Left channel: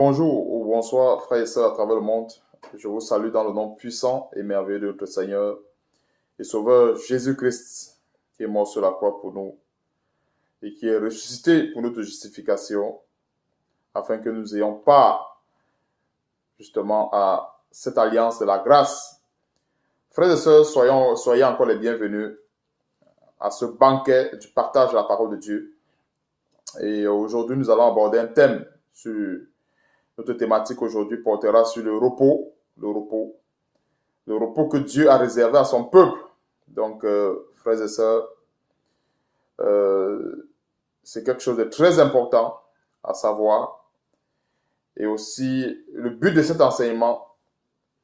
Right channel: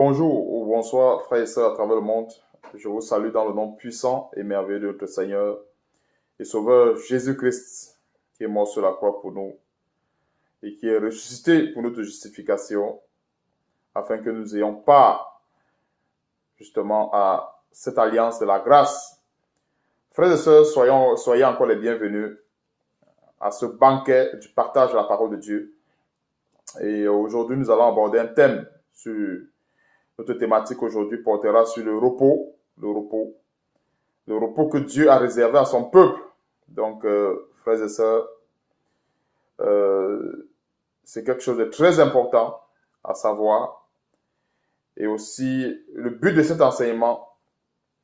Bonjour ou bonsoir, frères et sœurs à travers le monde. Je vous salue dans le nom puissant et merveilleux de notre Seigneur et Sauveur Jésus-Christ, qui est mort sur la croix pour nous et qui est ressuscité pour notre justification, afin que nous ayons part justement à cette alliance de la grâce. Frères et sœurs, soyez encore les bienvenus à ce banquet du partage de la parole de Dieu. Et aujourd'hui, nous allons aborder un thème sur notre thématique aujourd'hui portera sur le repos que Dieu a réservé à son peuple. Donc, frères et sœurs, c'est quelque chose de très important à savoir. Et aussi, le but de cet enseignement,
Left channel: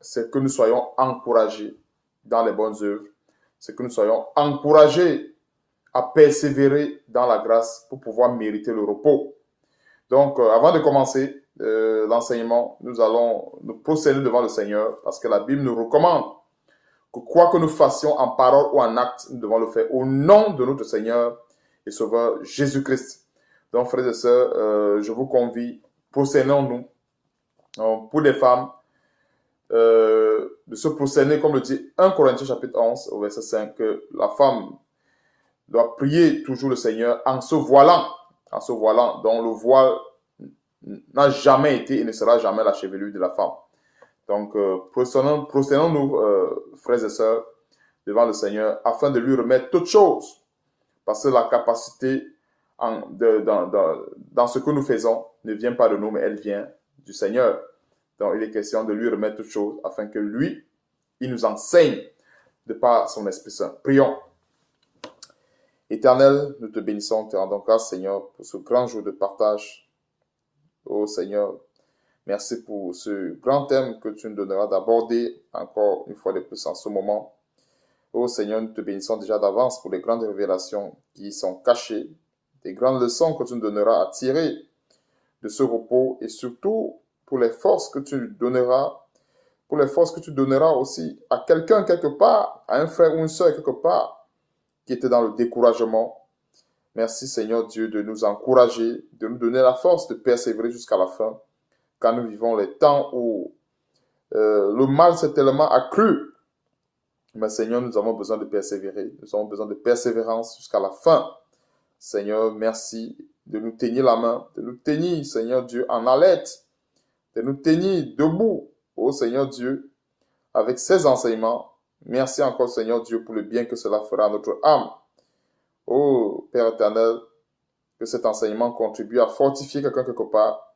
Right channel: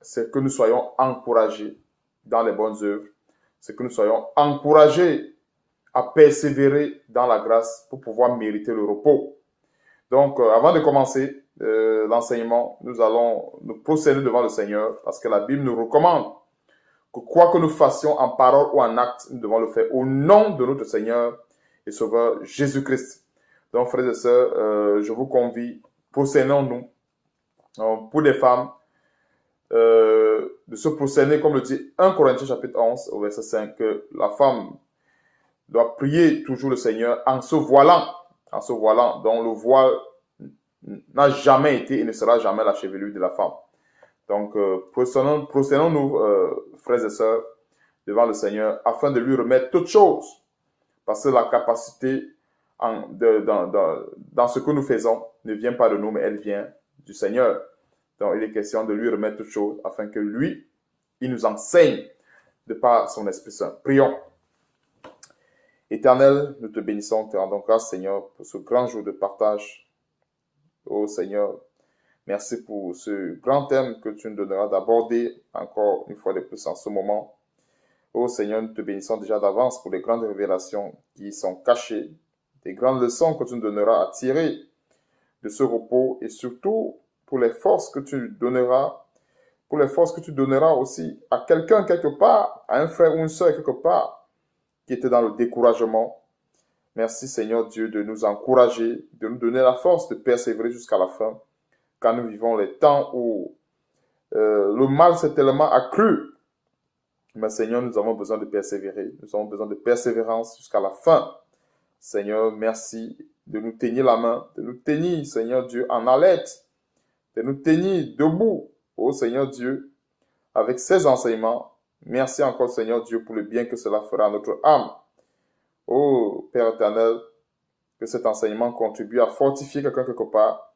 c'est que nous soyons encouragés dans les bonnes œuvres. C'est que nous soyons encouragés à persévérer dans la grâce pour pouvoir mériter le repos. Donc, avant de commencer l'enseignement, nous allons nous procéder devant le Seigneur parce que la Bible nous recommande que quoi que nous fassions en parole ou en acte, nous devons le faire au nom de notre Seigneur et Sauveur Jésus-Christ. Donc, frères et sœurs, je vous convie, procédons-nous pour les femmes de se procéder, comme le dit 1 Corinthiens chapitre 11 au verset 5, que la femme doit prier toujours le Seigneur en se voilant, dont le voile n'a jamais été et ne sera jamais la chevelure de la femme. Donc, procédons-nous, frères et sœurs, devant le Seigneur, afin de lui remettre toutes choses, parce que la capacité dans ce que nous faisons ne vient pas de nous, mais elle vient du Seigneur. Donc, il est question de lui remettre toutes choses, afin que lui, il nous enseigne de par son Esprit Saint. Prions. Éternel, nous te bénissons, te rendons grâce, Seigneur, pour ce grand jour de partage. Oh Seigneur, merci pour ce grand thème que tu nous donneras d'aborder encore une fois de plus en ce moment. Oh Seigneur, nous te bénissons déjà d'avance pour les grandes révélations qui sont cachées, des grandes leçons que tu nous donneras à tirer de ce repos et surtout pour les forces que tu donneras, aussi à quelqu'un quelque part, à un frère ou une soeur quelque part qui était dans le découragement. Merci Seigneur Dieu de nous encourager, de nous donner la force de persévérer jusqu'à la fin, quand nous vivons les temps où le mal s'est tellement accru. Mais Seigneur, nous avons besoin de persévérer, nous avons besoin de persévérance jusqu'à la fin. Seigneur, merci de nous tenir la main, de nous tenir, Seigneur Dieu, en alerte, de nous tenir debout, oh Seigneur Dieu, avec ces enseignements. Merci encore Seigneur Dieu pour le bien que cela fera à notre âme. Oh Père éternel, que cet enseignement contribue à fortifier quelqu'un quelque part,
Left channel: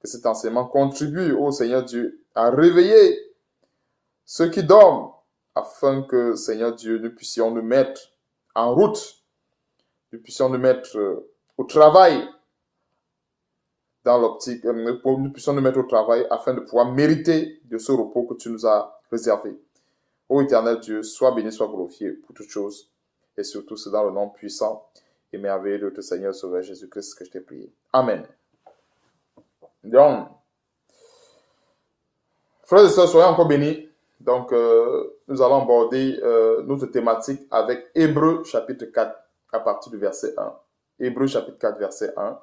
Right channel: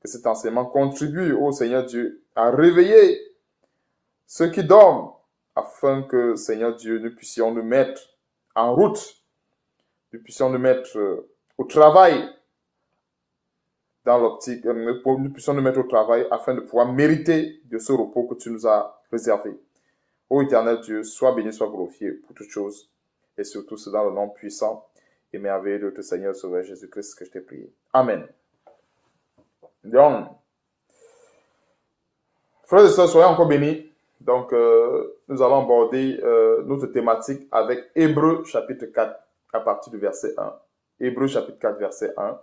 que cet enseignement contribue, oh Seigneur Dieu, à réveiller ceux qui dorment, afin que, Seigneur Dieu, nous puissions nous mettre en route, nous puissions nous mettre au travail, dans l'optique, nous puissions nous mettre au travail afin de pouvoir mériter de ce repos que tu nous as réservé. Ô éternel Dieu, sois béni, sois glorifié pour toutes choses, et surtout c'est dans le nom puissant et merveilleux de notre Seigneur Sauveur Jésus-Christ que je t'ai prié. Amen. Donc, frères et sœurs, soyez encore bénis. Donc, nous allons aborder notre thématique avec Hébreux chapitre 4 à partir du verset 1. Hébreux chapitre 4, verset 1.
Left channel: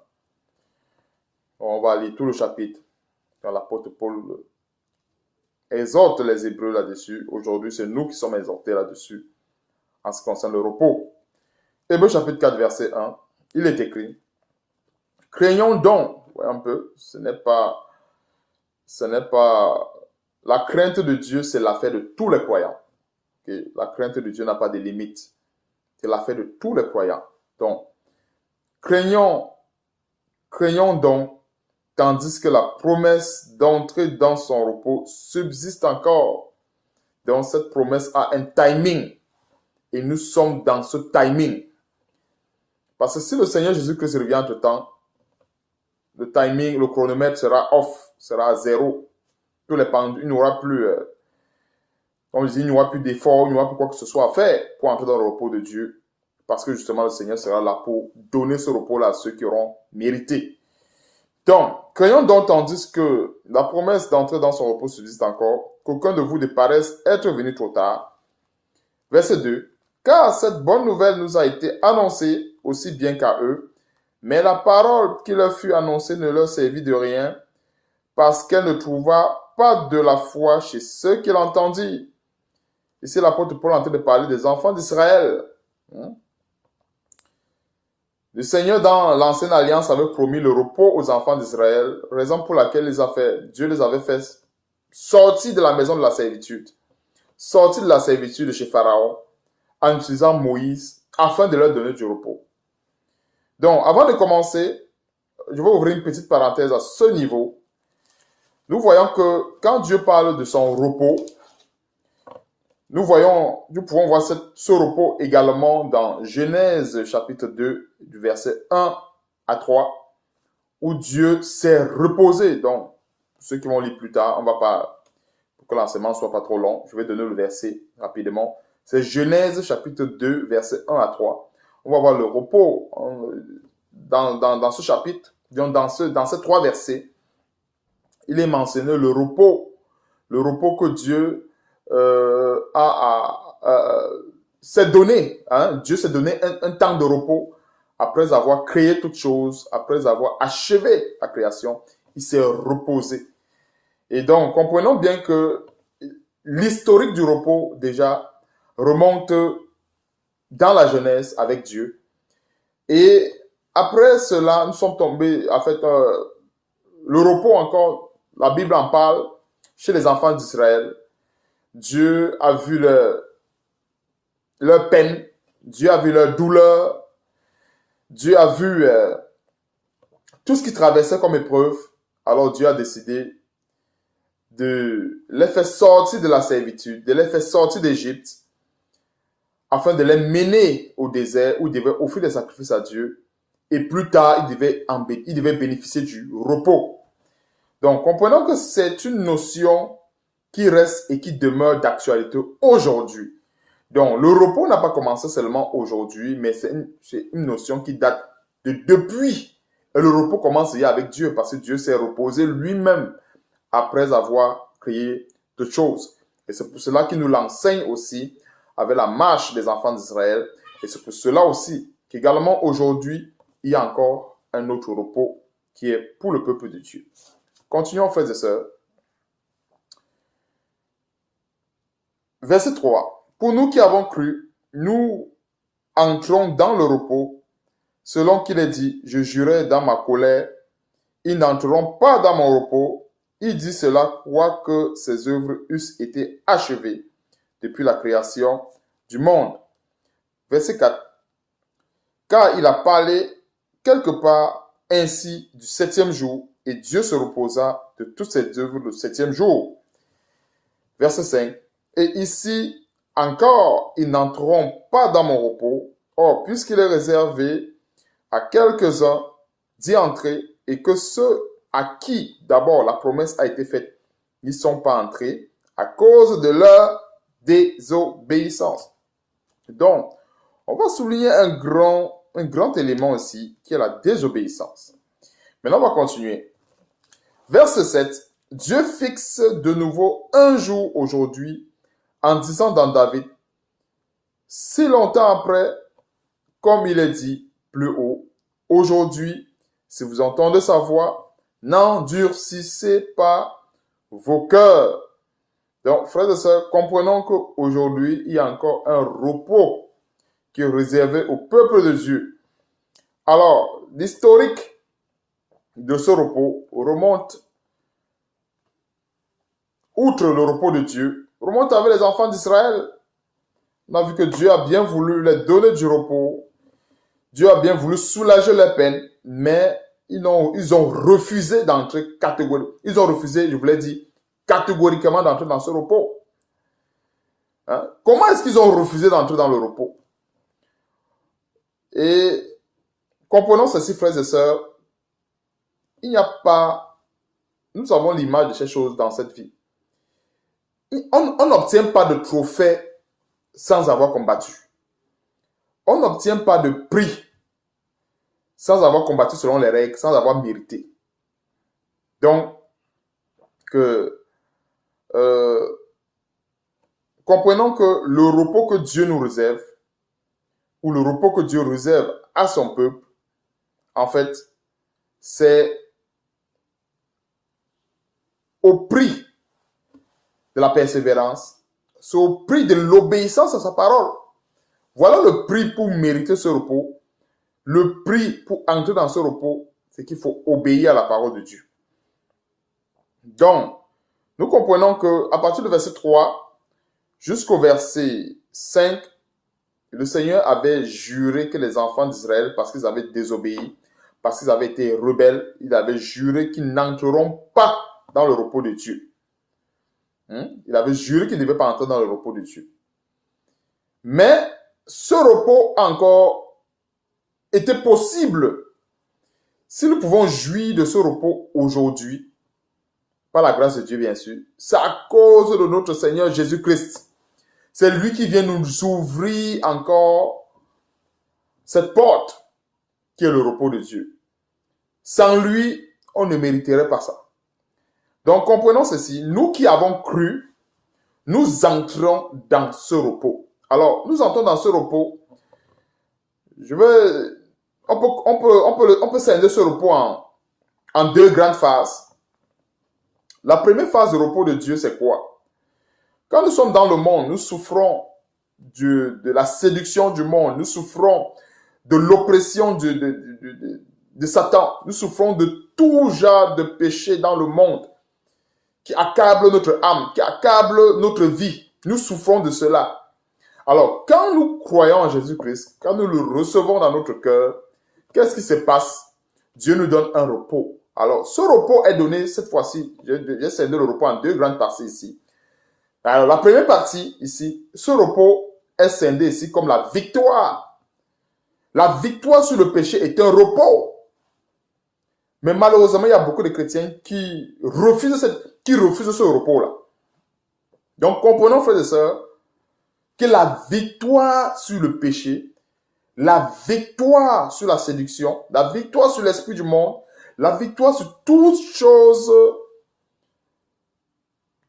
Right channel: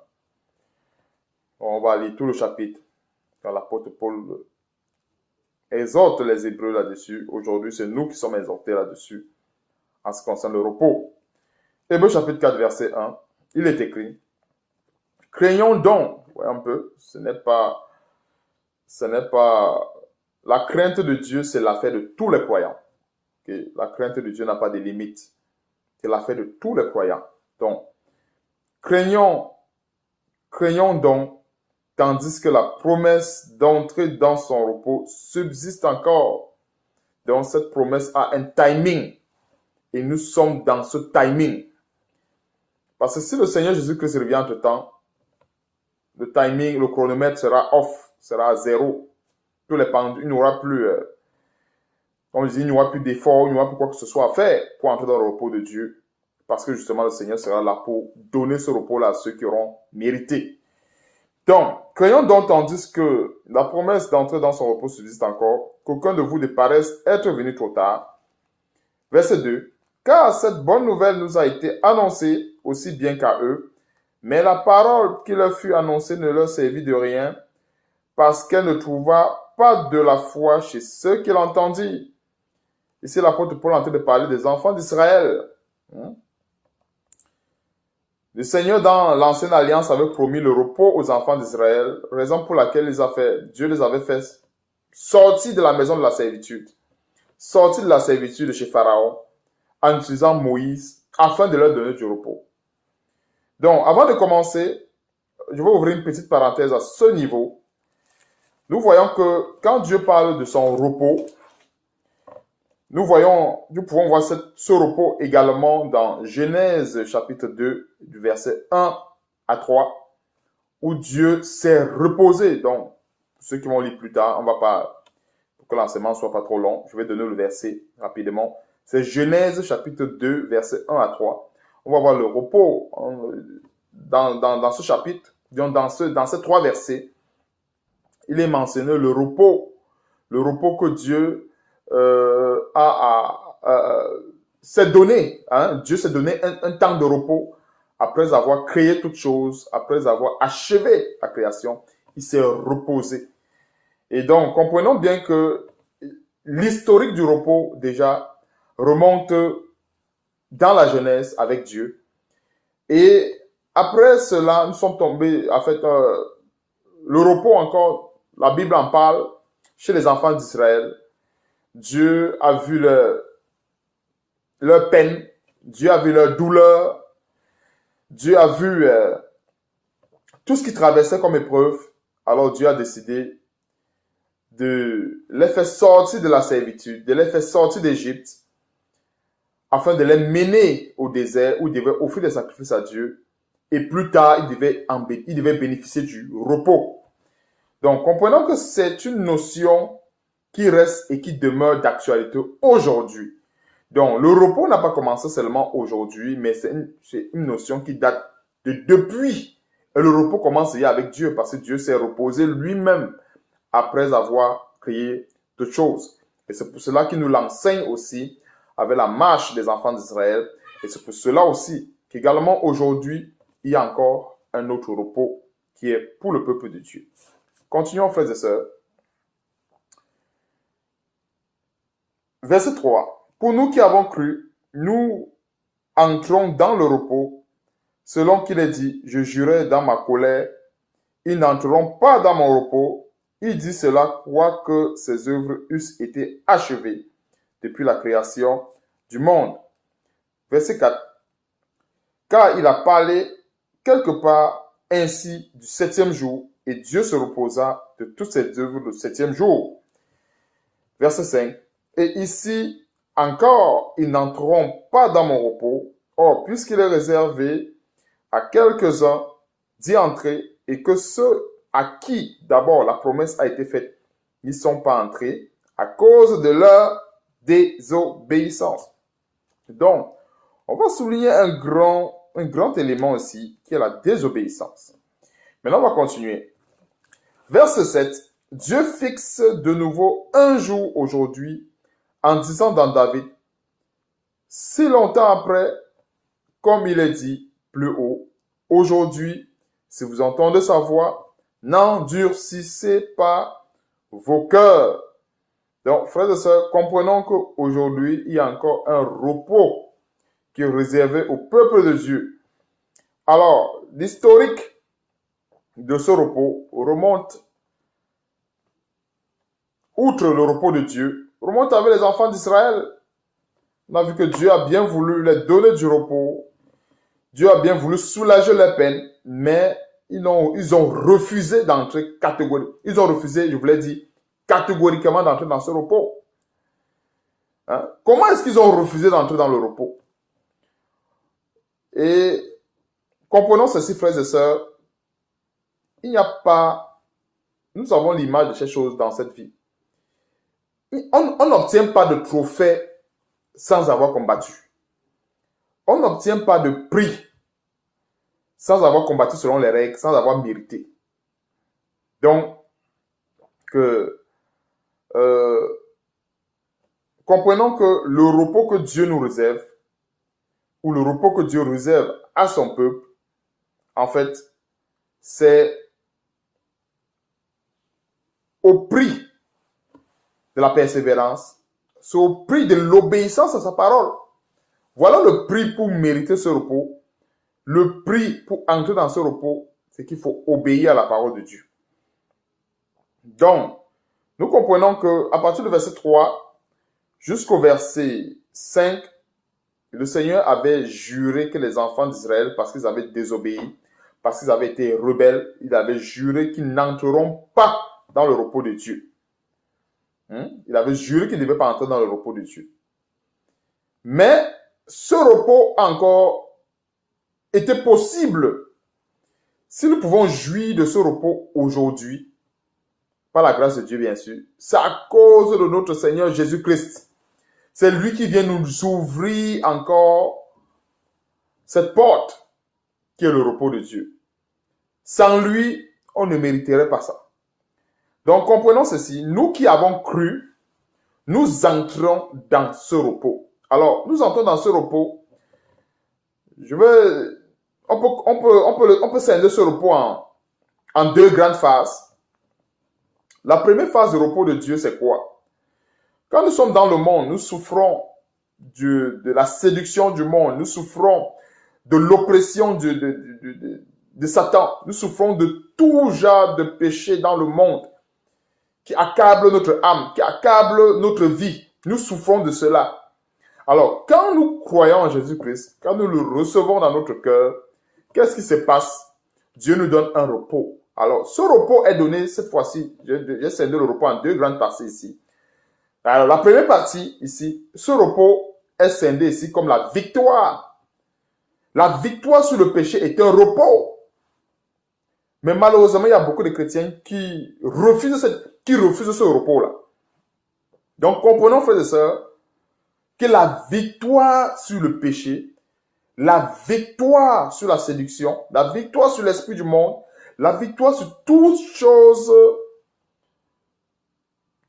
On va lire tout le chapitre quand l'apôtre Paul exhorte les Hébreux là-dessus. Aujourd'hui, c'est nous qui sommes exhortés là-dessus en ce qui concerne le repos. Hébreux chapitre 4, verset 1, il est écrit « Craignons donc », voyez un peu, ce n'est pas la crainte de Dieu, c'est l'affaire de tous les croyants. Okay? La crainte de Dieu n'a pas de limite. C'est l'affaire de tous les croyants. Donc, craignons donc, tandis que la promesse d'entrer dans son repos subsiste encore. Donc, cette promesse a un timing. Et nous sommes dans ce timing. Parce que si le Seigneur Jésus-Christ revient entre-temps, le timing, le chronomètre sera off, sera à zéro. Tous les pendus, il n'y aura plus, comme je dis, il n'y aura plus d'efforts, il n'y aura plus quoi que ce soit à faire pour entrer dans le repos de Dieu. Parce que justement, le Seigneur sera là pour donner ce repos-là à ceux qui auront mérité. Donc, craignons donc, tandis que la promesse d'entrer dans son repos subsiste encore, qu'aucun de vous ne paraisse être venu trop tard. Verset 2. Car cette bonne nouvelle nous a été annoncée aussi bien qu'à eux, mais la parole qui leur fut annoncée ne leur servit de rien, parce qu'elle ne trouva pas de la foi chez ceux qui l'entendirent. Ici, l'apôtre Paul est en train de parler des enfants d'Israël. Le Seigneur, dans l'ancienne alliance, avait promis le repos aux enfants d'Israël, raison pour laquelle Dieu les avait fait sortir de la maison de la servitude, sortir de la servitude de chez Pharaon, en utilisant Moïse, afin de leur donner du repos. Donc, avant de commencer, je vais ouvrir une petite parenthèse à ce niveau. Nous voyons que quand Dieu parle de son repos, nous pouvons voir ce repos également dans Genèse chapitre 2, du verset 1 à 3, où Dieu s'est reposé. Donc, ceux qui vont lire plus tard, on va pas, pour que l'enseignement ne soit pas trop long, je vais donner le verset rapidement. C'est Genèse chapitre 2, verset 1 à 3. On va voir le repos dans ce chapitre, dans ces trois versets. Il est mentionné le repos que Dieu s'est donné. Dieu s'est donné un temps de repos après avoir créé toutes choses, après avoir achevé la création. Il s'est reposé. Et donc, comprenons bien que l'historique du repos, déjà, remonte dans la Genèse avec Dieu. Et après cela, nous sommes tombés, en fait, le repos encore, la Bible en parle chez les enfants d'Israël. Dieu a vu leur peine, Dieu a vu leur douleur, Dieu a vu tout ce qu'ils traversaient comme épreuve. Alors Dieu a décidé de les faire sortir de la servitude, de les faire sortir d'Égypte, afin de les mener au désert où ils devaient offrir des sacrifices à Dieu. Et plus tard, ils devaient bénéficier du repos. Donc, comprenons que c'est une notion qui reste et qui demeure d'actualité aujourd'hui. Donc, le repos n'a pas commencé seulement aujourd'hui, mais c'est une notion qui date de depuis. Et le repos commence déjà avec Dieu, parce que Dieu s'est reposé lui-même après avoir créé toutes choses. Et c'est pour cela qu'il nous l'enseigne aussi avec la marche des enfants d'Israël. Et c'est pour cela aussi qu'également aujourd'hui, il y a encore un autre repos qui est pour le peuple de Dieu. Continuons, frères et sœurs. Verset 3. Pour nous qui avons cru, nous entrons dans le repos, selon qu'il est dit, je jurais dans ma colère, ils n'entreront pas dans mon repos. Il dit cela, quoique ses œuvres eussent été achevées depuis la création du monde. Verset 4. Car il a parlé quelque part ainsi du septième jour, et Dieu se reposa de toutes ses œuvres le septième jour. Verset 5. Et ici encore, ils n'entreront pas dans mon repos. Or, puisqu'il est réservé à quelques-uns d'y entrer, et que ceux à qui d'abord la promesse a été faite n'y sont pas entrés à cause de leur désobéissance. Donc, on va souligner un grand élément aussi, qui est la désobéissance. Maintenant, on va continuer. Verset 7. Dieu fixe de nouveau un jour aujourd'hui en disant dans David, si longtemps après, comme il est dit plus haut, aujourd'hui, si vous entendez sa voix, n'endurcissez pas vos cœurs. Donc, frères et sœurs, comprenons qu'aujourd'hui, il y a encore un repos qui est réservé au peuple de Dieu. Alors, l'historique de ce repos remonte, outre le repos de Dieu, remonte avec les enfants d'Israël. On a vu que Dieu a bien voulu leur donner du repos. Dieu a bien voulu soulager leur peine, mais ils ont refusé d'entrer catégoriquement. Ils ont refusé, je vous l'ai dit, catégoriquement d'entrer dans ce repos. Comment est-ce qu'ils ont refusé d'entrer dans le repos? Et comprenons ceci, frères et sœurs, il n'y a pas, nous avons l'image de ces choses dans cette vie. On n'obtient pas de trophée sans avoir combattu. On n'obtient pas de prix sans avoir combattu selon les règles, sans avoir mérité. Donc, comprenons que le repos que Dieu nous réserve, ou le repos que Dieu réserve à son peuple, en fait, c'est au prix de la persévérance, c'est au prix de l'obéissance à sa parole. Voilà le prix pour mériter ce repos. Le prix pour entrer dans ce repos, c'est qu'il faut obéir à la parole de Dieu. Donc, nous comprenons qu'à partir du verset 3 jusqu'au verset 5, le Seigneur avait juré que les enfants d'Israël, parce qu'ils avaient désobéi, parce qu'ils avaient été rebelles, il avait juré qu'ils n'entreront pas dans le repos de Dieu. Il avait juré qu'ils ne devaient pas entrer dans le repos de Dieu. Mais ce repos encore était possible si nous pouvons jouir de ce repos aujourd'hui, par la grâce de Dieu bien sûr. C'est à cause de notre Seigneur Jésus-Christ. C'est lui qui vient nous ouvrir encore cette porte qui est le repos de Dieu. Sans lui, on ne mériterait pas ça. Donc comprenons ceci, nous qui avons cru, nous entrons dans ce repos. Alors, nous entrons dans ce repos. On peut scinder ce repos en deux grandes phases. La première phase de repos de Dieu, c'est quoi? Quand nous sommes dans le monde, nous souffrons de la séduction du monde, nous souffrons de l'oppression de Satan, nous souffrons de tout genre de péché dans le monde qui accable notre âme, qui accable notre vie. Nous souffrons de cela. Alors, quand nous croyons en Jésus-Christ, quand nous le recevons dans notre cœur, qu'est-ce qui se passe? Dieu nous donne un repos. Alors, ce repos est donné cette fois-ci. J'ai scindé le repos en deux grandes parties ici. Alors, la première partie ici, ce repos est scindé ici comme la victoire. La victoire sur le péché est un repos. Mais malheureusement, il y a beaucoup de chrétiens qui refusent ce repos-là. Donc, comprenons, frères et sœurs, que la victoire sur le péché, la victoire sur la séduction, la victoire sur l'esprit du monde, la victoire sur toutes choses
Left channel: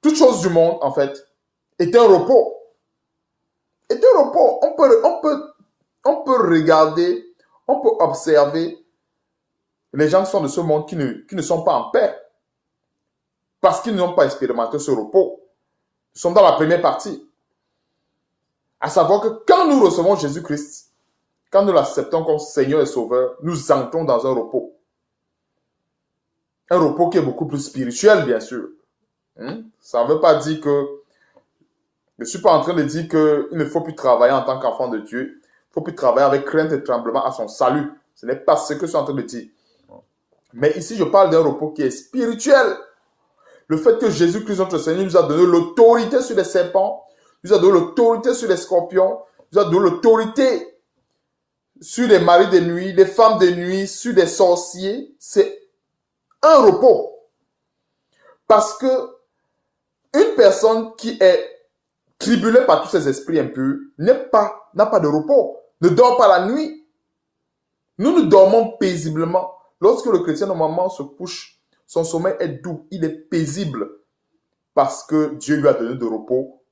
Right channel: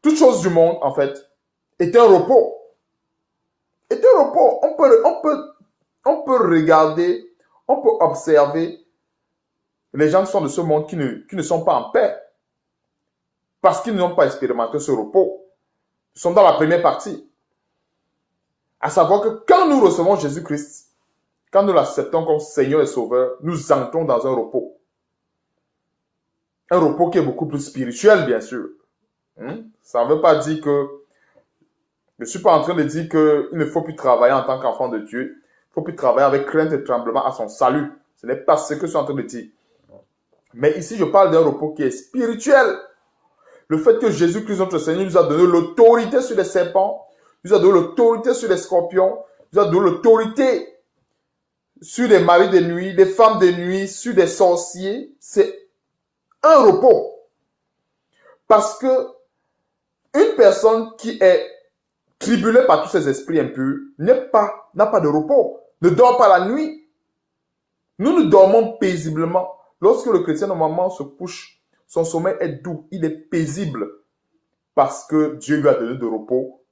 du monde, en fait, est un repos. Est un repos. On peut regarder, on peut observer les gens qui sont de ce monde qui ne sont pas en paix parce qu'ils n'ont pas expérimenté ce repos. Nous sommes dans la première partie. À savoir que quand nous recevons Jésus-Christ, quand nous l'acceptons comme Seigneur et Sauveur, nous entrons dans un repos. Un repos qui est beaucoup plus spirituel, bien sûr. Ça ne veut pas dire que... Je ne suis pas en train de dire qu'il ne faut plus travailler en tant qu'enfant de Dieu. Il ne faut plus travailler avec crainte et tremblement à son salut. Ce n'est pas ce que je suis en train de dire. Mais ici, je parle d'un repos qui est spirituel. Le fait que Jésus-Christ, notre Seigneur, nous a donné l'autorité sur les serpents, nous a donné l'autorité sur les scorpions, nous a donné l'autorité sur les maris de nuit, les femmes de nuit, sur les sorciers. C'est un repos. Parce que une personne qui est tribulée par tous ces esprits impurs n'a pas de repos, ne dort pas la nuit. Nous dormons paisiblement. Lorsque le chrétien normalement se couche, son sommeil est doux, il est paisible parce que Dieu lui a donné du repos.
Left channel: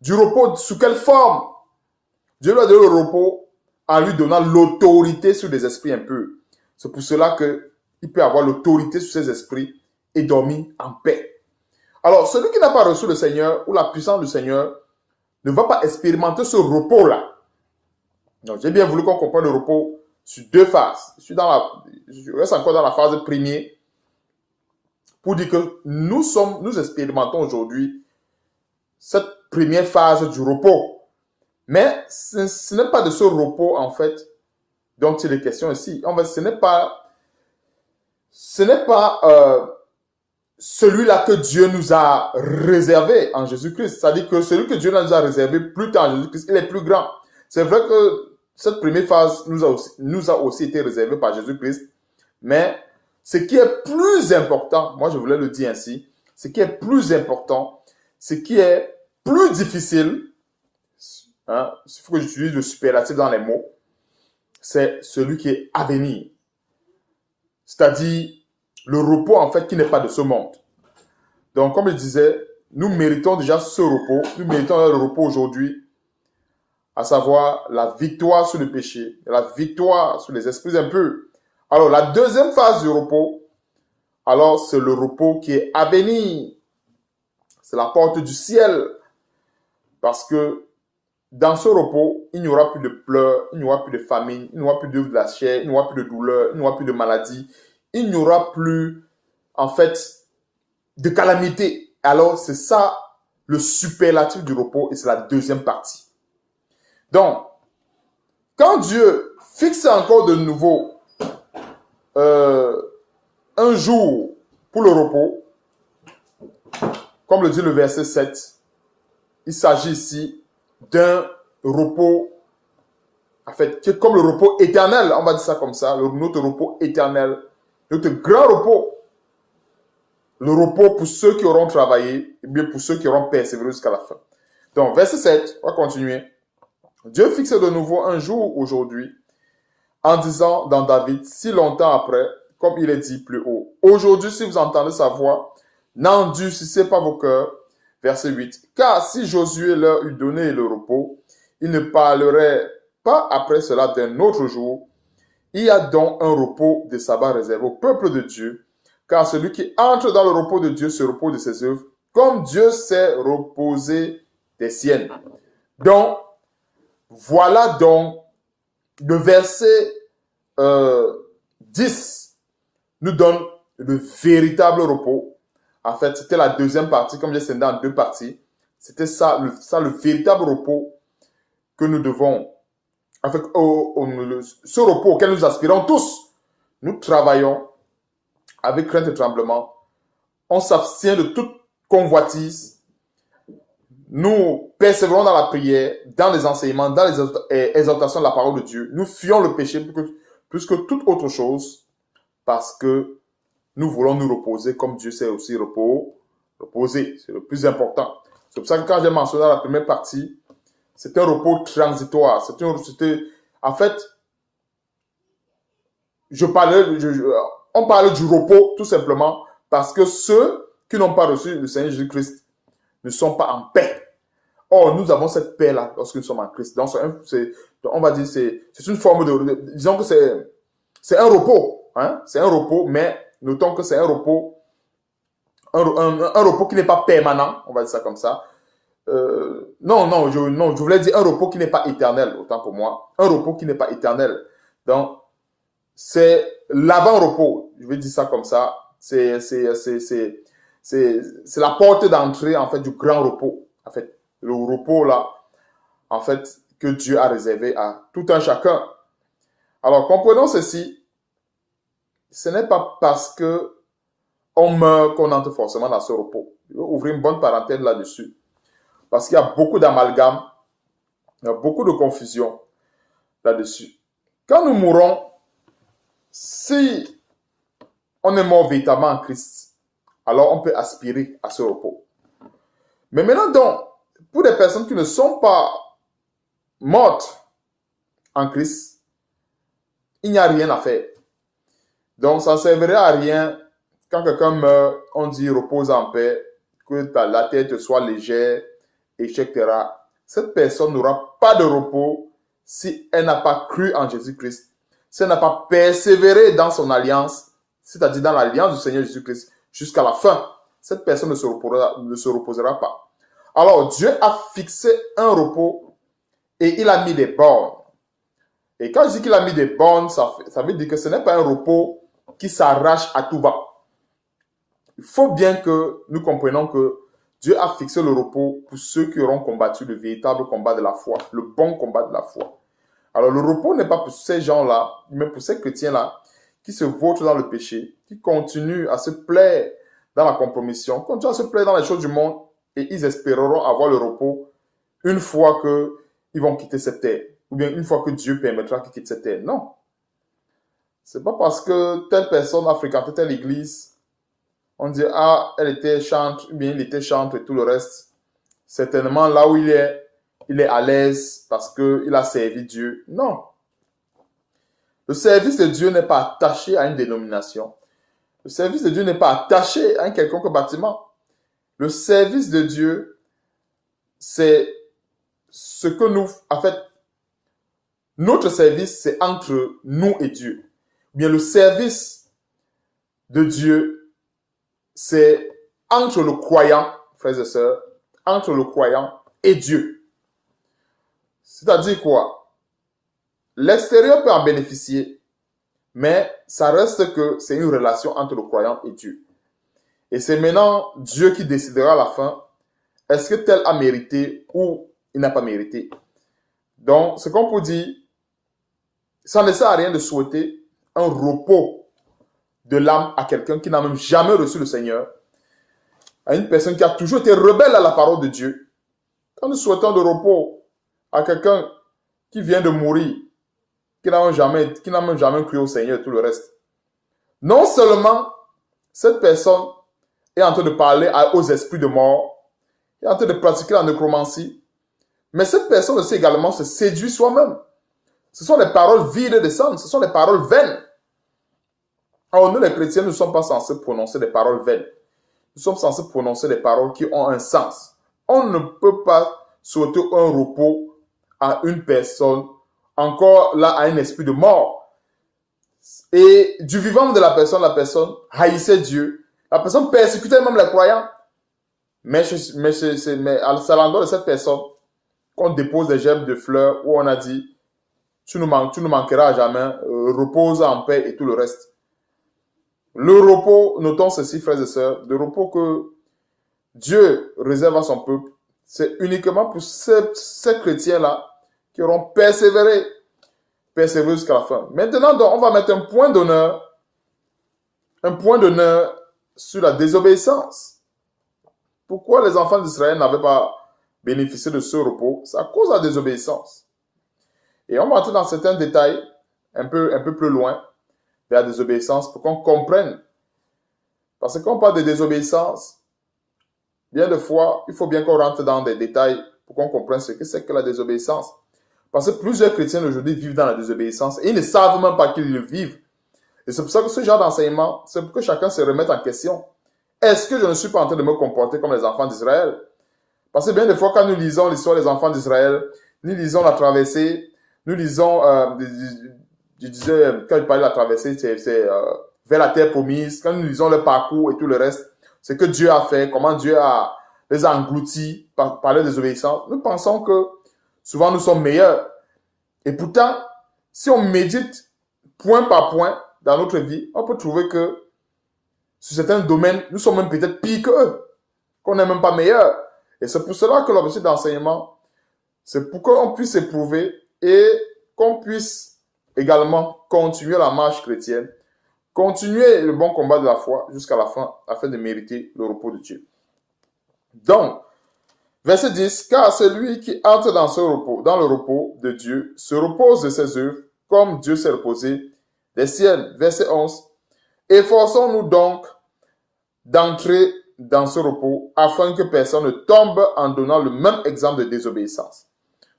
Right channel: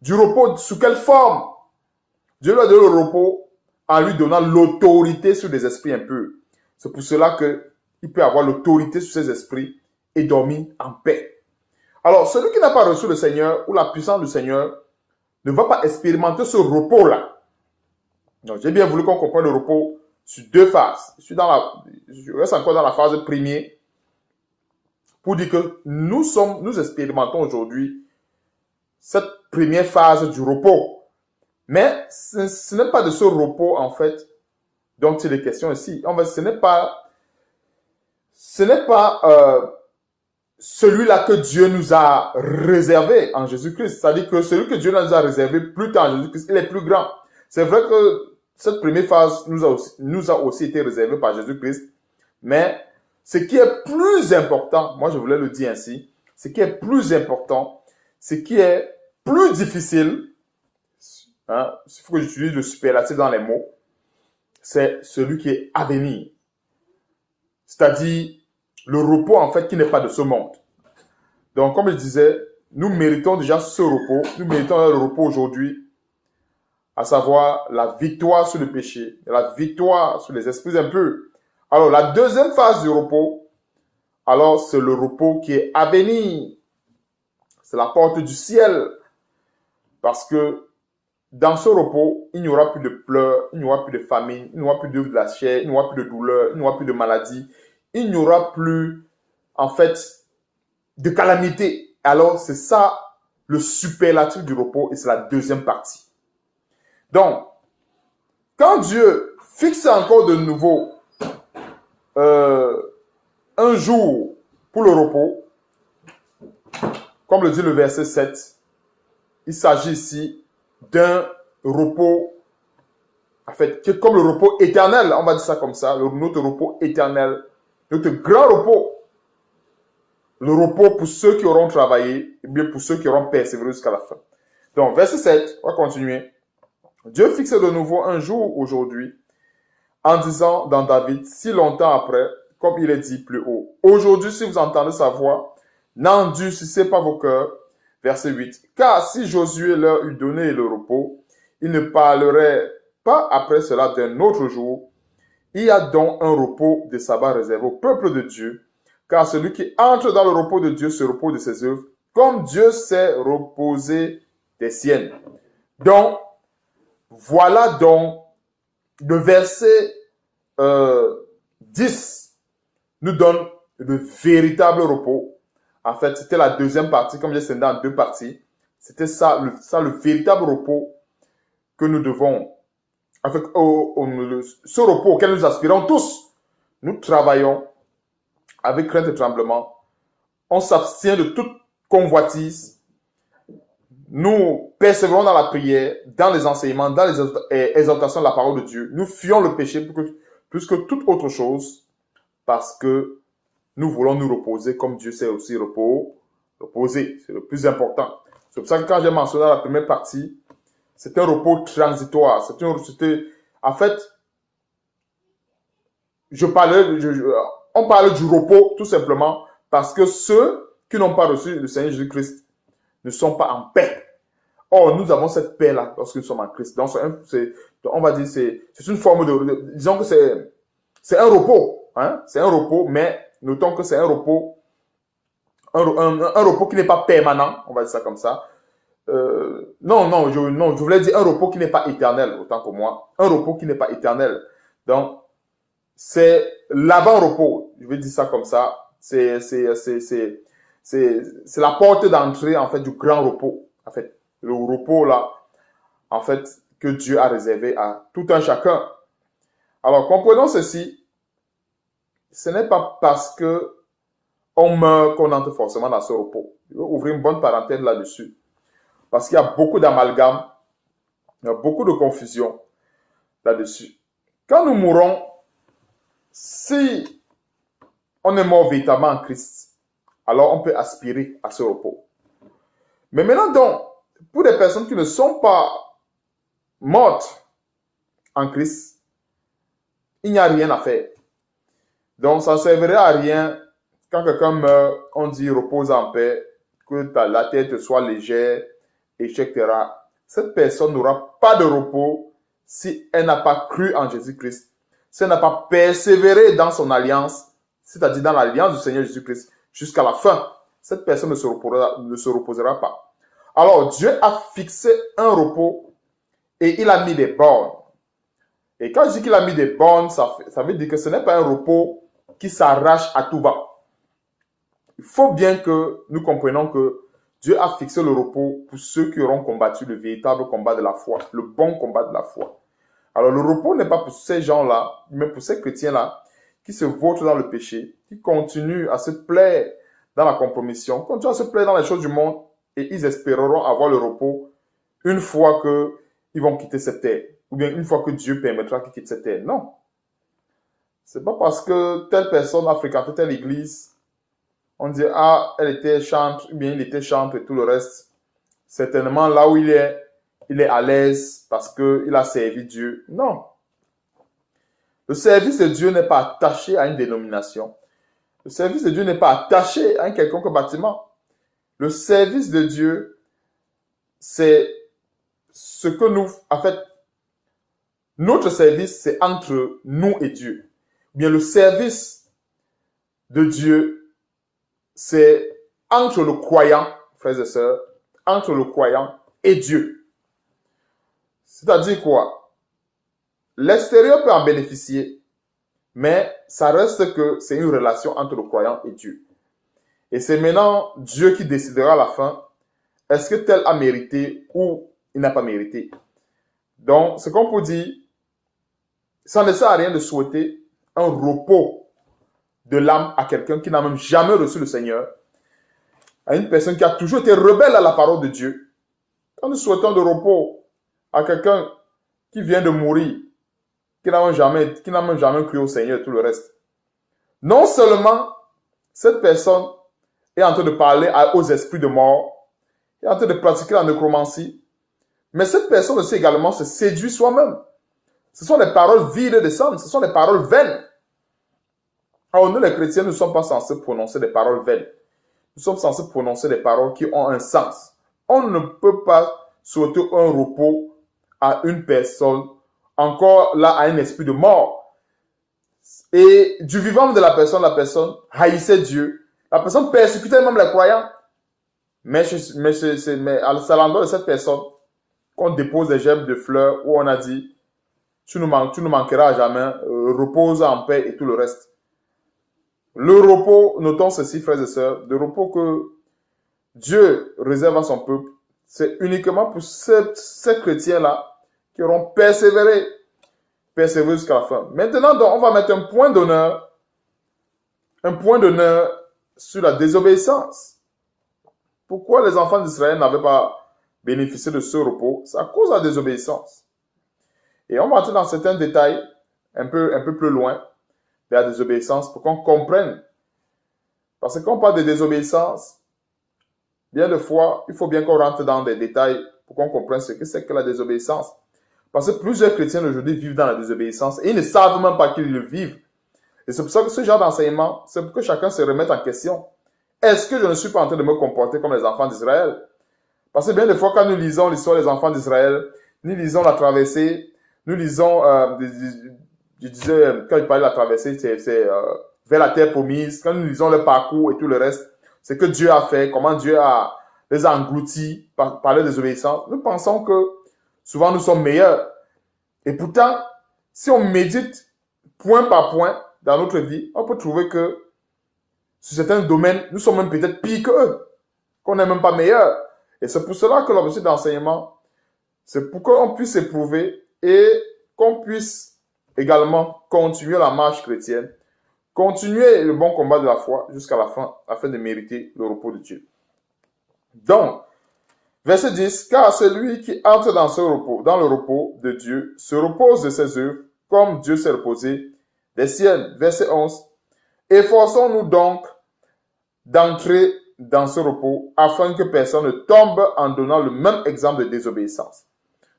Du repos sous quelle forme? Dieu lui a donné le repos en lui donnant l'autorité sur les esprits impurs. C'est pour cela qu'il peut avoir l'autorité sur ces esprits et dormir en paix. Alors, celui qui n'a pas reçu le Seigneur ou la puissance du Seigneur ne va pas expérimenter ce repos-là. Donc, j'ai bien voulu qu'on comprenne le repos sur deux phases. Je reste encore dans la phase première pour dire que nous expérimentons aujourd'hui cette première phase du repos. Mais ce n'est pas de ce repos, en fait, dont il est question ici. En fait, ce n'est pas celui-là que Dieu nous a réservé en Jésus-Christ. C'est-à-dire que celui que Dieu nous a réservé plus tard en Jésus-Christ, il est plus grand. C'est vrai que cette première phase nous a aussi été réservée par Jésus-Christ. Mais ce qui est plus important, moi je voulais le dire ainsi, ce qui est plus important, ce qui est plus difficile, il faut que j'utilise le superlatif dans les mots, c'est celui qui est à venir. C'est-à-dire le repos en fait qui n'est pas de ce monde. Donc comme je disais, nous méritons déjà ce repos, nous méritons le repos aujourd'hui, à savoir la victoire sur le péché, la victoire sur les esprits impurs. Alors la deuxième phase du repos, alors c'est le repos qui est à venir. C'est la porte du ciel. Parce que dans ce repos, il n'y aura plus de pleurs, il n'y aura plus de famine, il n'y aura plus de glacière, il n'y aura plus de douleur, il n'y aura plus de maladie, il n'y aura plus, en fait, de calamité. Alors, c'est ça le superlatif du repos et c'est la deuxième partie. Donc, quand Dieu fixe encore de nouveau un jour pour le repos, comme le dit le verset 7, il s'agit ici d'un repos, en fait, qui est comme le repos éternel, on va dire ça comme ça, notre repos éternel, notre grand repos, le repos pour ceux qui auront travaillé, et bien pour ceux qui auront persévéré jusqu'à la fin. Donc, verset 7, on va continuer. Dieu fixe de nouveau un jour aujourd'hui, en disant dans David, si longtemps après, comme il est dit plus haut. Aujourd'hui, si vous entendez sa voix, n'endurcissez pas vos cœurs. Verset 8. Car si Josué leur eût donné le repos, il ne parlerait pas après cela d'un autre jour. Il y a donc un repos de sabbat réservé au peuple de Dieu, car celui qui entre dans le repos de Dieu se repose de ses œuvres, comme Dieu s'est reposé des siennes. Donc, voilà donc le verset 10 nous donne le véritable repos. En fait, c'était la deuxième partie, comme j'ai scindé en deux parties. C'était ça le véritable repos que nous devons, en fait, ce repos auquel nous aspirons tous. Nous travaillons avec crainte et tremblement. On s'abstient de toute convoitise. Nous persévérons dans la prière, dans les enseignements, dans les exhortations de la parole de Dieu. Nous fuyons le péché plus que toute autre chose parce que nous voulons nous reposer comme Dieu s'est aussi reposé. C'est le plus important. C'est pour ça que quand j'ai mentionné la première partie, c'est un repos transitoire. En fait, on parle du repos tout simplement parce que ceux qui n'ont pas reçu le Seigneur Jésus-Christ ne sont pas en paix. Or, nous avons cette paix-là lorsque nous sommes en Christ. Donc, on va dire c'est une forme disons que c'est un repos. Hein? C'est un repos, mais notons que c'est un repos, un repos qui n'est pas permanent, on va dire ça comme ça. Je voulais dire un repos qui n'est pas éternel, autant pour moi. Un repos qui n'est pas éternel. Donc, c'est l'avant-repos, je vais dire ça comme ça. C'est la porte d'entrée, en fait, du grand repos. En fait, le repos, là, en fait, que Dieu a réservé à tout un chacun. Alors, comprenons ceci. Ce n'est pas parce que on meurt qu'on entre forcément dans ce repos. Je vais ouvrir une bonne parenthèse là-dessus. Parce qu'il y a beaucoup d'amalgame, il y a beaucoup de confusion là-dessus. Quand nous mourons, si on est mort véritablement en Christ, alors on peut aspirer à ce repos. Mais maintenant donc, pour les personnes qui ne sont pas mortes en Christ, il n'y a rien à faire. Donc ça ne servirait à rien quand quelqu'un meurt, on dit repose en paix, que la tête soit légère, etc. Cette personne n'aura pas de repos si elle n'a pas cru en Jésus-Christ, si elle n'a pas persévéré dans son alliance, c'est-à-dire dans l'alliance du Seigneur Jésus-Christ jusqu'à la fin. Cette personne ne se reposera pas. Alors, Dieu a fixé un repos et il a mis des bornes. Et quand je dis qu'il a mis des bornes, ça veut dire que ce n'est pas un repos qui s'arrache à tout va. Il faut bien que nous comprenions que Dieu a fixé le repos pour ceux qui auront combattu le véritable combat de la foi, le bon combat de la foi. Alors le repos n'est pas pour ces gens-là, mais pour ces chrétiens-là qui se vautrent dans le péché, qui continuent à se plaire dans la compromission, continuent à se plaire dans les choses du monde, et ils espéreront avoir le repos une fois qu'ils vont quitter cette terre, ou bien une fois que Dieu permettra qu'ils quittent cette terre. Non. Ce n'est pas parce que telle personne a fréquenté telle église, on dit, ah, elle était chantre, ou bien il était chantre et tout le reste. Certainement, là où il est à l'aise parce qu'il a servi Dieu. Non. Le service de Dieu n'est pas attaché à une dénomination. Le service de Dieu n'est pas attaché à un quelconque bâtiment. Le service de Dieu, c'est ce que nous... En fait, notre service, c'est entre nous et Dieu. Bien, le service de Dieu, c'est entre le croyant, frères et sœurs, entre le croyant et Dieu. C'est-à-dire quoi? L'extérieur peut en bénéficier, mais ça reste que c'est une relation entre le croyant et Dieu. Et c'est maintenant Dieu qui décidera à la fin, est-ce que tel a mérité ou il n'a pas mérité. Donc, ce qu'on peut dire, ça ne sert à rien de souhaiter un repos de l'âme à quelqu'un qui n'a même jamais reçu le Seigneur, à une personne qui a toujours été rebelle à la parole de Dieu. Quand nous souhaitons le repos à quelqu'un qui vient de mourir, qui n'a même jamais cru au Seigneur et tout le reste, non seulement cette personne est en train de parler aux esprits de mort, est en train de pratiquer la nécromancie, mais cette personne aussi également se séduit soi-même. Ce sont des paroles vides de sens, ce sont des paroles vaines. Alors nous les chrétiens ne sommes pas censés prononcer des paroles vaines. Nous sommes censés prononcer des paroles qui ont un sens. On ne peut pas souhaiter un repos à une personne, encore là, à un esprit de mort. Et du vivant de la personne haïssait Dieu. La personne persécutait même les croyants. Mais c'est à l'endroit de cette personne qu'on dépose des gemmes de fleurs où on a dit tu ne manqueras jamais, repose en paix et tout le reste. Le repos, notons ceci, frères et sœurs, le repos que Dieu réserve à son peuple, c'est uniquement pour ces chrétiens-là qui auront persévéré jusqu'à la fin. Maintenant, donc, on va mettre un point d'honneur sur la désobéissance. Pourquoi les enfants d'Israël n'avaient pas bénéficié de ce repos? C'est à cause de la désobéissance. Et on va entrer dans certains détails un peu plus loin de la désobéissance pour qu'on comprenne. Parce que quand on parle de désobéissance, bien de fois, il faut bien qu'on rentre dans des détails pour qu'on comprenne ce que c'est que la désobéissance. Parce que plusieurs chrétiens aujourd'hui vivent dans la désobéissance et ils ne savent même pas qu'ils le vivent. Et c'est pour ça que ce genre d'enseignement, c'est pour que chacun se remette en question. Est-ce que je ne suis pas en train de me comporter comme les enfants d'Israël? Parce que bien des fois, quand nous lisons l'histoire des enfants d'Israël, nous lisons la traversée, nous lisons, je disais, quand je parlais de la traversée, c'est vers la terre promise, quand nous lisons le parcours et tout le reste, ce que Dieu a fait, comment Dieu les a engloutis par la désobéissance, nous pensons que souvent nous sommes meilleurs. Et pourtant, si on médite point par point dans notre vie, on peut trouver que sur certains domaines, nous sommes même peut-être pires qu'eux, qu'on n'est même pas meilleurs. Et c'est pour cela que l'objectif d'enseignement, c'est pour qu'on puisse éprouver et qu'on puisse également continuer la marche chrétienne, continuer le bon combat de la foi jusqu'à la fin, afin de mériter le repos de Dieu. Donc, verset 10, car celui qui entre dans le repos de Dieu, se repose de ses œuvres, comme Dieu s'est reposé des siennes. Verset 11, efforçons-nous donc d'entrer dans ce repos, afin que personne ne tombe en donnant le même exemple de désobéissance.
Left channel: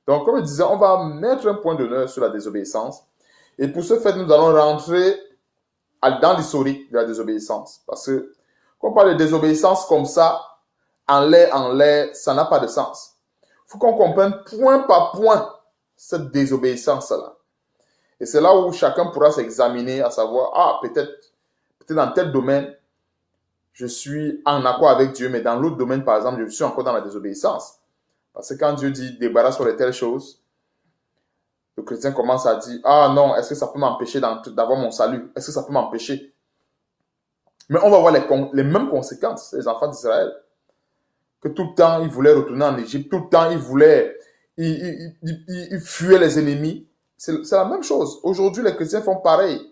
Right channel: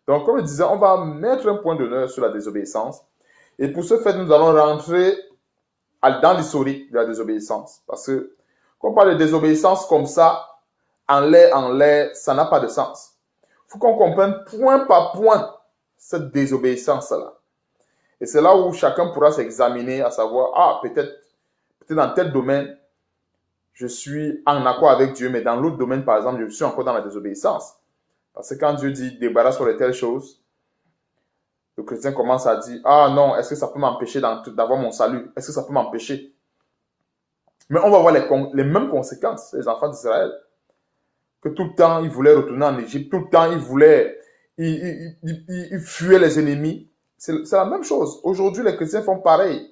Donc, comme je disais, on va mettre un point d'honneur sur la désobéissance. Et pour ce faire, nous allons rentrer dans l'historique de la désobéissance. Parce que, quand on parle de désobéissance comme ça, en l'air, ça n'a pas de sens. Il faut qu'on comprenne point par point cette désobéissance-là. Et c'est là où chacun pourra s'examiner, à savoir, peut-être dans tel domaine, je suis en accord avec Dieu, mais dans l'autre domaine, par exemple, je suis encore dans la désobéissance. Parce que quand Dieu dit débarrasse-toi de telles choses, le chrétien commence à dire, non, est-ce que ça peut m'empêcher d'avoir mon salut? Est-ce que ça peut m'empêcher? Mais on va voir les mêmes conséquences, les enfants d'Israël. Que tout le temps, ils voulaient retourner en Égypte, tout le temps, ils fuyaient les ennemis. C'est la même chose. Aujourd'hui, les chrétiens font pareil.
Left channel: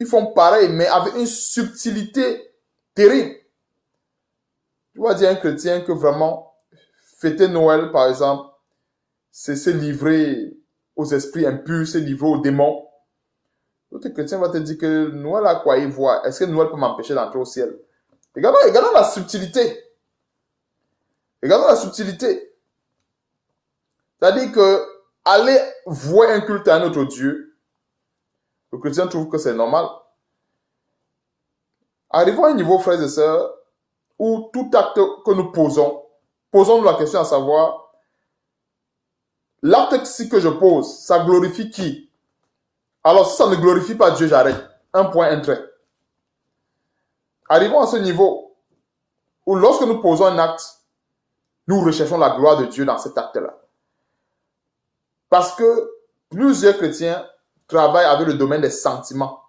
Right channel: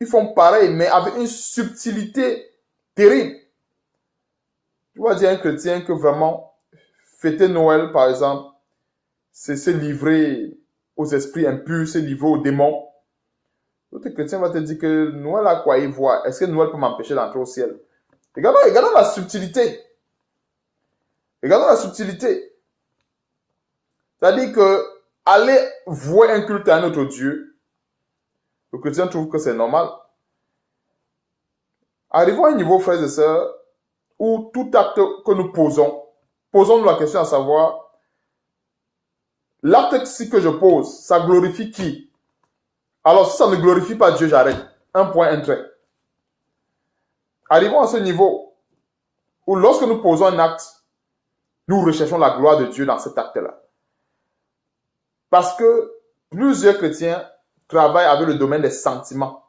Ils font pareil, mais avec une subtilité terrible. Tu vas dire à un chrétien que vraiment, fêter Noël, par exemple, c'est se livrer aux esprits impurs, se livrer aux démons. L'autre chrétien va te dire que Noël a quoi y voir. Est-ce que Noël peut m'empêcher d'entrer au ciel? Regardons la subtilité. Regardons la subtilité. C'est-à-dire que aller voir un culte à un autre Dieu, le chrétien trouve que c'est normal. Arrivons à un niveau, frères et sœurs, où tout acte que nous posons-nous la question à savoir, l'acte que je pose, ça glorifie qui? Alors, si ça ne glorifie pas Dieu, j'arrête. Un point, un trait. Arrivons à ce niveau où lorsque nous posons un acte, nous recherchons la gloire de Dieu dans cet acte-là. Parce que plusieurs chrétiens travaillent avec le domaine des sentiments.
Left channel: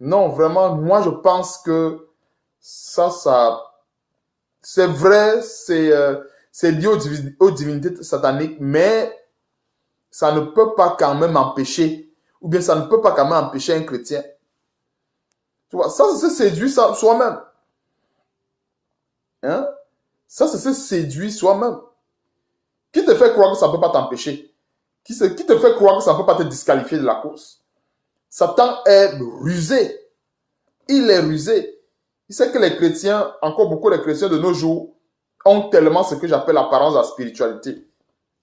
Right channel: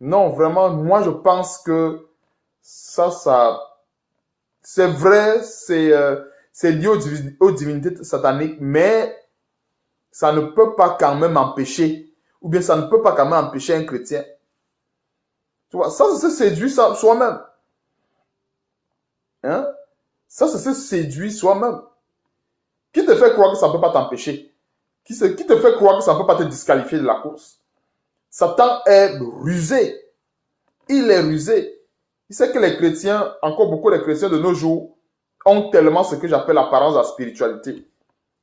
Non, vraiment, moi je pense que ça c'est vrai, c'est lié aux divinités sataniques, mais ça ne peut pas quand même empêcher, ou bien ça ne peut pas quand même empêcher un chrétien. Tu vois, ça c'est se séduire soi-même. Hein? Ça c'est se séduire soi-même. Qui te fait croire que ça ne peut pas t'empêcher? Qui te fait croire que ça ne peut pas te disqualifier de la course? Satan est rusé. Il est rusé. Il sait que les chrétiens, encore beaucoup de chrétiens de nos jours, ont tellement ce que j'appelle l'apparence de la spiritualité.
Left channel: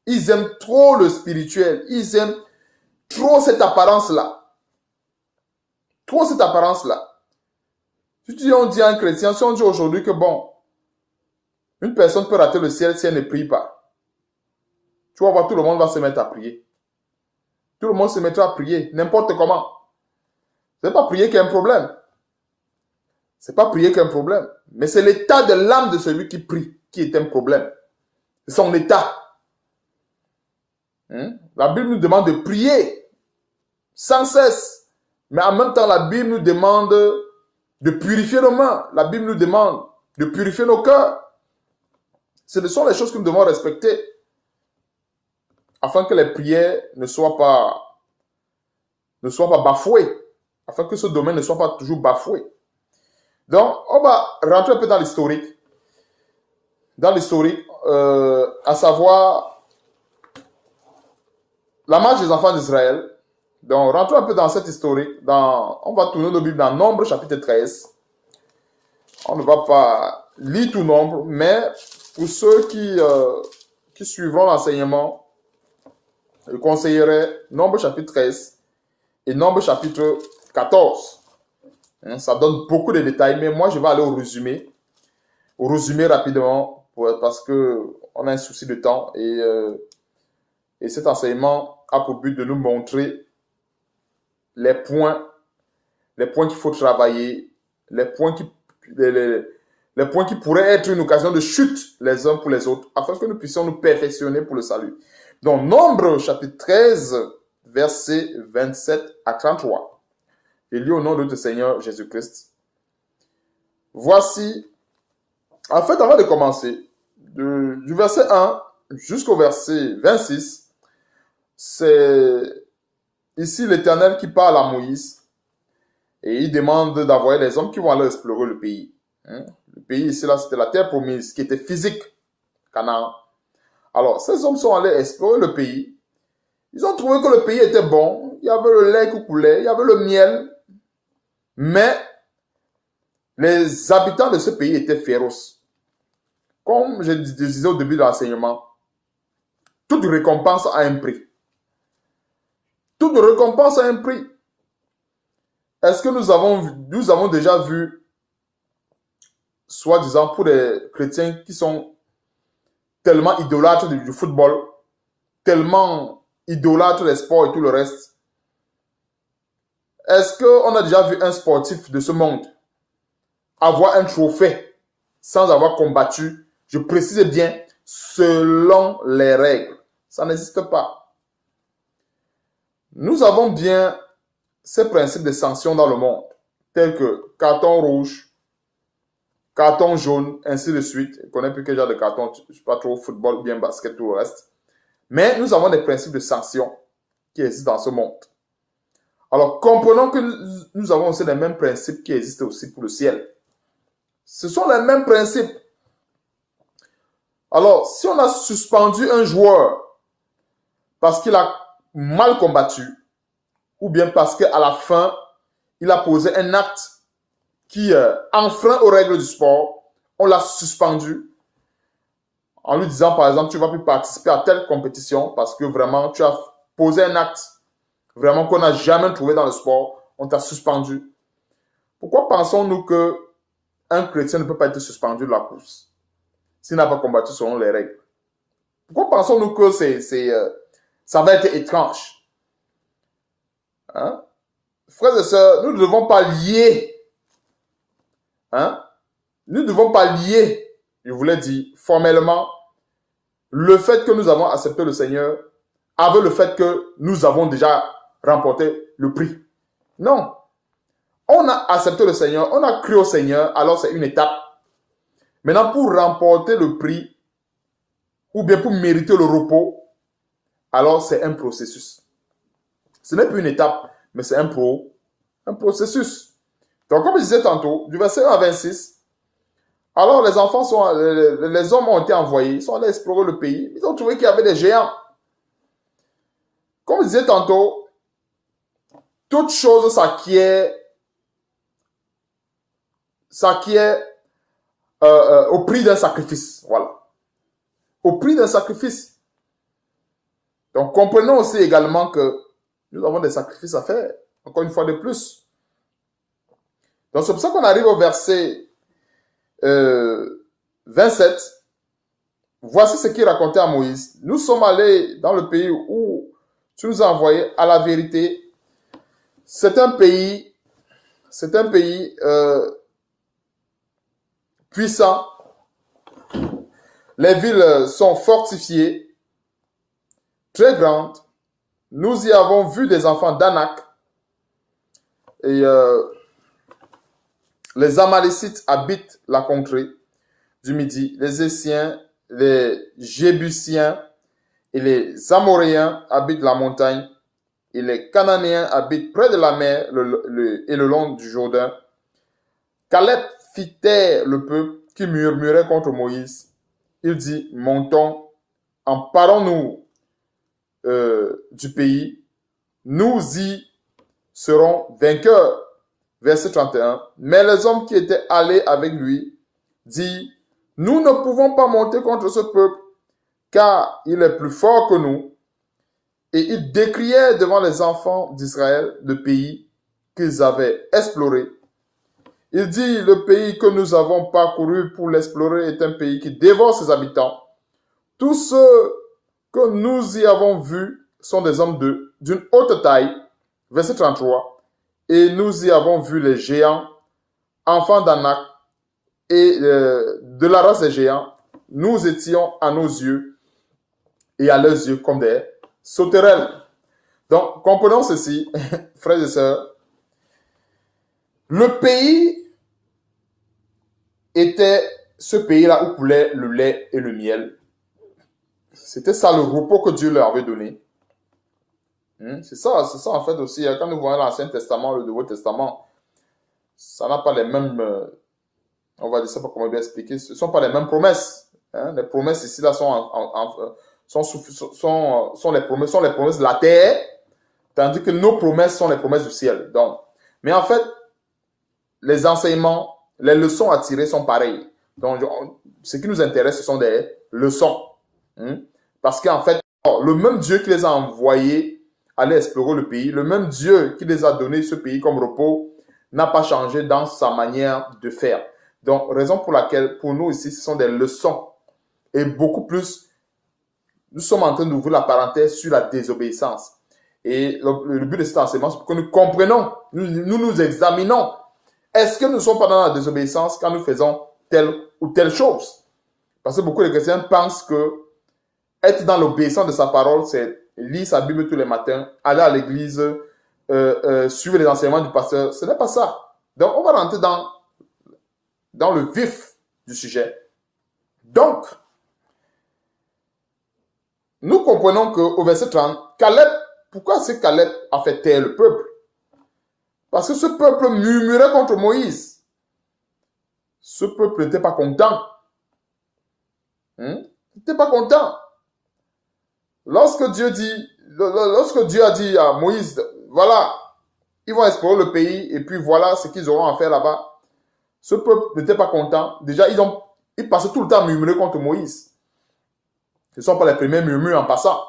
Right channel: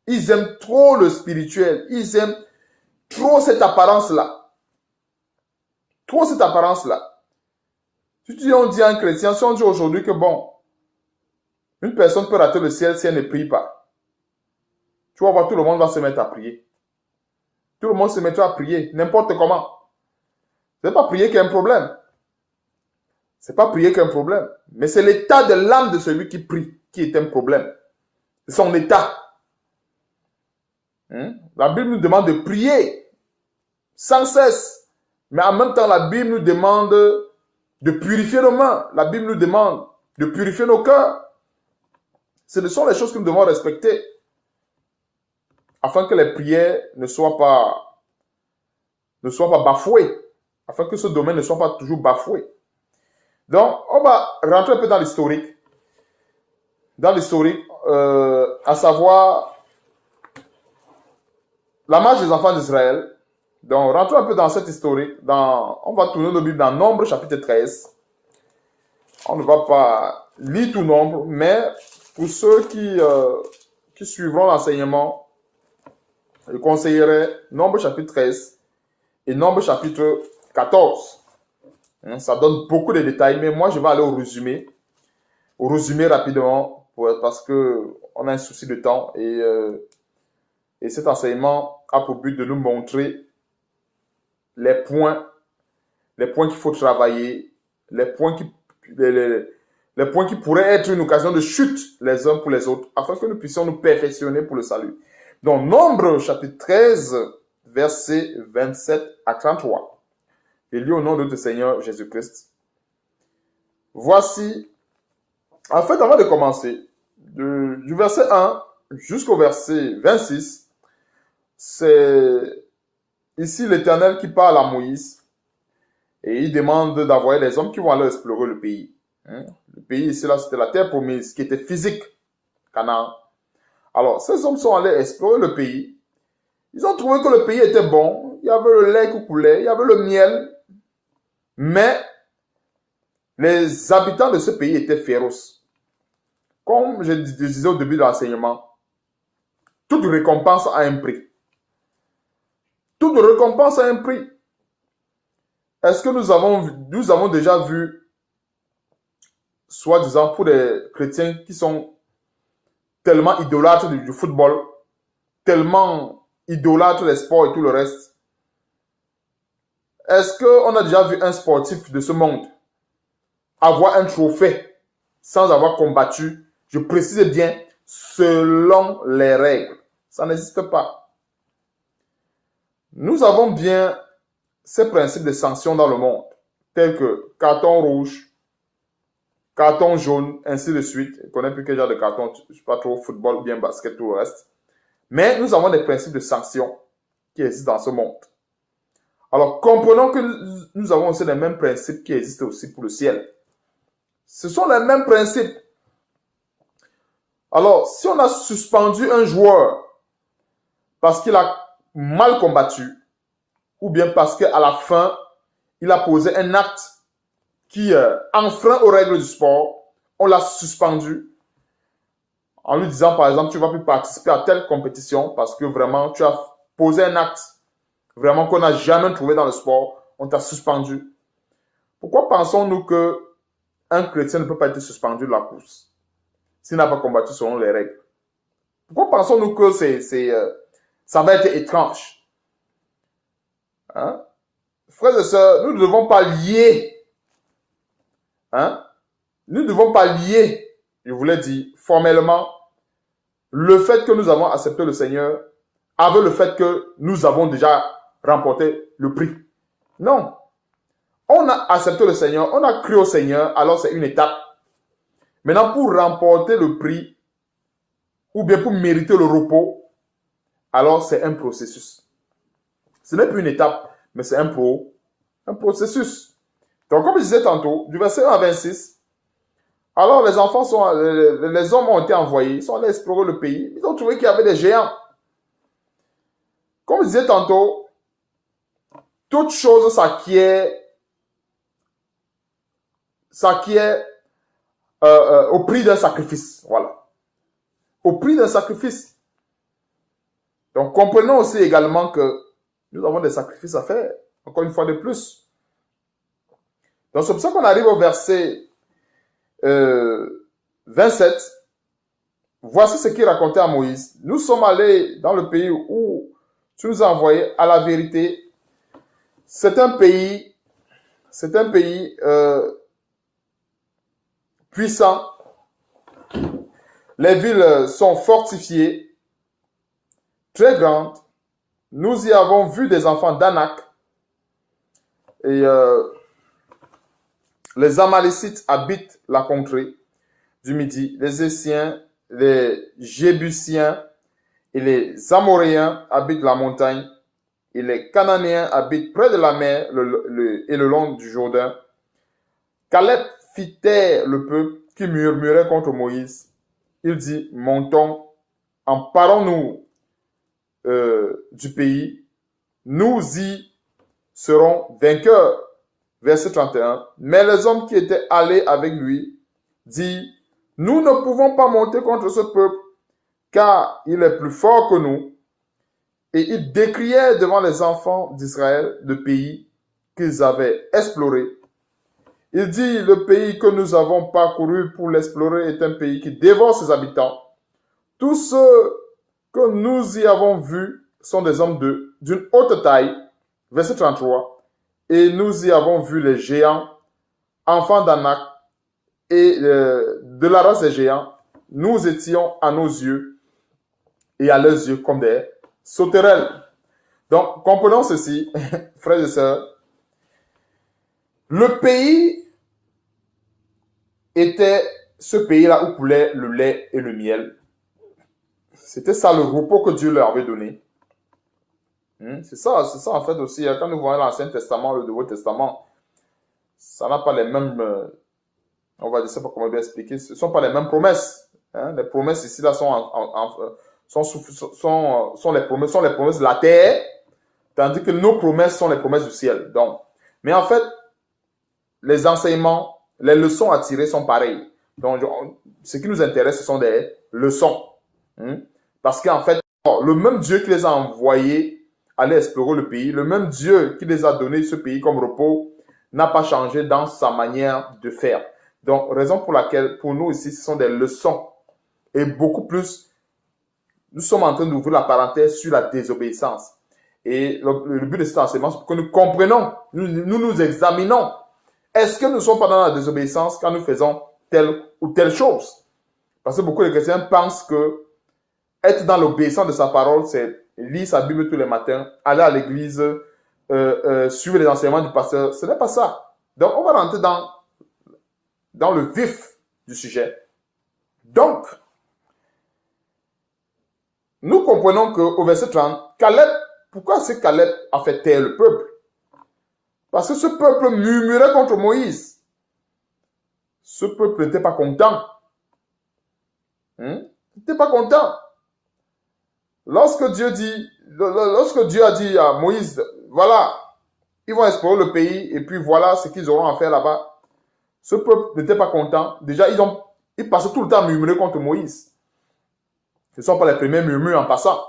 Ils aiment trop le spirituel. Ils aiment trop cette apparence-là. Trop cette apparence-là. Si on dit à un chrétien, si on dit aujourd'hui que bon, une personne peut rater le ciel si elle ne prie pas. Tu vas voir, tout le monde va se mettre à prier. Tout le monde se mettra à prier, n'importe comment. Ce n'est pas prier qui est un problème. Ce n'est pas prier qui est un problème. Mais c'est l'état de l'âme de celui qui prie qui est un problème. C'est son état. La Bible nous demande de prier sans cesse. Mais en même temps, la Bible nous demande de purifier nos mains. La Bible nous demande de purifier nos cœurs. Ce sont les choses que nous devons respecter afin que les prières ne soient pas bafouées. Afin que ce domaine ne soit pas toujours bafoué. Donc, on va rentrer un peu dans l'historique. À savoir la marche des enfants d'Israël. Donc, rentrons un peu dans cette historique. On va tourner nos Bibles dans Nombre, chapitre 13. On ne va pas lire tout Nombre, mais pour ceux qui suivront l'enseignement, je conseillerais Nombre, chapitre 13 et Nombre, chapitre 14. Ça donne beaucoup de détails, mais moi, je vais aller au résumé rapidement, parce qu'on a un souci de temps et cet enseignement a pour but de nous montrer les points qu'il faut travailler, les points qui pourraient être une occasion de chute les uns pour les autres, afin que nous puissions nous perfectionner pour le salut. Donc, Nombre, chapitre 13, versets 27 à 33. Je lis au nom de notre Seigneur Jésus-Christ. Voici, en fait, avant de commencer, du verset 1 jusqu'au verset 26, c'est ici l'Éternel qui parle à Moïse et il demande d'envoyer des hommes qui vont aller explorer le pays. Le pays ici, là, c'était la terre promise, qui était physique, Canaan. Alors, ces hommes sont allés explorer le pays. Ils ont trouvé que le pays était bon. Il y avait le lait qui coulait, il y avait le miel. Mais les habitants de ce pays étaient féroces. Comme je disais au début de l'enseignement, toute récompense a un prix. Toute récompense a un prix. Est-ce que nous avons déjà vu, soi-disant pour les chrétiens qui sont tellement idolâtres du football, tellement idolâtres des sports et tout le reste, est-ce qu'on a déjà vu un sportif de ce monde avoir un trophée sans avoir combattu, je précise bien, selon les règles? Ça n'existe pas. Nous avons bien ces principes de sanctions dans le monde, tels que carton rouge, carton jaune, ainsi de suite. Je ne connais plus quel genre de carton, je ne suis pas trop football, bien basket, tout le reste. Mais nous avons des principes de sanctions qui existent dans ce monde. Alors, comprenons que nous avons aussi les mêmes principes qui existent aussi pour le ciel. Ce sont les mêmes principes. Alors, si on a suspendu un joueur parce qu'il a mal combattu, ou bien parce qu'à la fin, il a posé un acte qui enfreint aux règles du sport, on l'a suspendu en lui disant, par exemple, tu ne vas plus participer à telle compétition parce que vraiment, tu as posé un acte vraiment qu'on n'a jamais trouvé dans le sport, on t'a suspendu. Pourquoi pensons-nous qu'un chrétien ne peut pas être suspendu de la course s'il n'a pas combattu selon les règles? Pourquoi pensons-nous que ça va être étrange? Frères et sœurs, nous ne devons pas lier Hein? Nous ne devons pas lier, je voulais dire, formellement, le fait que nous avons accepté le Seigneur avec le fait que nous avons déjà remporté le prix. Non. On a accepté le Seigneur, on a cru au Seigneur, alors c'est une étape. Maintenant, pour remporter le prix, ou bien pour mériter le repos, alors c'est un processus. Ce n'est plus une étape, mais c'est un processus. Donc, comme je disais tantôt, du verset 1 à 26, alors les enfants les hommes ont été envoyés, ils sont allés explorer le pays, ils ont trouvé qu'il y avait des géants. Comme je disais tantôt, toute chose s'acquiert au prix d'un sacrifice. Voilà. Au prix d'un sacrifice. Donc, comprenons aussi également que nous avons des sacrifices à faire. Encore une fois de plus. Donc, c'est pour ça qu'on arrive au verset 27. Voici ce qu'il racontait à Moïse. Nous sommes allés dans le pays où tu nous as envoyés. À la vérité, c'est un pays puissant. Les villes sont fortifiées, très grandes. Nous y avons vu des enfants d'Anak. Et les Amalécites habitent la contrée du Midi. Les Essiens, les Jébusiens et les Amoréens habitent la montagne. Et les Cananéens habitent près de la mer et le long du Jourdain. Caleb fit taire le peuple qui murmurait contre Moïse. Il dit, montons, emparons-nous du pays, nous y serons vainqueurs. Verset 31. Mais les hommes qui étaient allés avec lui disent, nous ne pouvons pas monter contre ce peuple, car il est plus fort que nous. Et ils décrièrent devant les enfants d'Israël le pays qu'ils avaient exploré. Il dit, le pays que nous avons parcouru pour l'explorer est un pays qui dévore ses habitants. Tous ceux que nous y avons vus sont des hommes d'une haute taille. Verset 33. Et nous y avons vu les géants, enfants d'Anak, et de la race des géants. Nous étions à nos yeux et à leurs yeux comme des sauterelles. Donc, comprenons ceci, frères et sœurs. Le pays était ce pays-là où coulait le lait et le miel. C'était ça le repos que Dieu leur avait donné. C'est ça en fait aussi. Quand nous voyons l'Ancien Testament, le Nouveau Testament, ça n'a pas les mêmes, on va dire, je ne sais pas comment bien expliquer, ce ne sont pas les mêmes promesses. Les promesses ici là sont les promesses de la terre, tandis que nos promesses sont les promesses du ciel. Donc, mais en fait, les enseignements, les leçons à tirer sont pareilles. Donc, ce qui nous intéresse, ce sont des leçons. Parce qu'en fait, le même Dieu qui les a envoyés aller explorer le pays, le même Dieu qui les a donné ce pays comme repos, n'a pas changé dans sa manière de faire. Donc, raison pour laquelle, pour nous ici, ce sont des leçons. Et beaucoup plus, nous sommes en train d'ouvrir la parenthèse sur la désobéissance. Et le but de cet enseignement, c'est pour que nous comprenions, nous examinons. Est-ce que nous ne sommes pas dans la désobéissance quand nous faisons telle ou telle chose? Parce que beaucoup de chrétiens pensent que être dans l'obéissance de sa parole, c'est lire sa Bible tous les matins, aller à l'église, suivre les enseignements du pasteur. Ce n'est pas ça. Donc, on va rentrer dans le vif du sujet. Donc, nous comprenons qu'au verset 30, Caleb, pourquoi c'est Caleb a fait taire le peuple? Parce que ce peuple murmurait contre Moïse. Ce peuple n'était pas content. Il n'était pas content. Lorsque Dieu a dit à Moïse, voilà, ils vont explorer le pays et puis voilà ce qu'ils auront à faire là-bas. Ce peuple n'était pas content. Déjà, ils passaient tout le temps à murmurer contre Moïse. Ce ne sont pas les premiers murmures en passant.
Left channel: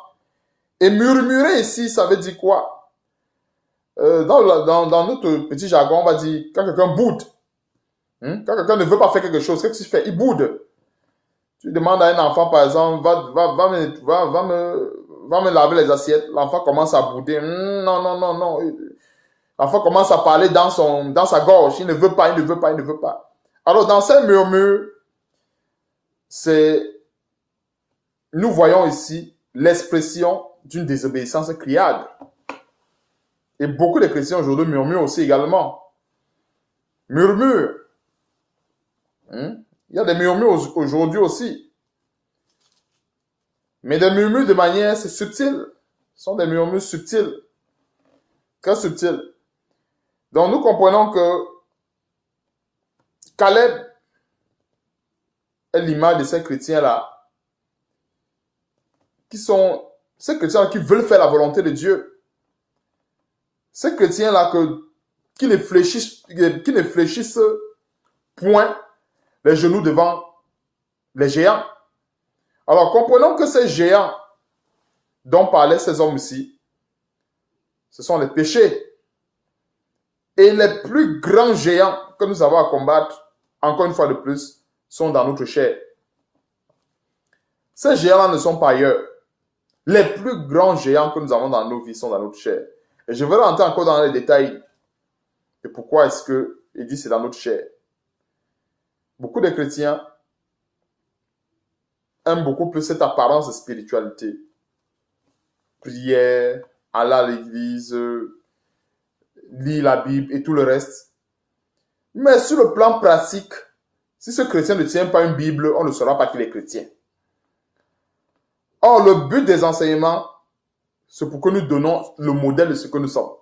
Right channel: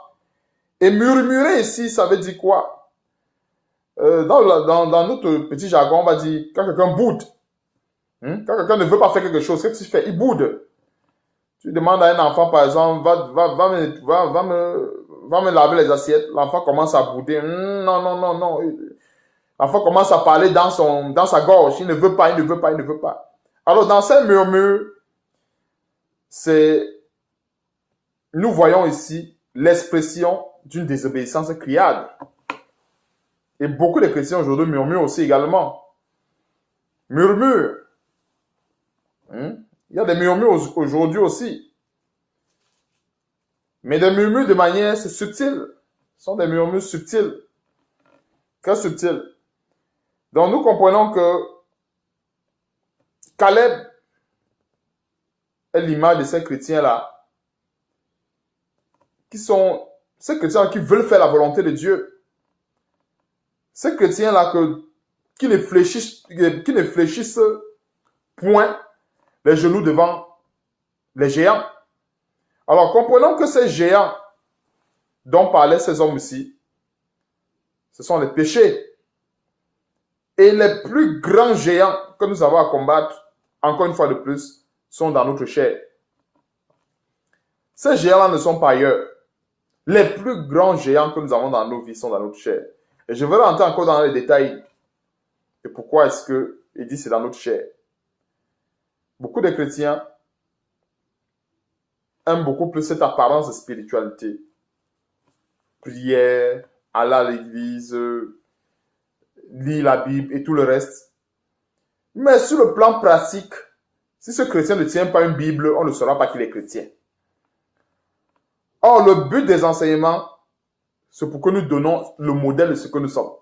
Et murmurer ici, ça veut dire quoi? Dans notre petit jargon, on va dire quand quelqu'un boude. Quand quelqu'un ne veut pas faire quelque chose, qu'est-ce qu'il fait? Il boude. Tu demandes à un enfant, par exemple, va me laver les assiettes. L'enfant commence à bouder. Non. L'enfant commence à parler dans sa gorge. Il ne veut pas. Alors, dans ces murmures, nous voyons ici l'expression d'une désobéissance criarde. Et beaucoup de chrétiens aujourd'hui murmurent aussi également. Murmurent. Il y a des murmures aujourd'hui aussi. Mais des murmures de manière subtile. Ce sont des murmures subtils. Très subtils. Donc nous comprenons que Caleb est l'image de ces chrétiens-là, qui sont ces chrétiens qui veulent faire la volonté de Dieu. Ces chrétiens-là qui ne fléchissent point les genoux devant les géants. Alors comprenons que ces géants dont parlaient ces hommes ici, ce sont les péchés. Et les plus grands géants que nous avons à combattre, encore une fois de plus, sont dans notre chair. Ces géants-là ne sont pas ailleurs. Les plus grands géants que nous avons dans nos vies sont dans notre chair. Et je vais rentrer encore dans les détails de pourquoi est-ce qu'il dit c'est dans notre chair. Beaucoup de chrétiens aiment beaucoup plus cette apparence de spiritualité. Prière, aller à l'église, lire la Bible et tout le reste. Mais sur le plan pratique, si ce chrétien ne tient pas une Bible, on ne saura pas qu'il est chrétien. Or, le but des enseignements, c'est pour que nous donnons le modèle de ce que nous sommes.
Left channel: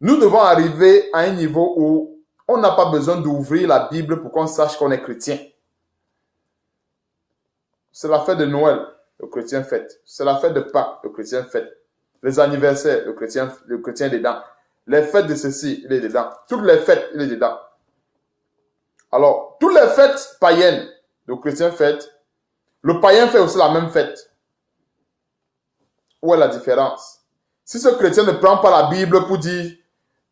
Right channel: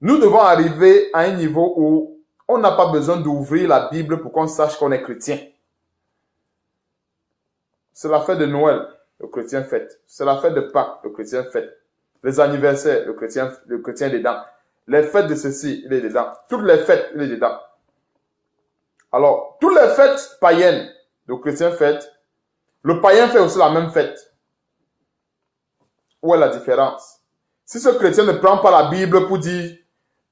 Nous devons arriver à un niveau où on n'a pas besoin d'ouvrir la Bible pour qu'on sache qu'on est chrétien. C'est la fête de Noël, le chrétien fête. C'est la fête de Pâques, le chrétien fête. Les anniversaires, le chrétien est dedans. Les fêtes de ceci, il est dedans. Toutes les fêtes, il est dedans. Alors, toutes les fêtes païennes, le chrétien fête. Le païen fait aussi la même fête. Où est la différence? Si ce chrétien ne prend pas la Bible pour dire,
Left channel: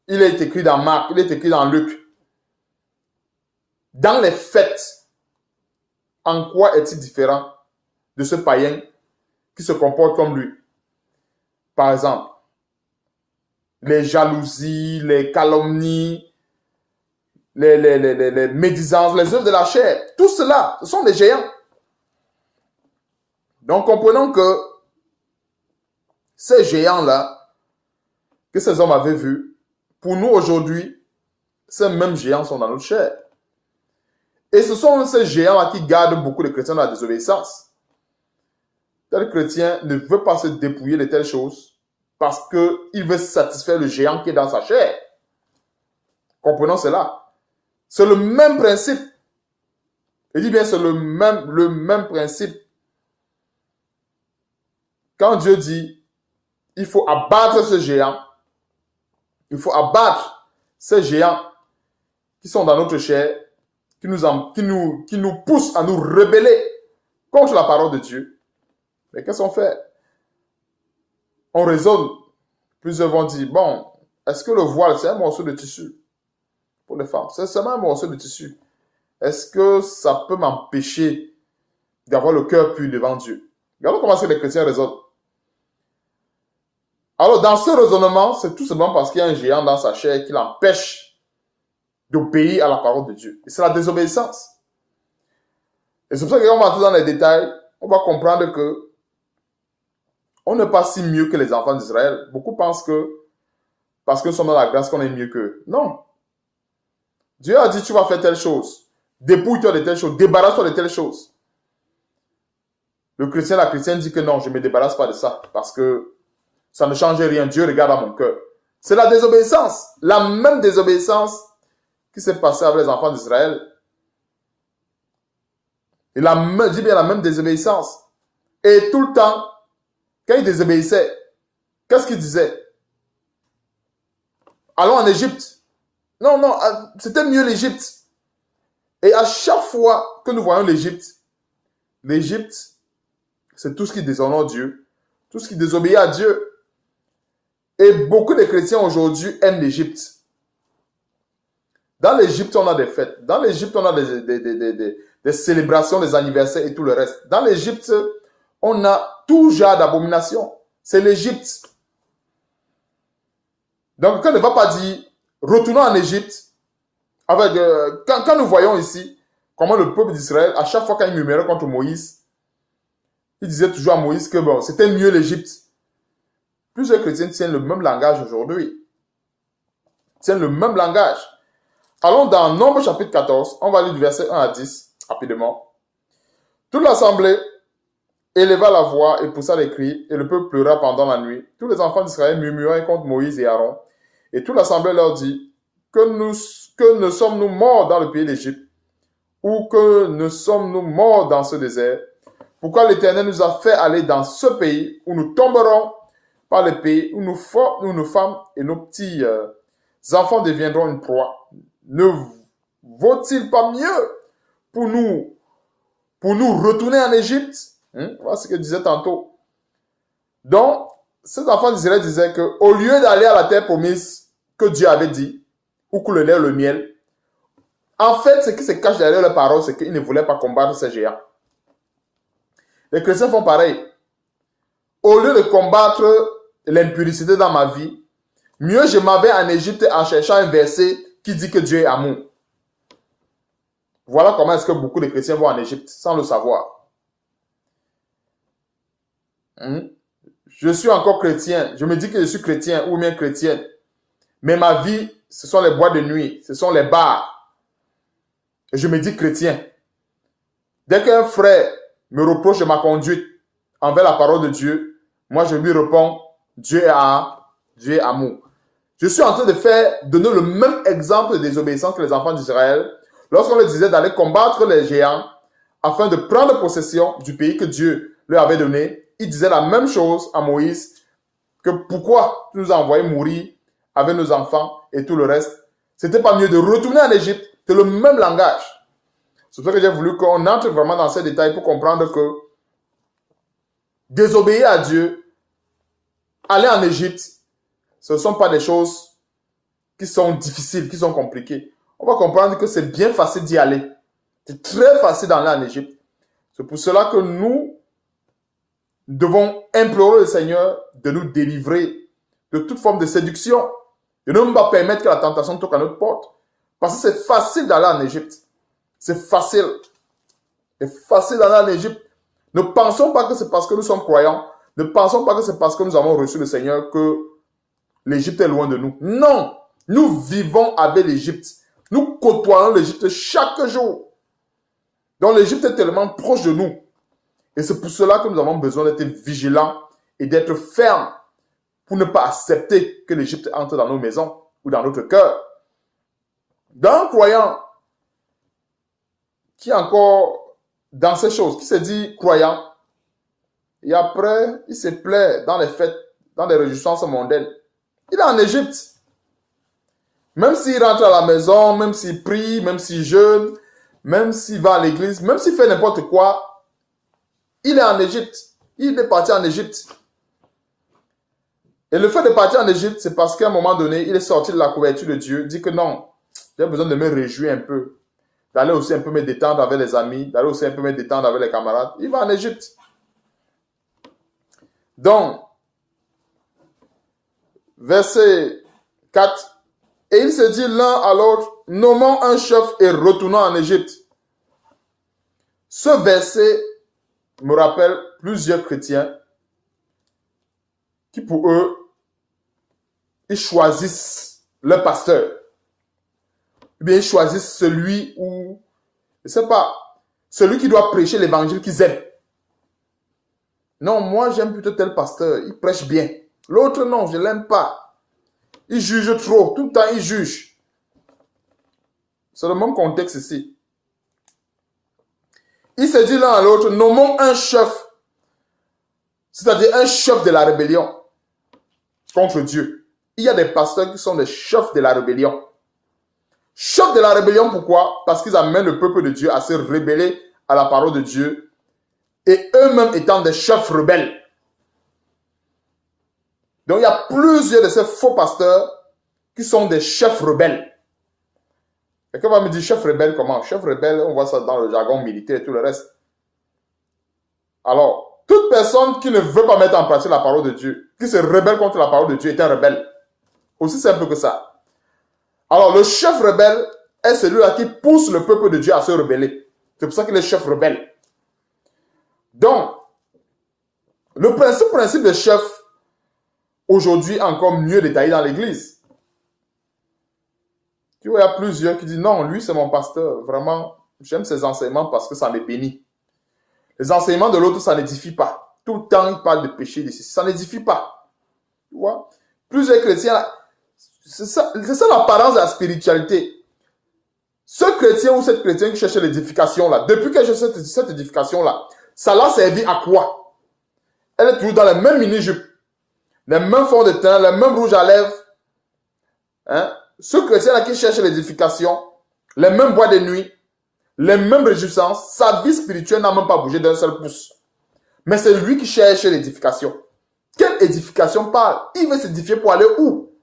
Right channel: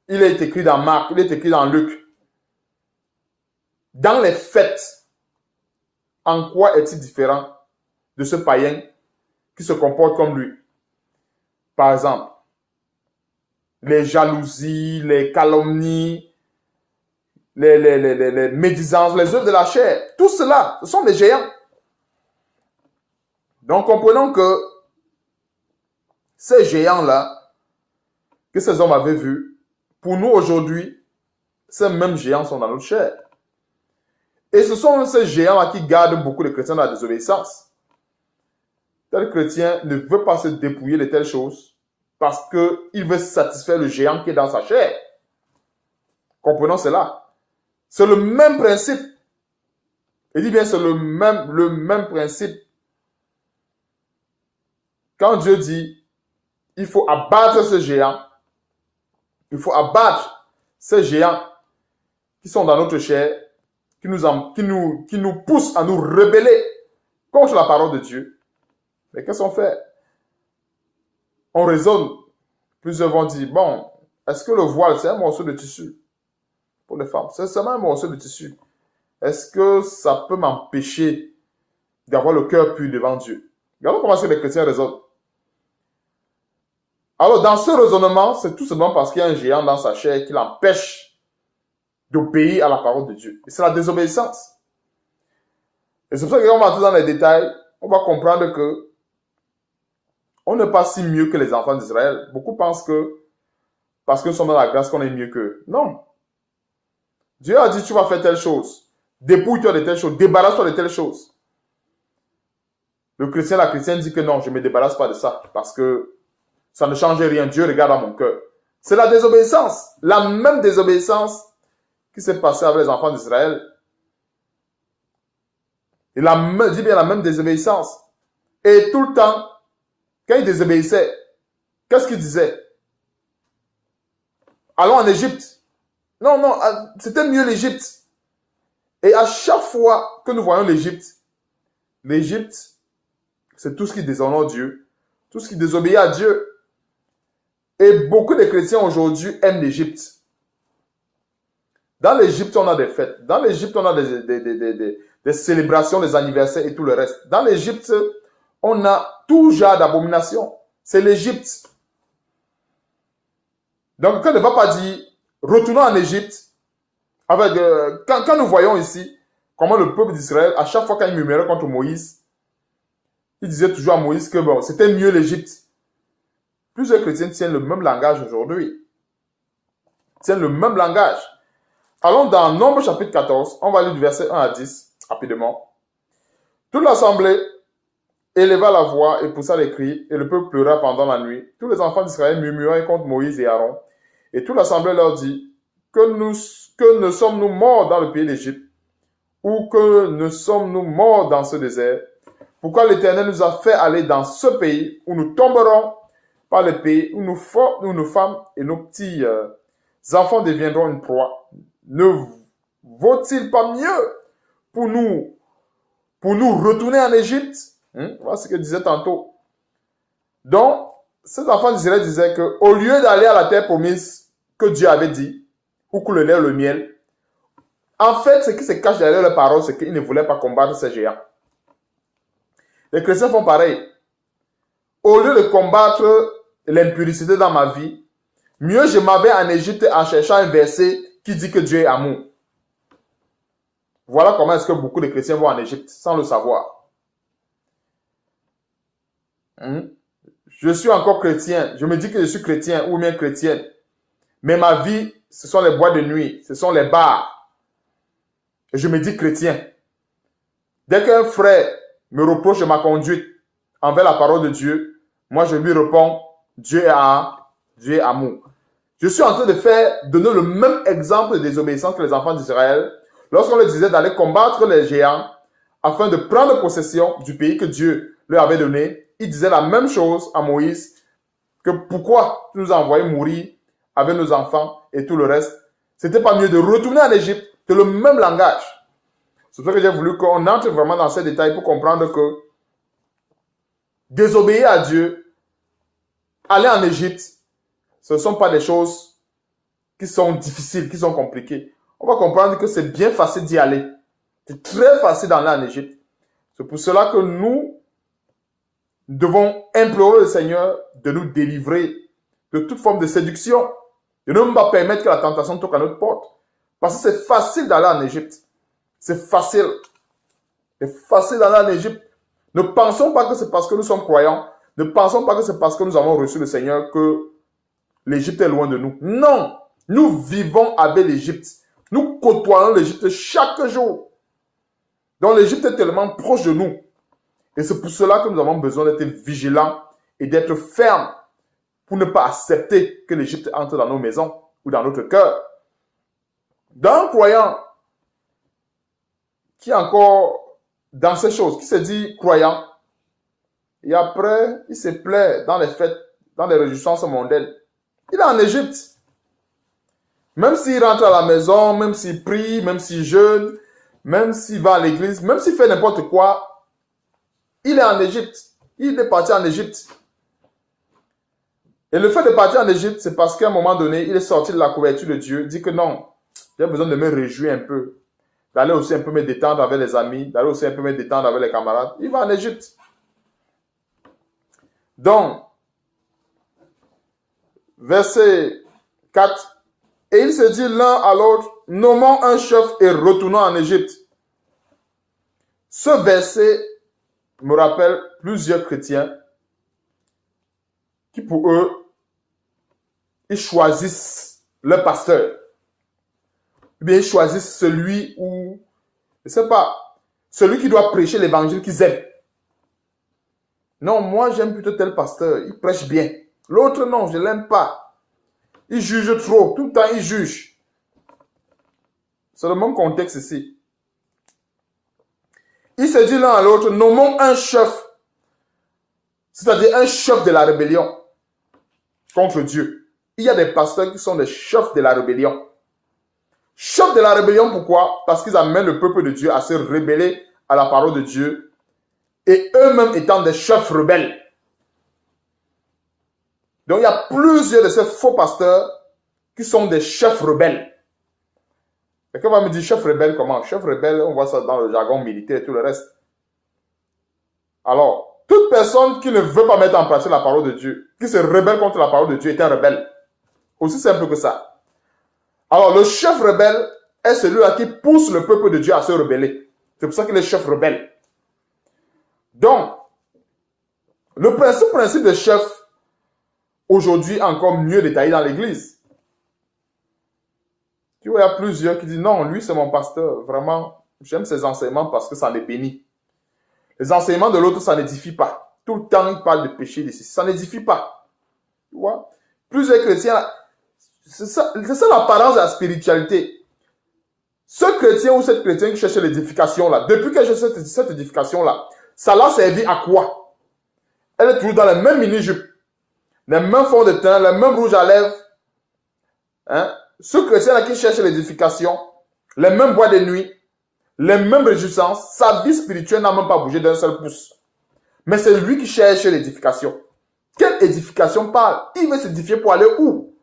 il est écrit dans Marc, il est écrit dans Luc. Dans les fêtes, en quoi est-il différent de ce païen qui se comporte comme lui? Par exemple, les jalousies, les calomnies, les médisances, les œuvres de la chair, tout cela, ce sont des géants. Donc, comprenons que ces géants-là, que ces hommes avaient vus, pour nous aujourd'hui, ces mêmes géants sont dans notre chair. Et ce sont ces géants-là qui gardent beaucoup de chrétiens dans la désobéissance. Tel chrétien ne veut pas se dépouiller de telles choses parce qu'il veut satisfaire le géant qui est dans sa chair. Comprenons cela. C'est le même principe. Il dit bien c'est le même principe. Quand Dieu dit, il faut abattre ce géant, il faut abattre ces géants qui sont dans notre chair, qui nous poussent à nous rebeller contre la parole de Dieu. Mais qu'est-ce qu'on fait? On raisonne. Plusieurs vont dire, bon, est-ce que le voile, c'est un morceau de tissu pour les femmes? C'est seulement un morceau de tissu. Est-ce que ça peut m'empêcher d'avoir le cœur pur devant Dieu? Regardons comment les chrétiens raisonnent. Alors, dans ce raisonnement, c'est tout simplement parce qu'il y a un géant dans sa chair qui l'empêche d'obéir à la parole de Dieu. Et c'est la désobéissance. Et c'est pour ça qu'on va entrer dans les détails. On va comprendre que on n'est pas si mieux que les enfants d'Israël. Beaucoup pensent que parce que nous sommes dans la grâce qu'on est mieux qu'eux. Non. Dieu a dit, tu vas faire telle chose. Dépouille-toi de telle chose. Débarrasse-toi de telle chose. Le chrétien, la chrétienne dit que non, je ne me débarrasse pas de ça. Parce que ça ne change rien. Dieu regarde à mon cœur. C'est la désobéissance. La même désobéissance qui s'est passée avec les enfants d'Israël. Et je dis bien la même désobéissance. Et tout le temps, quand ils désobéissaient, qu'est-ce qu'ils disaient? Allons en Égypte. Non, non, c'était mieux l'Égypte. Et à chaque fois que nous voyons l'Égypte, c'est tout ce qui déshonore Dieu, tout ce qui désobéit à Dieu. Et beaucoup de chrétiens aujourd'hui aiment l'Égypte. Dans l'Égypte, on a des fêtes. Dans l'Égypte, on a des célébrations, des anniversaires et tout le reste. Dans l'Égypte, on a tout genre d'abomination. C'est l'Égypte. Donc, on ne va pas dire, retournons en Égypte. Quand nous voyons ici comment le peuple d'Israël, à chaque fois qu'il murmurait contre Moïse, il disait toujours à Moïse que bon, c'était mieux l'Égypte. Plusieurs chrétiens tiennent le même langage aujourd'hui. Tiennent le même langage. Allons dans Nombre chapitre 14, on va lire du verset 1 à 10, rapidement. Toute l'assemblée éleva la voix et poussa les cris, et le peuple pleura pendant la nuit. Tous les enfants d'Israël murmuraient contre Moïse et Aaron. Et toute l'assemblée leur dit, que ne sommes-nous morts dans le pays d'Égypte, ou que ne sommes-nous morts dans ce désert? Pourquoi l'Éternel nous a fait aller dans ce pays où nous tomberons par les pays, où nos femmes et nos petits enfants deviendront une proie? Ne vaut-il pas mieux pour nous retourner en Égypte? Voilà ce que je disais tantôt. Donc, ces enfants d'Israël disaient qu'au lieu d'aller à la terre promise que Dieu avait dit, ou que le lait, le miel, en fait, ce qui se cache derrière la parole, c'est qu'ils ne voulaient pas combattre ces géants. Les chrétiens font pareil. Au lieu de combattre l'impudicité dans ma vie, mieux je m'en vais en Égypte en cherchant un verset qui dit que Dieu est amour. Voilà comment est-ce que beaucoup de chrétiens vont en Égypte sans le savoir. Je suis encore chrétien. Je me dis que je suis chrétien ou bien chrétienne. Mais ma vie, ce sont les boîtes de nuit, ce sont les bars. Et je me dis chrétien. Dès qu'un frère me reproche ma conduite envers la parole de Dieu, moi je lui réponds, Dieu est amour. Je suis en train de donner le même exemple de désobéissance que les enfants d'Israël lorsqu'on leur disait d'aller combattre les géants afin de prendre possession du pays que Dieu leur avait donné. Ils disaient la même chose à Moïse, que pourquoi tu nous as envoyés mourir avec nos enfants et tout le reste. C'était pas mieux de retourner en Égypte. C'est le même langage. C'est pour ça que j'ai voulu qu'on entre vraiment dans ces détails pour comprendre que désobéir à Dieu, aller en Égypte, ce ne sont pas des choses qui sont difficiles, qui sont compliquées. On va comprendre que c'est bien facile d'y aller. C'est très facile d'aller en Égypte. C'est pour cela que nous devons implorer le Seigneur de nous délivrer de toute forme de séduction. De ne pas permettre que la tentation toque à notre porte. Parce que c'est facile d'aller en Égypte. C'est facile. C'est facile d'aller en Égypte. Ne pensons pas que c'est parce que nous sommes croyants. Ne pensons pas que c'est parce que nous avons reçu le Seigneur que l'Égypte est loin de nous. Non. Nous vivons avec l'Égypte. Nous côtoyons l'Égypte chaque jour. Donc l'Égypte est tellement proche de nous. Et c'est pour cela que nous avons besoin d'être vigilants et d'être fermes pour ne pas accepter que l'Égypte entre dans nos maisons ou dans notre cœur. Dans un croyant qui est encore dans ces choses, qui se dit croyant, et après, il se plaît dans les fêtes, dans les réjouissances mondaines. Il est en Égypte. Même s'il rentre à la maison, même s'il prie, même s'il jeûne, même s'il va à l'église, même s'il fait n'importe quoi, il est en Égypte. Il est parti en Égypte. Et le fait de partir en Égypte, c'est parce qu'à un moment donné, il est sorti de la couverture de Dieu, dit que non, j'ai besoin de me réjouir un peu, d'aller aussi un peu me détendre avec les amis, d'aller aussi un peu me détendre avec les camarades. Il va en Égypte. Donc, verset 4, et il se dit l'un à l'autre, nommons un chef et retournons en Égypte. Ce verset me rappelle plusieurs chrétiens qui pour eux, ils choisissent leur pasteur. Ou bien ils choisissent celui où, je ne sais pas, celui qui doit prêcher l'évangile qu'ils aiment. Non, moi j'aime plutôt tel pasteur, il prêche bien. L'autre non, je ne l'aime pas. Il juge trop, tout le temps il juge. C'est le même contexte ici. Il se dit l'un à l'autre, nommons un chef, c'est-à-dire un chef de la rébellion contre Dieu. Il y a des pasteurs qui sont des chefs de la rébellion. Chefs de la rébellion, pourquoi? Parce qu'ils amènent le peuple de Dieu à se rébeller à la parole de Dieu et eux-mêmes étant des chefs rebelles. Donc il y a plusieurs de ces faux pasteurs qui sont des chefs rebelles. Quelqu'un va me dire chef rebelle comment? Chef rebelle, on voit ça dans le jargon militaire et tout le reste. Alors, toute personne qui ne veut pas mettre en pratique la parole de Dieu, qui se rebelle contre la parole de Dieu est un rebelle. Aussi simple que ça. Alors, le chef rebelle est celui-là qui pousse le peuple de Dieu à se rebeller. C'est pour ça qu'il est chef rebelle. Donc, le principe de chef, aujourd'hui, est encore mieux détaillé dans l'Église. Tu vois, il y a plusieurs qui disent, non, lui, c'est mon pasteur. Vraiment, j'aime ses enseignements parce que ça me bénit. Les enseignements de l'autre, ça n'édifie pas. Tout le temps, il parle de péché, de ceci. Ça n'édifie pas. Tu vois? Plusieurs chrétiens, c'est ça l'apparence de la spiritualité. Ce chrétien ou cette chrétienne qui cherchait l'édification-là, depuis qu'elle cherche cette édification-là, ça l'a servi à quoi? Elle est toujours dans les mêmes mini-jupes, les mêmes fonds de teint, les mêmes rouges à lèvres. Hein? Ce chrétien-là qui cherche l'édification, les mêmes bois de nuit, les mêmes réjouissances, sa vie spirituelle n'a même pas bougé d'un seul pouce. Mais c'est lui qui cherche l'édification. Quelle édification parle? Il veut s'édifier pour aller où?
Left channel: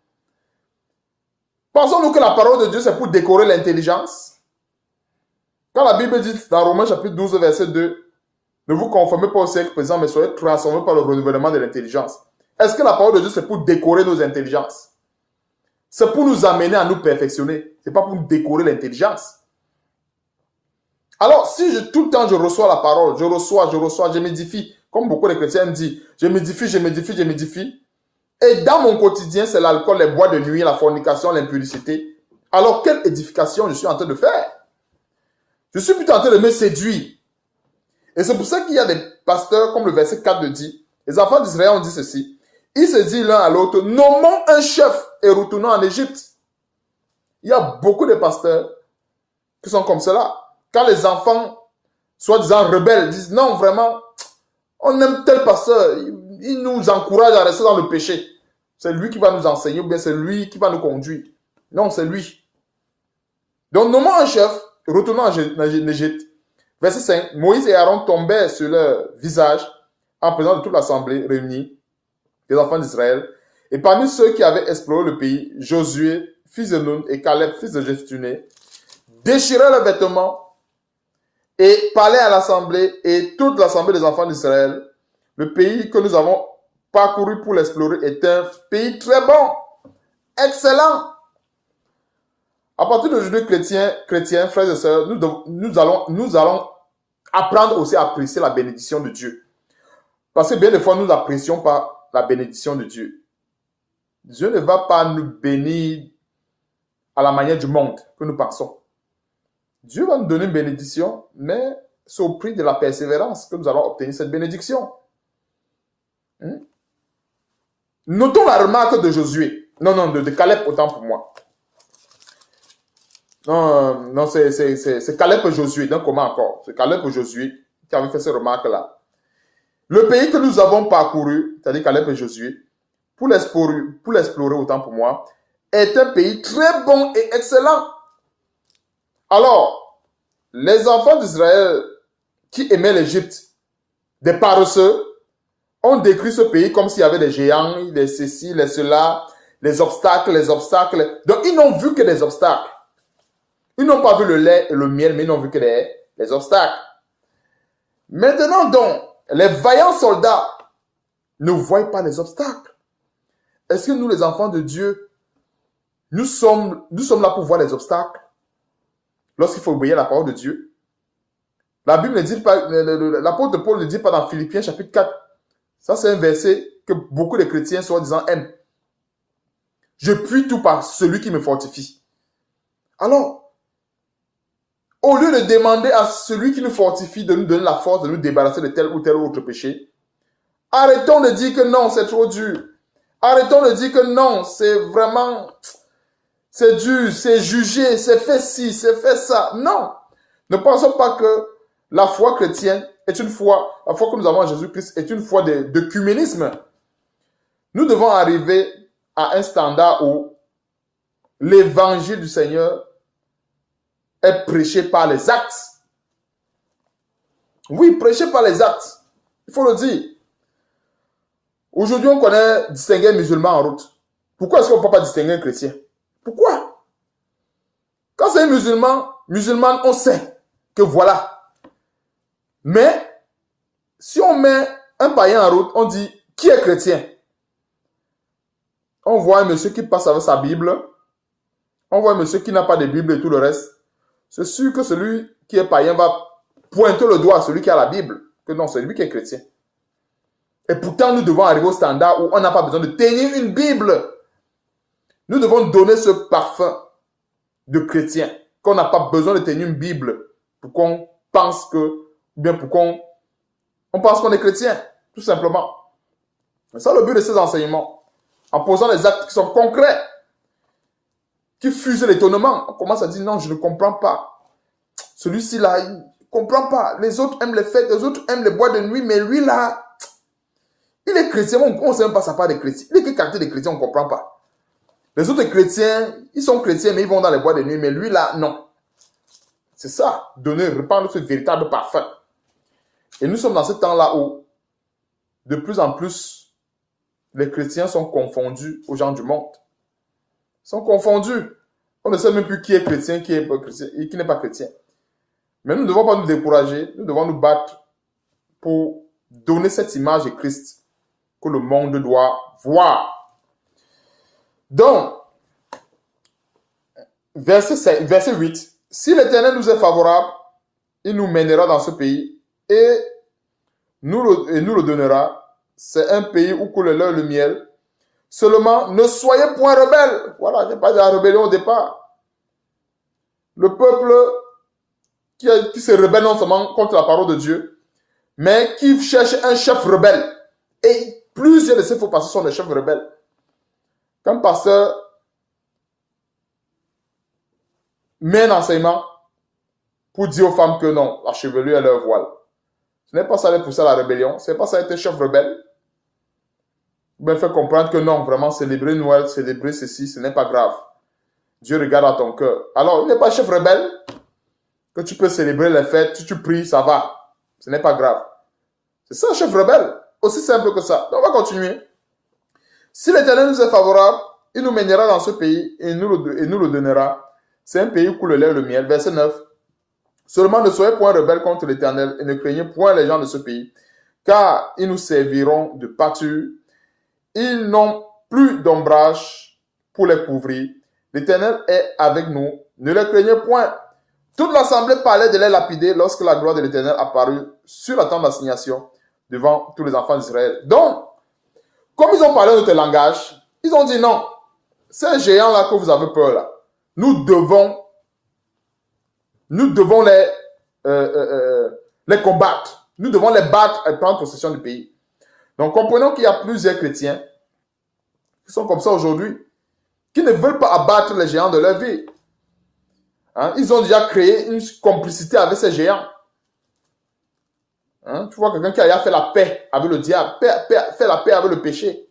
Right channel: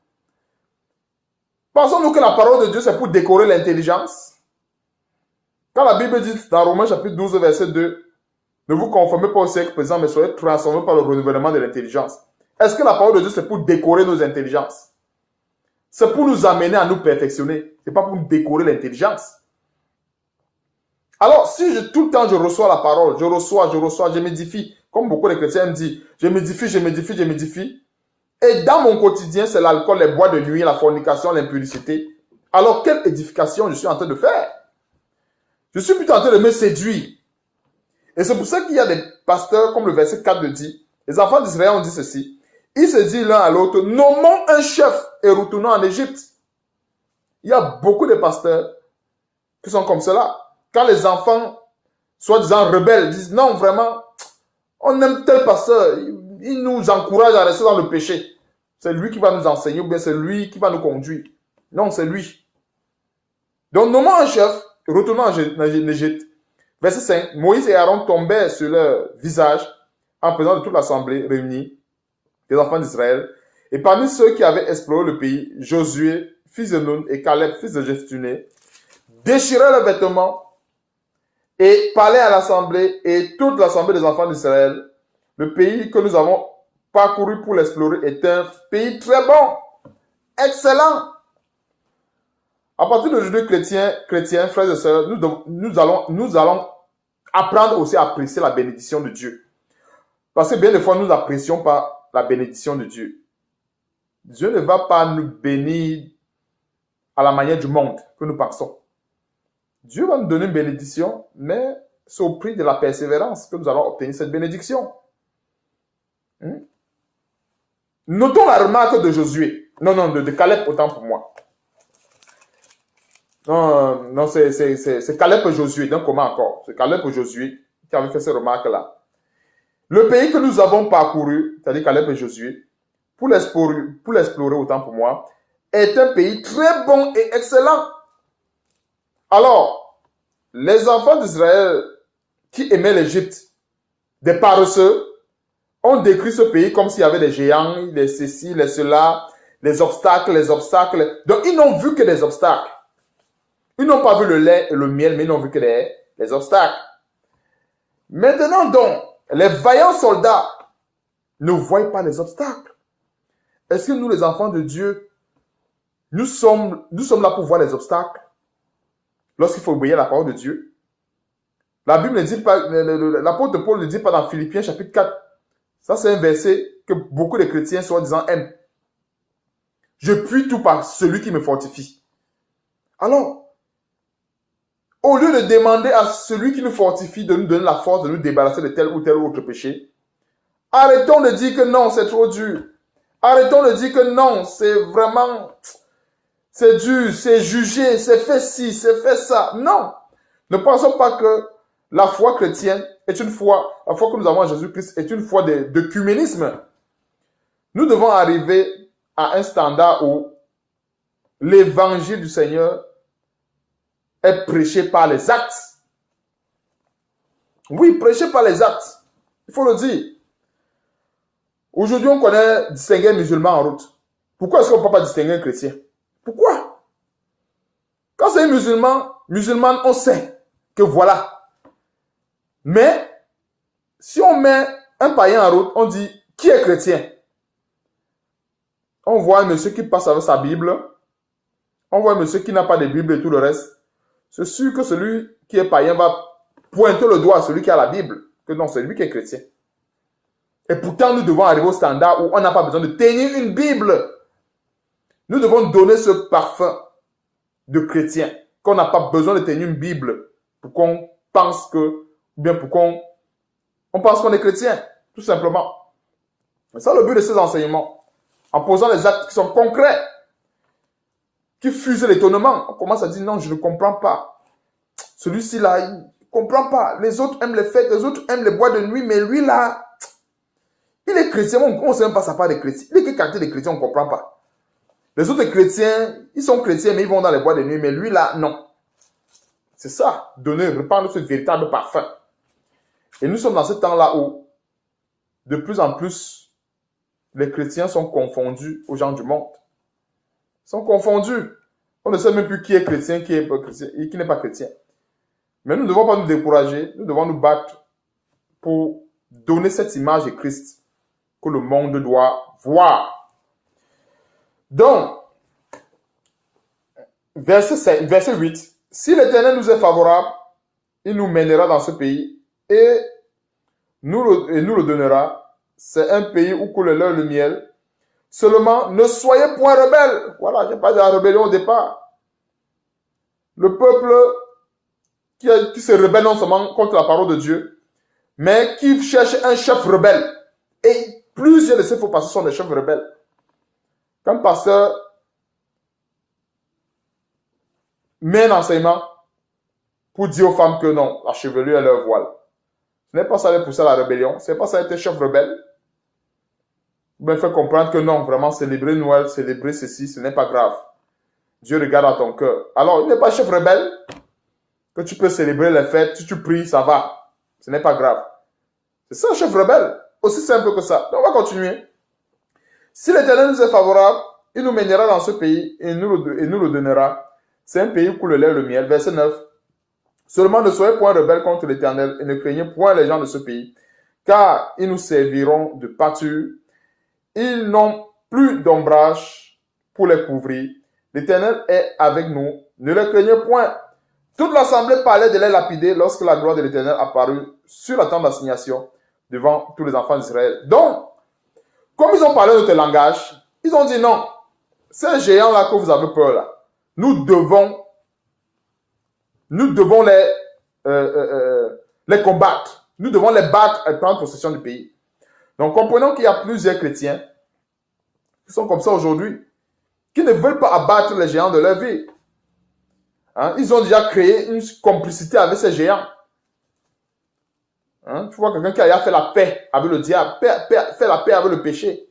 Pensons-nous que la parole de Dieu, c'est pour décorer l'intelligence? Quand la Bible dit dans Romains chapitre 12, verset 2, ne vous conformez pas au siècle présent, mais soyez transformés par le renouvellement de l'intelligence. Est-ce que la parole de Dieu, c'est pour décorer nos intelligences? C'est pour nous amener à nous perfectionner. Ce n'est pas pour nous décorer l'intelligence. Alors, si tout le temps je reçois la parole, je reçois, je m'édifie, comme beaucoup de chrétiens me disent, je m'édifie, et dans mon quotidien, c'est l'alcool, les bois de nuit, la fornication, l'impudicité. Alors, quelle édification je suis en train de faire? Je suis plutôt en train de me séduire. Et c'est pour ça qu'il y a des pasteurs, comme le verset 4 le dit, les enfants d'Israël ont dit ceci. Ils se disent l'un à l'autre, nommons un chef et retournons en Égypte. Il y a beaucoup de pasteurs qui sont comme cela. Quand les enfants, soi-disant rebelles, disent non, vraiment, on aime tel pasteur, il nous encourage à rester dans le péché. C'est lui qui va nous enseigner ou bien c'est lui qui va nous conduire. Non, c'est lui. Donc, nommons un chef, retournons en Égypte. Verset 5. Moïse et Aaron tombaient sur leur visage en présence de toute l'assemblée réunie des enfants d'Israël. Et parmi ceux qui avaient exploré le pays, Josué, fils de Nun, et Caleb, fils de Jephthé, déchiraient leurs vêtements et parlaient à l'assemblée et toute l'assemblée des enfants d'Israël. Le pays que nous avons parcouru pour l'explorer est un pays très bon, excellent. À partir d'aujourd'hui, chrétiens, frères et sœurs, nous allons apprendre aussi à apprécier la bénédiction de Dieu. Parce que bien des fois, nous n'apprécions pas la bénédiction de Dieu. Dieu ne va pas nous bénir à la manière du monde que nous pensons. Dieu va nous donner une bénédiction, mais c'est au prix de la persévérance que nous allons obtenir cette bénédiction. Notons la remarque de Josué. Non, de Caleb, autant pour moi. Non, c'est Caleb et Josué. Donc, comment encore? C'est Caleb et Josué qui avaient fait ces remarques-là. Le pays que nous avons parcouru, c'est-à-dire Caleb et Josué, pour l'explorer autant pour moi, est un pays très bon et excellent. Alors, les enfants d'Israël qui aimaient l'Égypte, des paresseux, ont décrit ce pays comme s'il y avait des géants, des ceci, les cela, les obstacles. Donc, ils n'ont vu que des obstacles. Ils n'ont pas vu le lait et le miel, mais ils n'ont vu que les obstacles. Maintenant donc, les vaillants soldats ne voient pas les obstacles. Est-ce que nous, les enfants de Dieu, nous sommes là pour voir les obstacles lorsqu'il faut obéir à la parole de Dieu? La Bible ne dit pas, l'apôtre Paul ne dit pas dans Philippiens chapitre 4. Ça, c'est un verset que beaucoup de chrétiens, soi-disant, aiment. Je puis tout par celui qui me fortifie. Alors, au lieu de demander à celui qui nous fortifie de nous donner la force de nous débarrasser de tel ou tel autre péché, arrêtons de dire que non, c'est trop dur. Arrêtons de dire que non, c'est vraiment, c'est dur, c'est jugé, c'est fait ci, c'est fait ça. Non. Ne pensons pas que la foi chrétienne est une foi, la foi que nous avons en Jésus-Christ est une foi d'œcuménisme. Nous devons arriver à un standard où l'évangile du Seigneur est prêché par les actes. Oui, prêché par les actes. Il faut le dire. Aujourd'hui, on connaît distinguer un musulman en route. Pourquoi est-ce qu'on ne peut pas distinguer un chrétien? Pourquoi? Quand c'est un musulman, on sait que voilà. Mais, si on met un païen en route, on dit, qui est chrétien? On voit un monsieur qui passe avec sa Bible, On voit un monsieur qui n'a pas de Bible et tout le reste. C'est sûr que celui qui est païen va pointer le doigt à celui qui a la Bible. Que non, c'est lui qui est chrétien. Et pourtant, nous devons arriver au standard où on n'a pas besoin de tenir une Bible. Nous devons donner ce parfum de chrétien, qu'on n'a pas besoin de tenir une Bible pour qu'on pense que, ou bien pour qu'on pense qu'on est chrétien, tout simplement. C'est ça le but de ces enseignements. En posant des actes qui sont concrets, qui fusent l'étonnement. On commence à dire non, je ne comprends pas. Celui-ci là, il ne comprend pas. Les autres aiment les fêtes, les autres aiment les boîtes de nuit, mais lui là, il est chrétien, on ne sait même pas sa part de chrétien. Il est quelle qualité de chrétien, on ne comprend pas. Les autres chrétiens, ils sont chrétiens, mais ils vont dans les boîtes de nuit, mais lui là, non. C'est ça, donner, répandre ce véritable parfum. Et nous sommes dans ce temps-là où, de plus en plus, les chrétiens sont confondus aux gens du monde. Ils sont confondus. On ne sait même plus qui est chrétien, qui n'est pas chrétien et qui n'est pas chrétien. Mais nous ne devons pas nous décourager, nous devons nous battre pour donner cette image de Christ que le monde doit voir. Donc, verset 8. Si l'Éternel nous est favorable, il nous mènera dans ce pays et nous le donnera. C'est un pays où coule le lait et le miel. Seulement, ne soyez point rebelles. Voilà, il n'y a pas de la rébellion au départ. Le peuple qui se rebelle non seulement contre la parole de Dieu, mais qui cherche un chef rebelle. Et plusieurs de ces faux pasteurs sont des chefs rebelles. Quand pasteur met un enseignement pour dire aux femmes que non, la chevelure est leur voile. Ce n'est pas ça de pousser à la rébellion, ce n'est pas ça d'être chef rebelle. Mais faire comprendre que non, vraiment célébrer Noël, célébrer ceci, ce n'est pas grave. Dieu regarde à ton cœur. Alors, il n'est pas chef rebelle que tu peux célébrer les fêtes, si tu pries, ça va. Ce n'est pas grave. C'est ça, chef rebelle. Aussi simple que ça. Donc, on va continuer. Si l'Éternel nous est favorable, il nous mènera dans ce pays et nous le donnera. C'est un pays où coule le lait et le miel. Verset 9. Seulement ne soyez point rebelles contre l'Éternel et ne craignez point les gens de ce pays, car ils nous serviront de pâture. Ils n'ont plus d'ombrage pour les couvrir. L'Éternel est avec nous. Ne les craignez point. Toute l'assemblée parlait de les lapider lorsque la gloire de l'Éternel apparut sur la tente d'assignation devant tous les enfants d'Israël. Donc, comme ils ont parlé notre langage, ils ont dit non, ces géants-là que vous avez peur là, nous devons les combattre. Nous devons les battre et prendre possession du pays. Donc, comprenons qu'il y a plusieurs chrétiens qui sont comme ça aujourd'hui, qui ne veulent pas abattre les géants de leur vie. Hein? Ils ont déjà créé une complicité avec ces géants. Hein? Tu vois quelqu'un qui a fait la paix avec le diable, fait la paix avec le péché.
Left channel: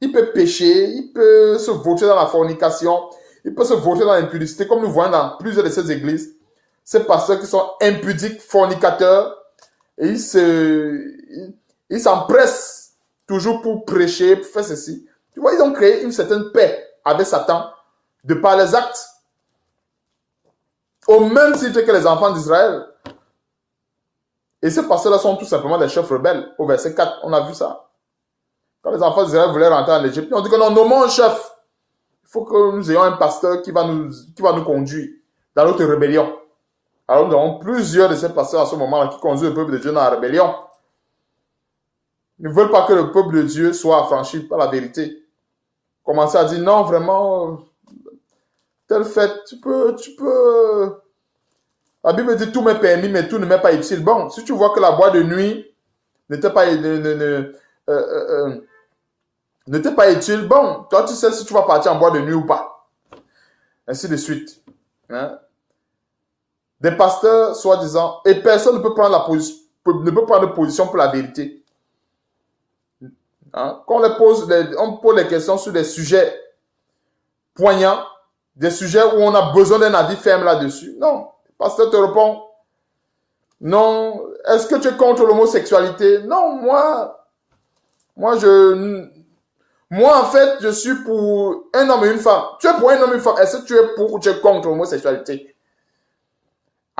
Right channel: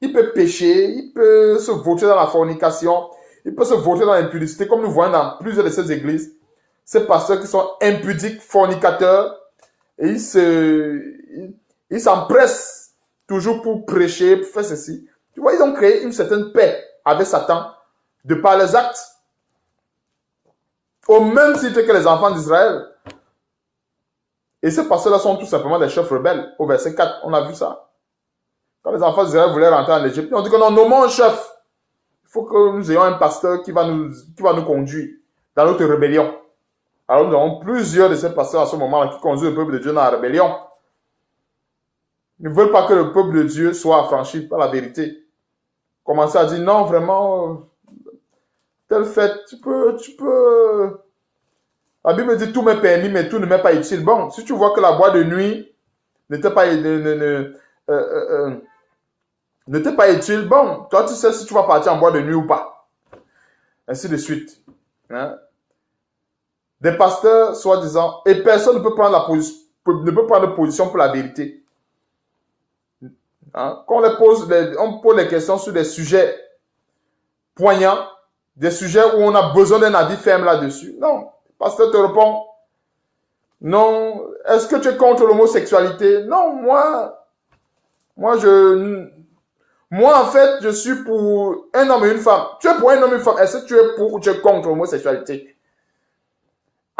Il peut pécher, il peut se vauter dans la fornication, il peut se vauter dans l'impudicité, comme nous voyons dans plusieurs de ces églises. Ces pasteurs qui sont impudiques, fornicateurs, et ils s'empressent toujours pour prêcher, pour faire ceci. Tu vois, ils ont créé une certaine paix avec Satan de par les actes. Au même titre que les enfants d'Israël. Et ces pasteurs-là sont tout simplement des chefs rebelles. Au verset 4, on a vu ça. Quand les enfants d'Israël voulaient rentrer en Égypte, ils ont dit que non, nommons un chef. Il faut que nous ayons un pasteur qui va nous conduire dans notre rébellion. Alors nous avons plusieurs de ces pasteurs à ce moment-là qui conduisent le peuple de Dieu dans la rébellion. Ils ne veulent pas que le peuple de Dieu soit affranchi par la vérité. Commencer à dire non, vraiment, telle fête, tu peux. La Bible dit tout m'est permis, mais tout ne m'est pas utile. Bon, si tu vois que la boîte de nuit ne t'est pas utile, bon, toi tu sais si tu vas partir en boîte de nuit ou pas. Ainsi de suite. Hein? Des pasteurs, soi-disant, et personne ne peut prendre position pour la vérité. Hein? Quand on pose les questions sur des sujets poignants, des sujets où on a besoin d'un avis ferme là-dessus. Non, le pasteur te répond, non, est-ce que tu es contre l'homosexualité? Non, moi en fait, je suis pour un homme et une femme. Tu es pour un homme et une femme, est-ce que tu es pour ou tu es contre l'homosexualité?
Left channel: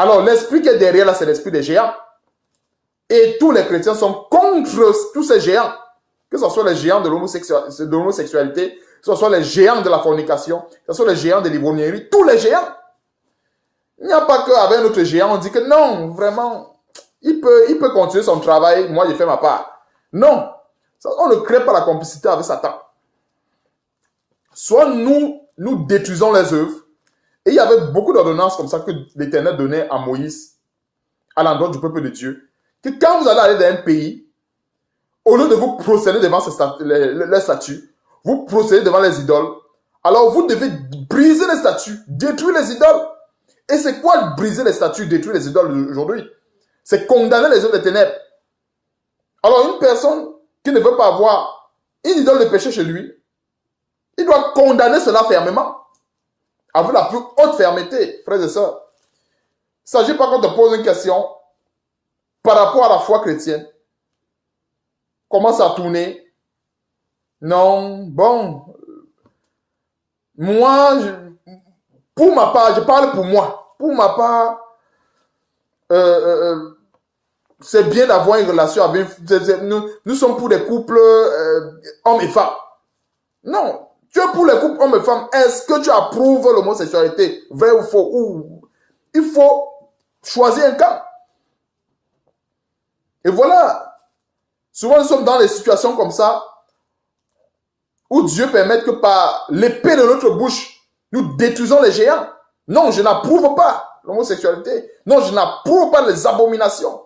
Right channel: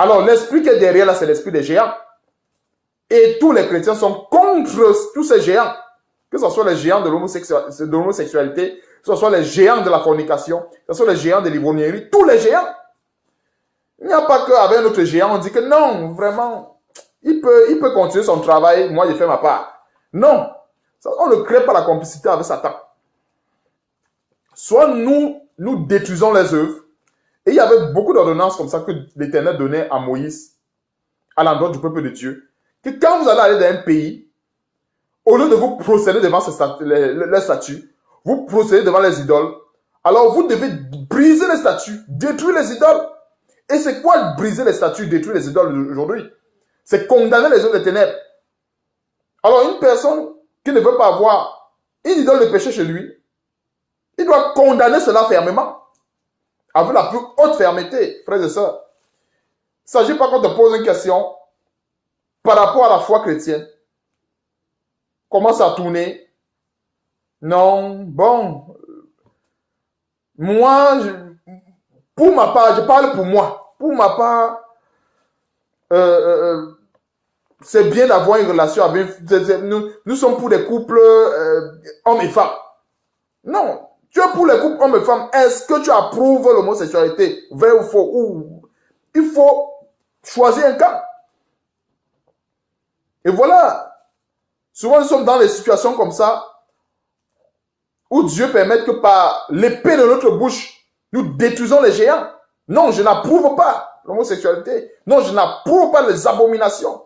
Alors, l'esprit qui est derrière là, c'est l'esprit des géants. Et tous les chrétiens sont contre tous ces géants. Que ce soit les géants de l'homosexualité, ce soit les géants de la fornication, ce soit les géants de l'ivrognerie, tous les géants. Il n'y a pas qu'avec notre géant, on dit que non, vraiment, il peut continuer son travail, moi je fais ma part. Non, on ne crée pas la complicité avec Satan. Soit nous détruisons les œuvres, et il y avait beaucoup d'ordonnances comme ça que l'Éternel donnait à Moïse, à l'endroit du peuple de Dieu, que quand vous allez aller dans un pays, au lieu de vous procéder devant les statues, vous procédez devant les idoles, alors vous devez briser les statues, détruire les idoles. Et c'est quoi briser les statues, détruire les idoles aujourd'hui? C'est condamner les œuvres des ténèbres. Alors une personne qui ne veut pas avoir une idole de péché chez lui, il doit condamner cela fermement, avec la plus haute fermeté, frères et sœurs. Il ne s'agit pas qu'on te pose une question par rapport à la foi chrétienne. Commence à tourner. Non, bon, moi, pour ma part, je parle pour moi. Pour ma part, c'est bien d'avoir une relation avec... Nous sommes pour des couples hommes et femmes. Non, tu es pour les couples hommes et femmes. Est-ce que tu approuves l'homosexualité? Vrai ou faux? Il faut choisir un camp. Et voilà. Souvent, nous sommes dans des situations comme ça où Dieu permet que par l'épée de notre bouche, nous détruisons les géants. Non, je n'approuve pas l'homosexualité. Non, je n'approuve pas les abominations.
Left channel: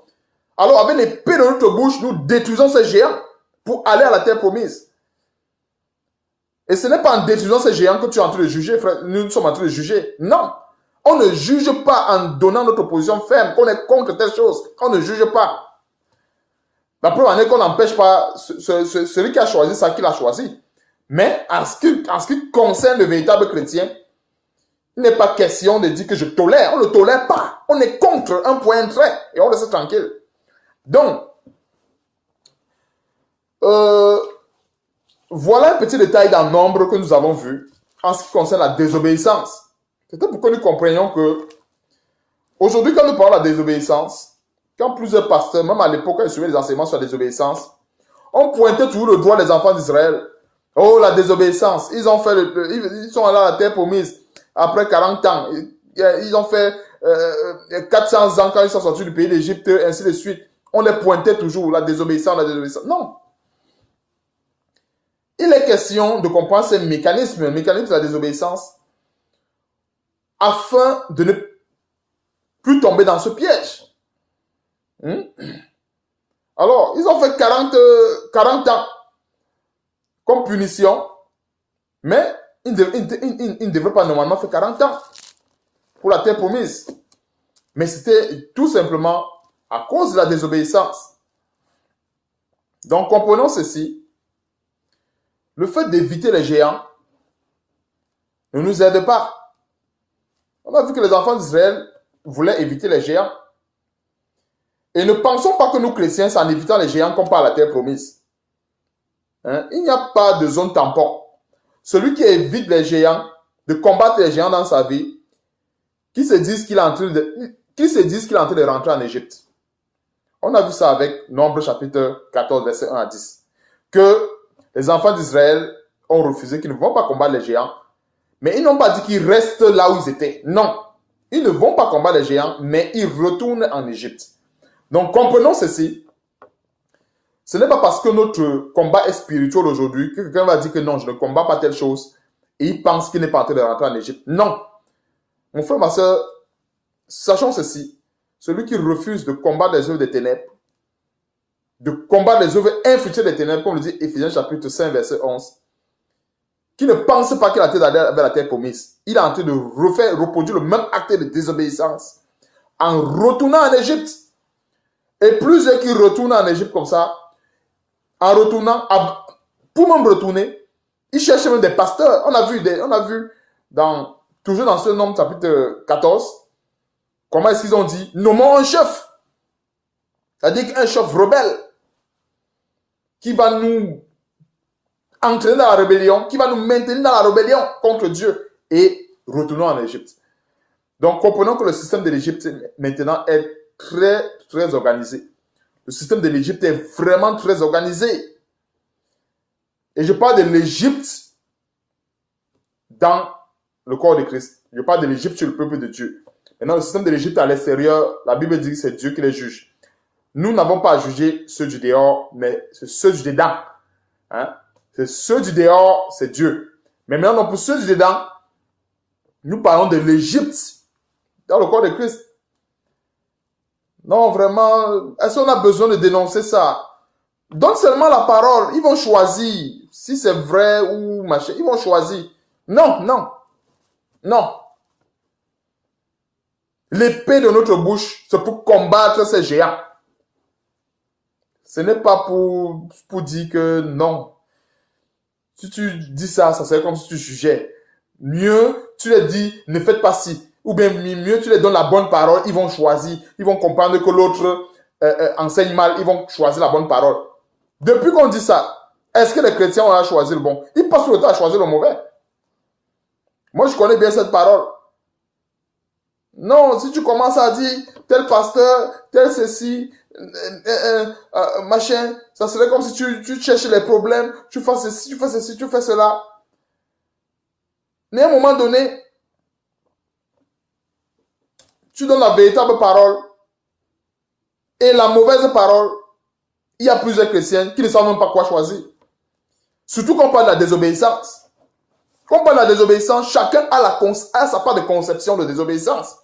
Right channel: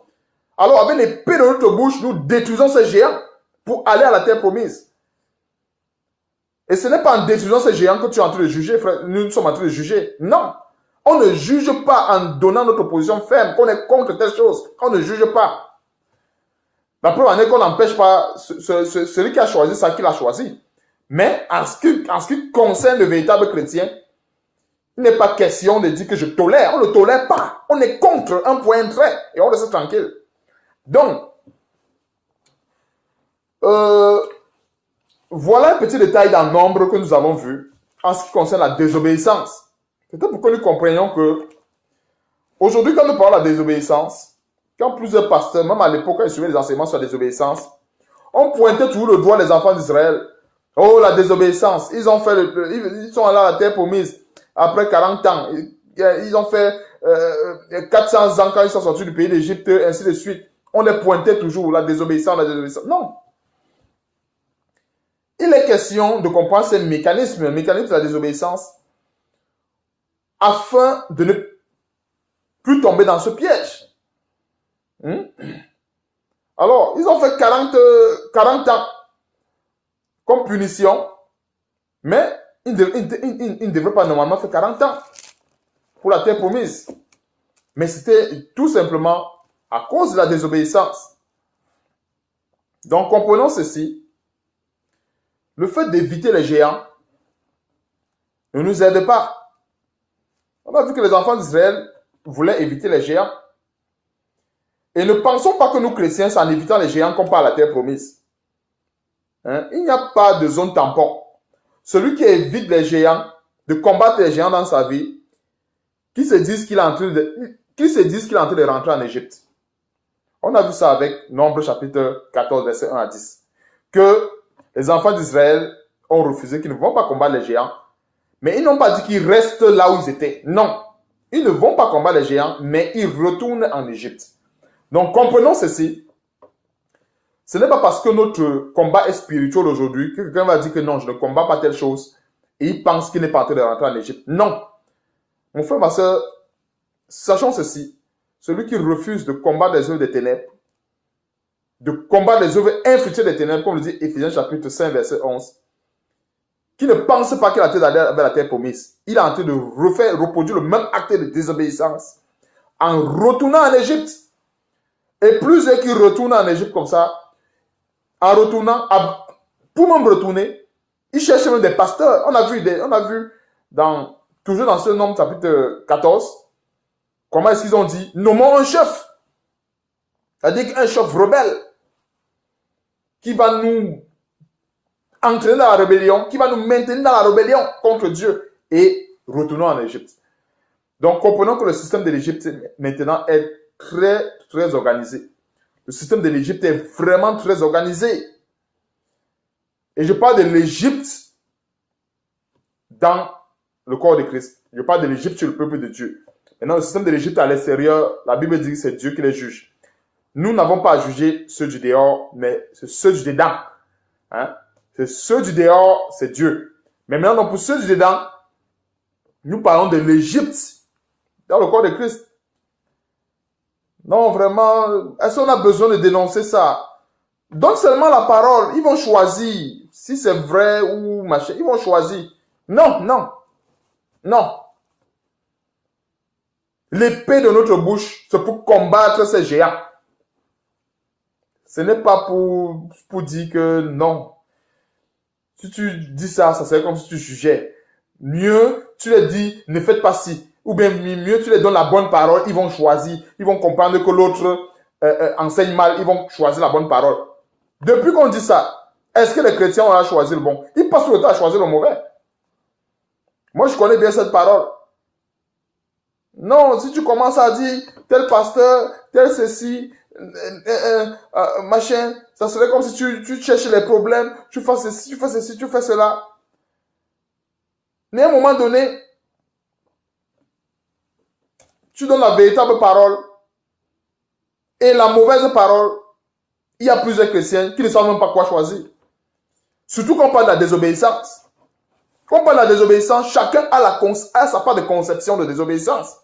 Alors, avec l'épée de notre bouche, nous détruisons ces géants pour aller à la terre promise. Et ce n'est pas en détruisant ces géants que tu es en train de juger, frère. Nous sommes en train de juger. Non. On ne juge pas en donnant notre position ferme, qu'on est contre telle chose. On ne juge pas. La preuve en est qu'on n'empêche pas celui qui a choisi ça qu'il a choisi. Mais en ce qui concerne le véritable chrétien, il n'est pas question de dire que je tolère. On ne tolère pas. On est contre un point trait et on reste tranquille. Donc, voilà un petit détail dans le nombre que nous avons vu en ce qui concerne la désobéissance. C'était pour que nous comprenions que aujourd'hui, quand nous parlons de la désobéissance, quand plusieurs pasteurs, même à l'époque, quand ils suivaient les enseignements sur la désobéissance, on pointait toujours le doigt des enfants d'Israël. Oh, la désobéissance. Ils sont allés à la terre promise après 40 ans. Ils ont fait 400 ans quand ils sont sortis du pays d'Égypte, ainsi de suite. On les pointait toujours, la désobéissance, la désobéissance. Non. Il est question de comprendre ces mécanismes, le mécanisme de la désobéissance, afin de ne plus tomber dans ce piège. Alors, ils ont fait 40 ans comme punition, mais ils ne devraient pas normalement faire 40 ans pour la terre promise. Mais c'était tout simplement à cause de la désobéissance. Donc, comprenons ceci. Le fait d'éviter les géants ne nous aide pas. On a vu que les enfants d'Israël voulaient éviter les géants. Et ne pensons pas que nous, chrétiens, c'est en évitant les géants qu'on part à la terre promise. Il n'y a pas de zone tampon. Celui qui évite les géants, de combattre les géants dans sa vie, qui se disent qu'il est en train de rentrer en Égypte. On a vu ça avec Nombre chapitre 14, verset 1 à 10. Que les enfants d'Israël ont refusé qu'ils ne vont pas combattre les géants. Mais ils n'ont pas dit qu'ils restent là où ils étaient. Non. Ils ne vont pas combattre les géants, mais ils retournent en Égypte. Donc, comprenons ceci. Ce n'est pas parce que notre combat est spirituel aujourd'hui que quelqu'un va dire que non, je ne combats pas telle chose et il pense qu'il n'est pas en train de rentrer en Égypte. Non. Mon frère, ma soeur, sachons ceci. Celui qui refuse de combattre les œuvres des ténèbres, de combattre les œuvres infructueuses des ténèbres, comme le dit Éphésiens chapitre 5, verset 11, qui ne pense pas qu'il est en train d'aller vers la terre promise. Il est en train de reproduire le même acte de désobéissance en retournant en Égypte. Et plusieurs qui retournent en Égypte comme ça, en retournant, pour même retourner, ils cherchent même des pasteurs. On a vu toujours dans ce Nombre chapitre 14, comment est-ce qu'ils ont dit, nommons un chef. C'est-à-dire qu'un chef rebelle qui va nous entraîner dans la rébellion, qui va nous maintenir dans la rébellion contre Dieu et retournons en Égypte. Donc comprenons que le système de l'Égypte maintenant est très, très organisé. Le système de l'Égypte est vraiment très organisé. Et je parle de l'Égypte dans le corps de Christ. Je parle de l'Égypte sur le peuple de Dieu. Maintenant, le système de l'Égypte à l'extérieur, la Bible dit que c'est Dieu qui les juge. Nous n'avons pas à juger ceux du dehors, mais c'est ceux du dedans. Hein? C'est ceux du dehors, c'est Dieu. Mais maintenant, pour ceux du dedans, nous parlons de l'Égypte dans le corps de Christ. Non, vraiment, est-ce qu'on a besoin de dénoncer ça? Donne seulement la parole. Ils vont choisir si c'est vrai ou machin. Ils vont choisir. Non, non, non. L'épée de notre bouche, c'est pour combattre ces géants. Ce n'est pas pour dire que non. Si tu dis ça, ça serait comme si tu jugeais. Mieux, tu leur dis, ne faites pas ci. Ou bien mieux, tu leur donnes la bonne parole, ils vont choisir. Ils vont comprendre que l'autre enseigne mal, ils vont choisir la bonne parole. Depuis qu'on dit ça, est-ce que les chrétiens ont choisi le bon? Ils passent tout le temps à choisir le mauvais. Moi, je connais bien cette parole. Non, si tu commences à dire tel pasteur, tel ceci, machin, ça serait comme si tu cherches les problèmes, tu fais ceci, tu fais ceci, tu fais cela. Mais à un moment donné, tu donnes la véritable parole et la mauvaise parole. Il y a plusieurs chrétiens qui ne savent même pas quoi choisir. Surtout quand on parle de la désobéissance. Quand on parle de la désobéissance, chacun a sa part de conception de désobéissance.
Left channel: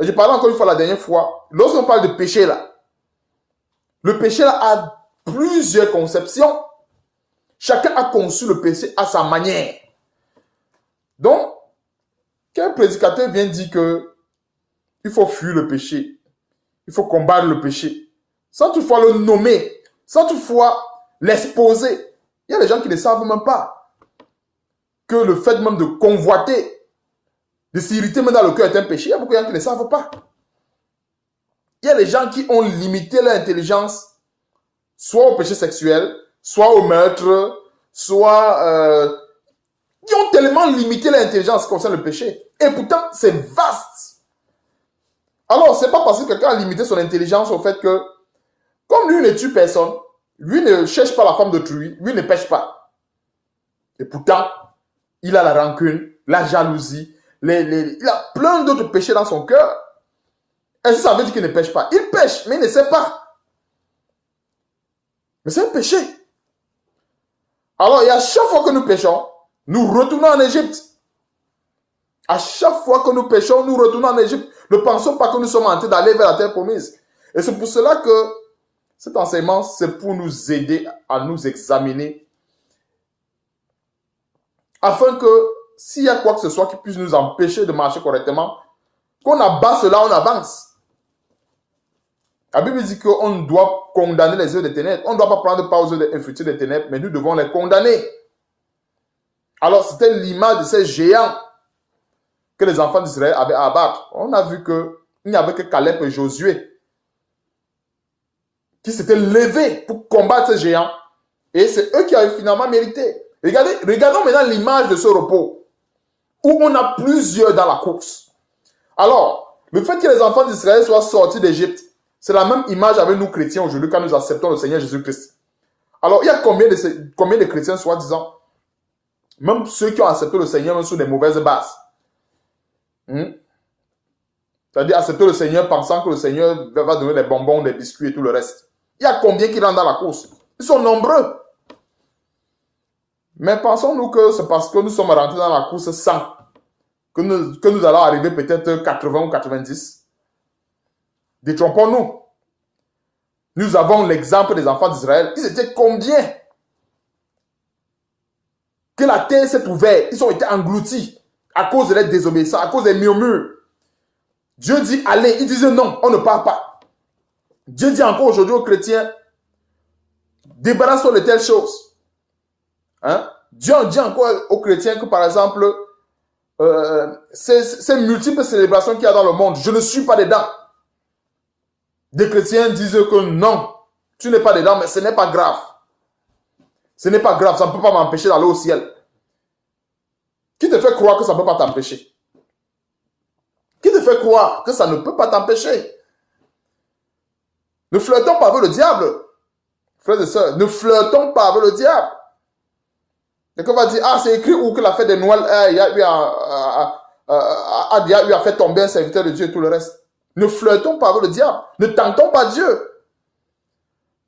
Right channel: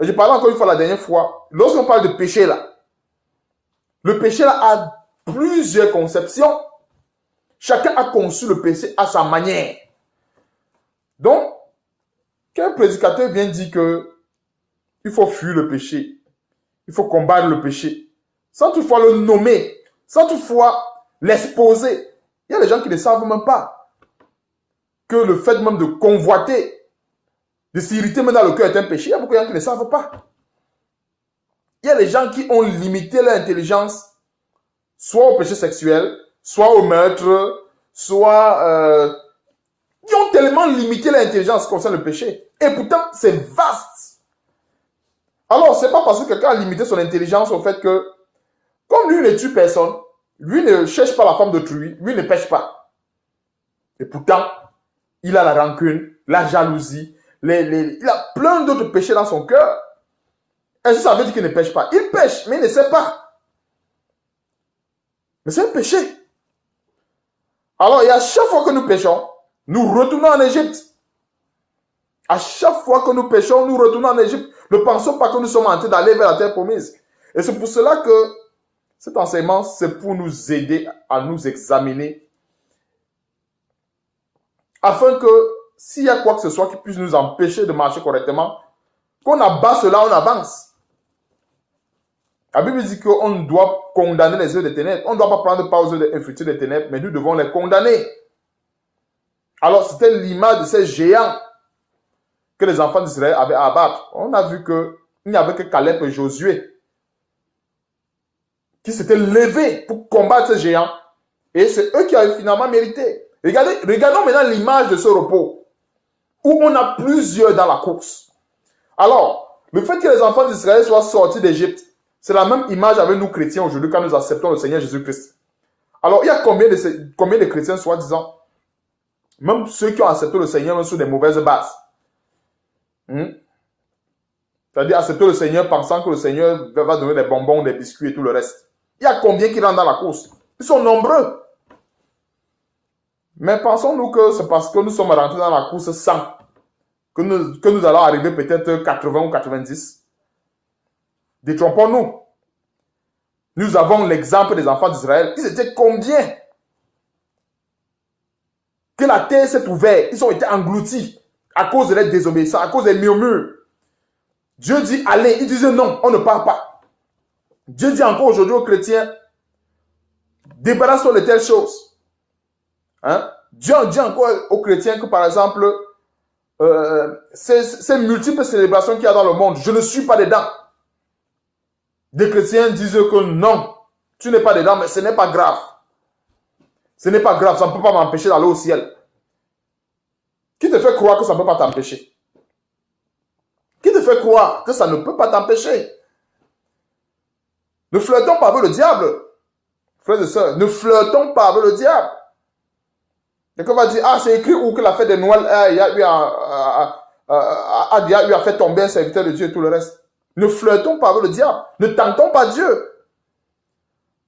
Je parlais encore une fois la dernière fois, lorsqu'on parle de péché là, le péché là a plusieurs conceptions. Chacun a conçu le péché à sa manière. Donc, quand un prédicateur vient dire que il faut fuir le péché, il faut combattre le péché, sans toutefois le nommer, sans toutefois l'exposer, il y a des gens qui ne savent même pas que le fait même de convoiter, de s'irriter même dans le cœur est un péché. Il y a beaucoup de gens qui ne savent pas. Il y a des gens qui ont limité leur intelligence soit au péché sexuel, soit au meurtre, soit... qui ont tellement limité leur intelligence concernant le péché. Et pourtant, c'est vaste. Alors, c'est pas parce que quelqu'un a limité son intelligence au fait que, comme lui ne tue personne, lui ne cherche pas la femme d'autrui, lui ne pêche pas. Et pourtant, il a la rancune, la jalousie, il a plein d'autres péchés dans son cœur. Est-ce que ça veut dire qu'il ne pêche pas? Il pêche, mais il ne sait pas. Mais c'est un péché. Alors, et à chaque fois que nous péchons, nous retournons en Égypte. À chaque fois que nous péchons, nous retournons en Égypte. Ne pensons pas que nous sommes en train d'aller vers la terre promise. Et c'est pour cela que cet enseignement, c'est pour nous aider à nous examiner. Afin que, s'il y a quoi que ce soit qui puisse nous empêcher de marcher correctement, qu'on abat cela, on avance. La Bible dit qu'on doit condamner les œuvres des ténèbres. On ne doit pas prendre part aux œuvres infructueuses des ténèbres, mais nous devons les condamner. Alors, c'était l'image de ces géants que les enfants d'Israël avaient à abattre. On a vu qu'il n'y avait que Caleb et Josué qui s'étaient levés pour combattre ces géants. Et c'est eux qui avaient finalement mérité. Regardons maintenant l'image de ce repos, où on a plusieurs dans la course. Alors, le fait que les enfants d'Israël soient sortis d'Égypte, c'est la même image avec nous chrétiens aujourd'hui quand nous acceptons le Seigneur Jésus-Christ. Alors, il y a combien de chrétiens, soi-disant, même ceux qui ont accepté le Seigneur même sous des mauvaises bases, c'est-à-dire accepter le Seigneur pensant que le Seigneur va donner des bonbons, des biscuits et tout le reste. Il y a combien qui rentrent dans la course? Ils sont nombreux. Mais pensons-nous que c'est parce que nous sommes rentrés dans la course 100 que nous allons arriver peut-être 80 ou 90. Détrompons-nous. Nous avons l'exemple des enfants d'Israël. Ils étaient combien? Que la terre s'est ouverte. Ils ont été engloutis à cause de leur désobéissance, à cause des murmures. Dieu dit allez. Ils disent non, on ne part pas. Dieu dit encore aujourd'hui aux chrétiens, débarrasse-toi de telles choses. Dieu dit encore aux chrétiens que par exemple, ces multiples célébrations qu'il y a dans le monde, je ne suis pas dedans. Des chrétiens disent que non, tu n'es pas dedans, mais ce n'est pas grave. Ce n'est pas grave, ça ne peut pas m'empêcher d'aller au ciel. Qui te fait croire que ça ne peut pas t'empêcher? Qui te fait croire que ça ne peut pas t'empêcher? Ne flirtons pas avec le diable. Frères et sœurs, ne flirtons pas avec le diable. Quelqu'un va dire, ah, c'est écrit où que la fête de Noël, il y a eu a fait tomber un serviteur de Dieu et tout le reste. Ne flirtons pas avec le diable. Ne tentons pas Dieu.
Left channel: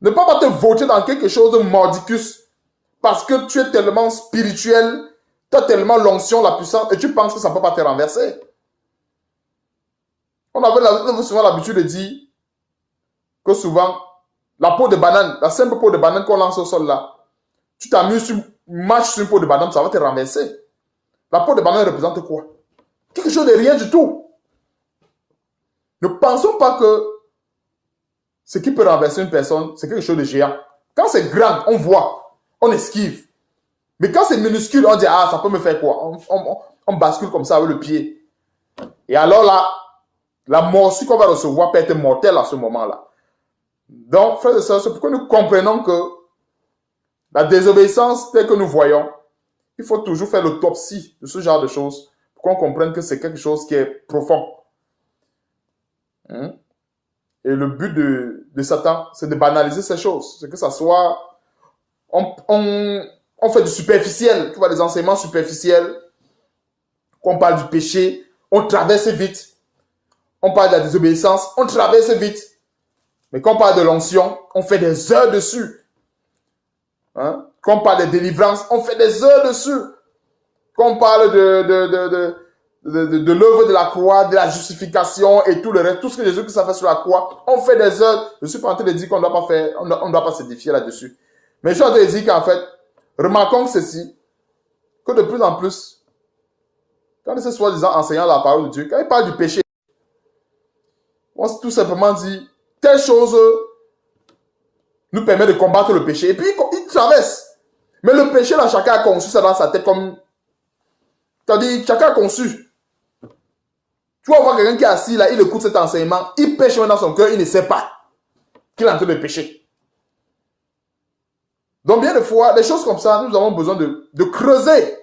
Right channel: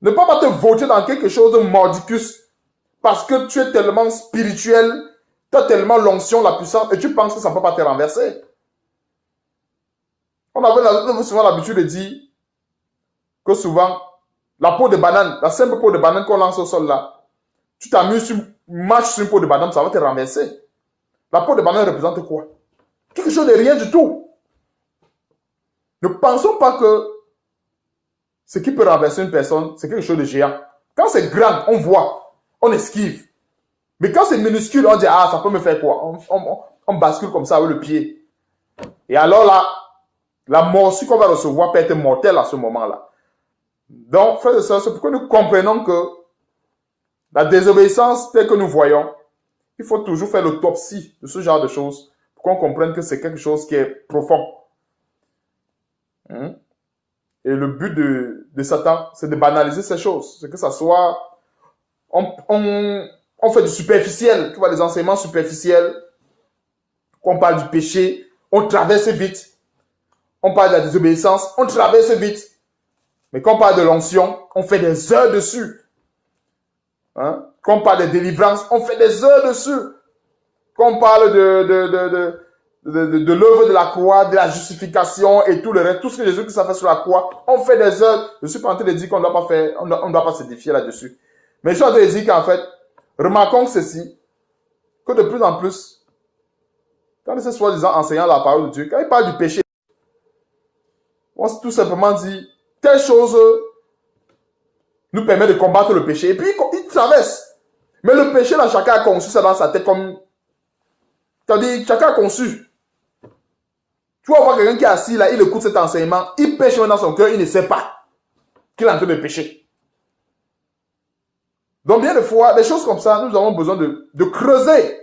Ne pas te voter dans quelque chose de mordicus parce que tu es tellement spirituel, tu as tellement l'onction, la puissance et tu penses que ça ne peut pas te renverser. On avait souvent l'habitude de dire que souvent, la peau de banane, la simple peau de banane qu'on lance au sol là, tu t'amuses, tu marches sur une peau de banane, ça va te renverser. La peau de banane représente quoi? Quelque chose de rien du tout. Ne pensons pas que ce qui peut renverser une personne, c'est quelque chose de géant. Quand c'est grand, on voit, on esquive. Mais quand c'est minuscule, on dit, ah, ça peut me faire quoi? On bascule comme ça avec le pied. Et alors là, la morsure qu'on va recevoir peut être mortelle à ce moment-là. Donc, frères et sœurs, c'est pourquoi nous comprenons que la désobéissance telle que nous voyons, il faut toujours faire l'autopsie de ce genre de choses pour qu'on comprenne que c'est quelque chose qui est profond. Et le but de Satan, c'est de banaliser ces choses. C'est que ça soit... On fait du superficiel, tu vois, des enseignements superficiels. Quand on parle du péché, on traverse vite. On parle de la désobéissance, on traverse vite. Mais quand on parle de l'onction, on fait des heures dessus. Quand on parle de délivrance, on fait des heures dessus. Quand on parle de l'œuvre de la croix, de la justification et tout le reste, tout ce que Jésus a fait sur la croix, on fait des heures. Je suis pas en train de dire qu'on ne doit pas faire, on doit pas s'édifier là-dessus. Mais je suis en train de dire qu'en fait, remarquons ceci, que de plus en plus, quand ces soi-disant enseignants la parole de Dieu, quand ils parlent du péché, on tout simplement dit, telle chose nous permet de combattre le péché. Et puis, il traverse. Mais le péché, là, chacun a conçu ça dans sa tête comme... C'est-à-dire, chacun a conçu. Tu vas voir quelqu'un qui est assis là, il écoute cet enseignement, il pêche dans son cœur, il ne sait pas qu'il est en train de pécher. Donc, bien de fois, des choses comme ça, nous avons besoin de creuser.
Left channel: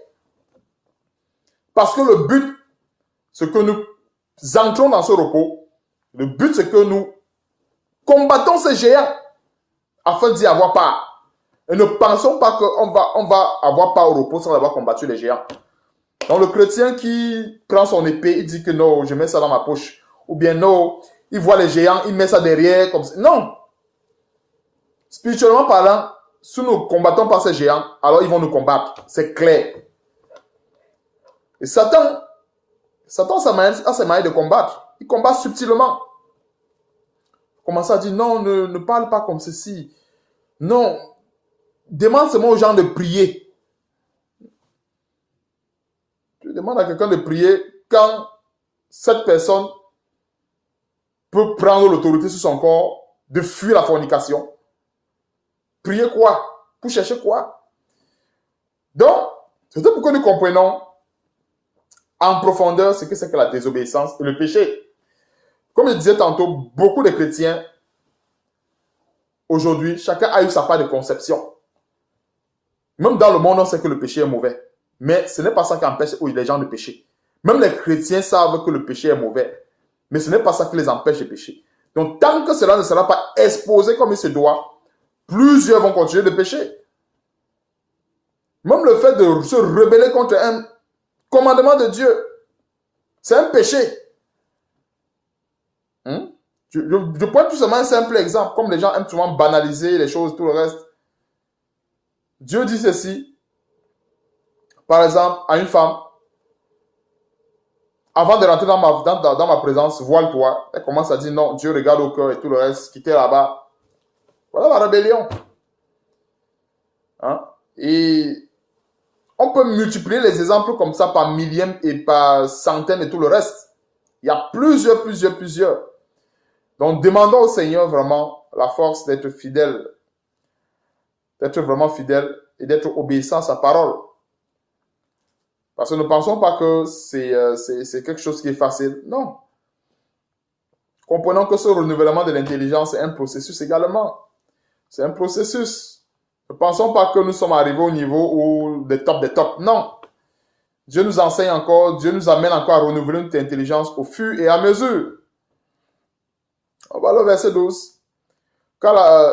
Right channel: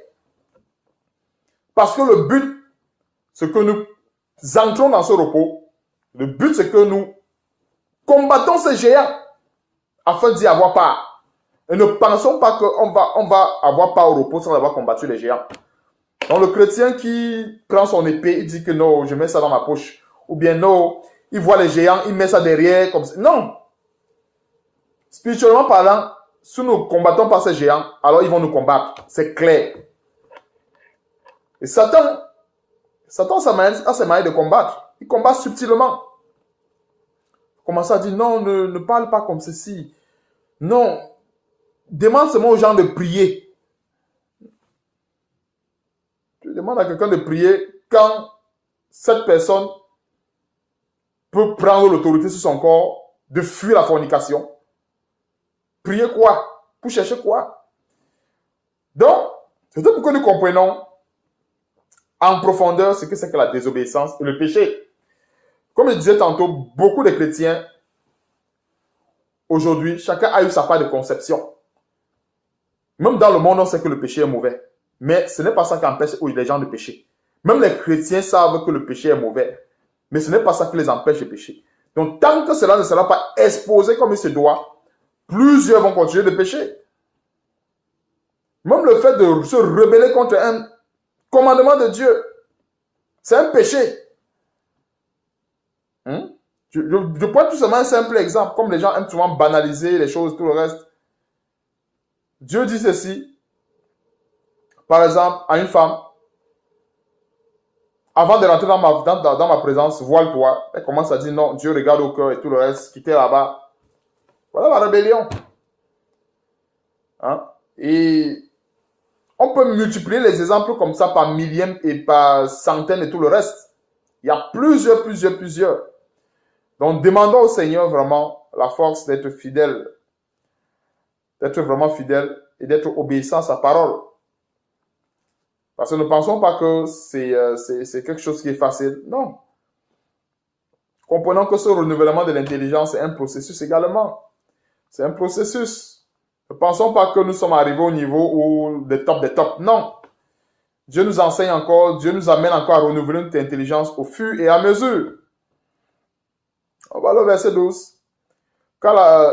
Parce que le but, c'est que nous entrons dans ce repos. Le but, c'est que nous combattons ces géants afin d'y avoir part. Et ne pensons pas qu'on va avoir part au repos sans avoir combattu les géants. Donc le chrétien qui prend son épée, il dit que non, je mets ça dans ma poche. Ou bien non, il voit les géants, il met ça derrière. Comme ça. Non. Spirituellement parlant, si nous ne combattons pas ces géants, alors ils vont nous combattre. C'est clair. Et Satan a ses manières de combattre. Il combat subtilement. Commence à dire non, ne parle pas comme ceci. Non. Demande seulement aux gens de prier. Tu demandes à quelqu'un de prier quand cette personne peut prendre l'autorité sur son corps de fuir la fornication. Prier quoi? Pour chercher quoi? Donc, c'est tout pour que nous comprenons en profondeur ce que c'est que la désobéissance et le péché. Comme je disais tantôt, beaucoup de chrétiens, aujourd'hui, chacun a eu sa part de conception. Même dans le monde, on sait que le péché est mauvais. Mais ce n'est pas ça qui empêche les gens de pécher. Même les chrétiens savent que le péché est mauvais. Mais ce n'est pas ça qui les empêche de pécher. Donc, tant que cela ne sera pas exposé comme il se doit, plusieurs vont continuer de pécher. Même le fait de se rebeller contre un commandement de Dieu, c'est un péché. Je prends tout simplement un simple exemple, comme les gens aiment souvent banaliser les choses, tout le reste. Dieu dit ceci, par exemple, à une femme, avant de rentrer dans ma présence, voile-toi. Elle commence à dire non, Dieu regarde au cœur et tout le reste, quitter là-bas. Voilà la rébellion. Et on peut multiplier les exemples comme ça par millième et par centaines et tout le reste. Il y a plusieurs. Donc, demandons au Seigneur vraiment la force d'être fidèle, d'être vraiment fidèle et d'être obéissant à sa parole. Parce que ne pensons pas que c'est quelque chose qui est facile. Non. Comprenons que ce renouvellement de l'intelligence est un processus également. C'est un processus. Ne pensons pas que nous sommes arrivés au niveau où des tops. Non. Dieu nous enseigne encore, Dieu nous amène encore à renouveler notre intelligence au fur et à mesure. On va au verset 12.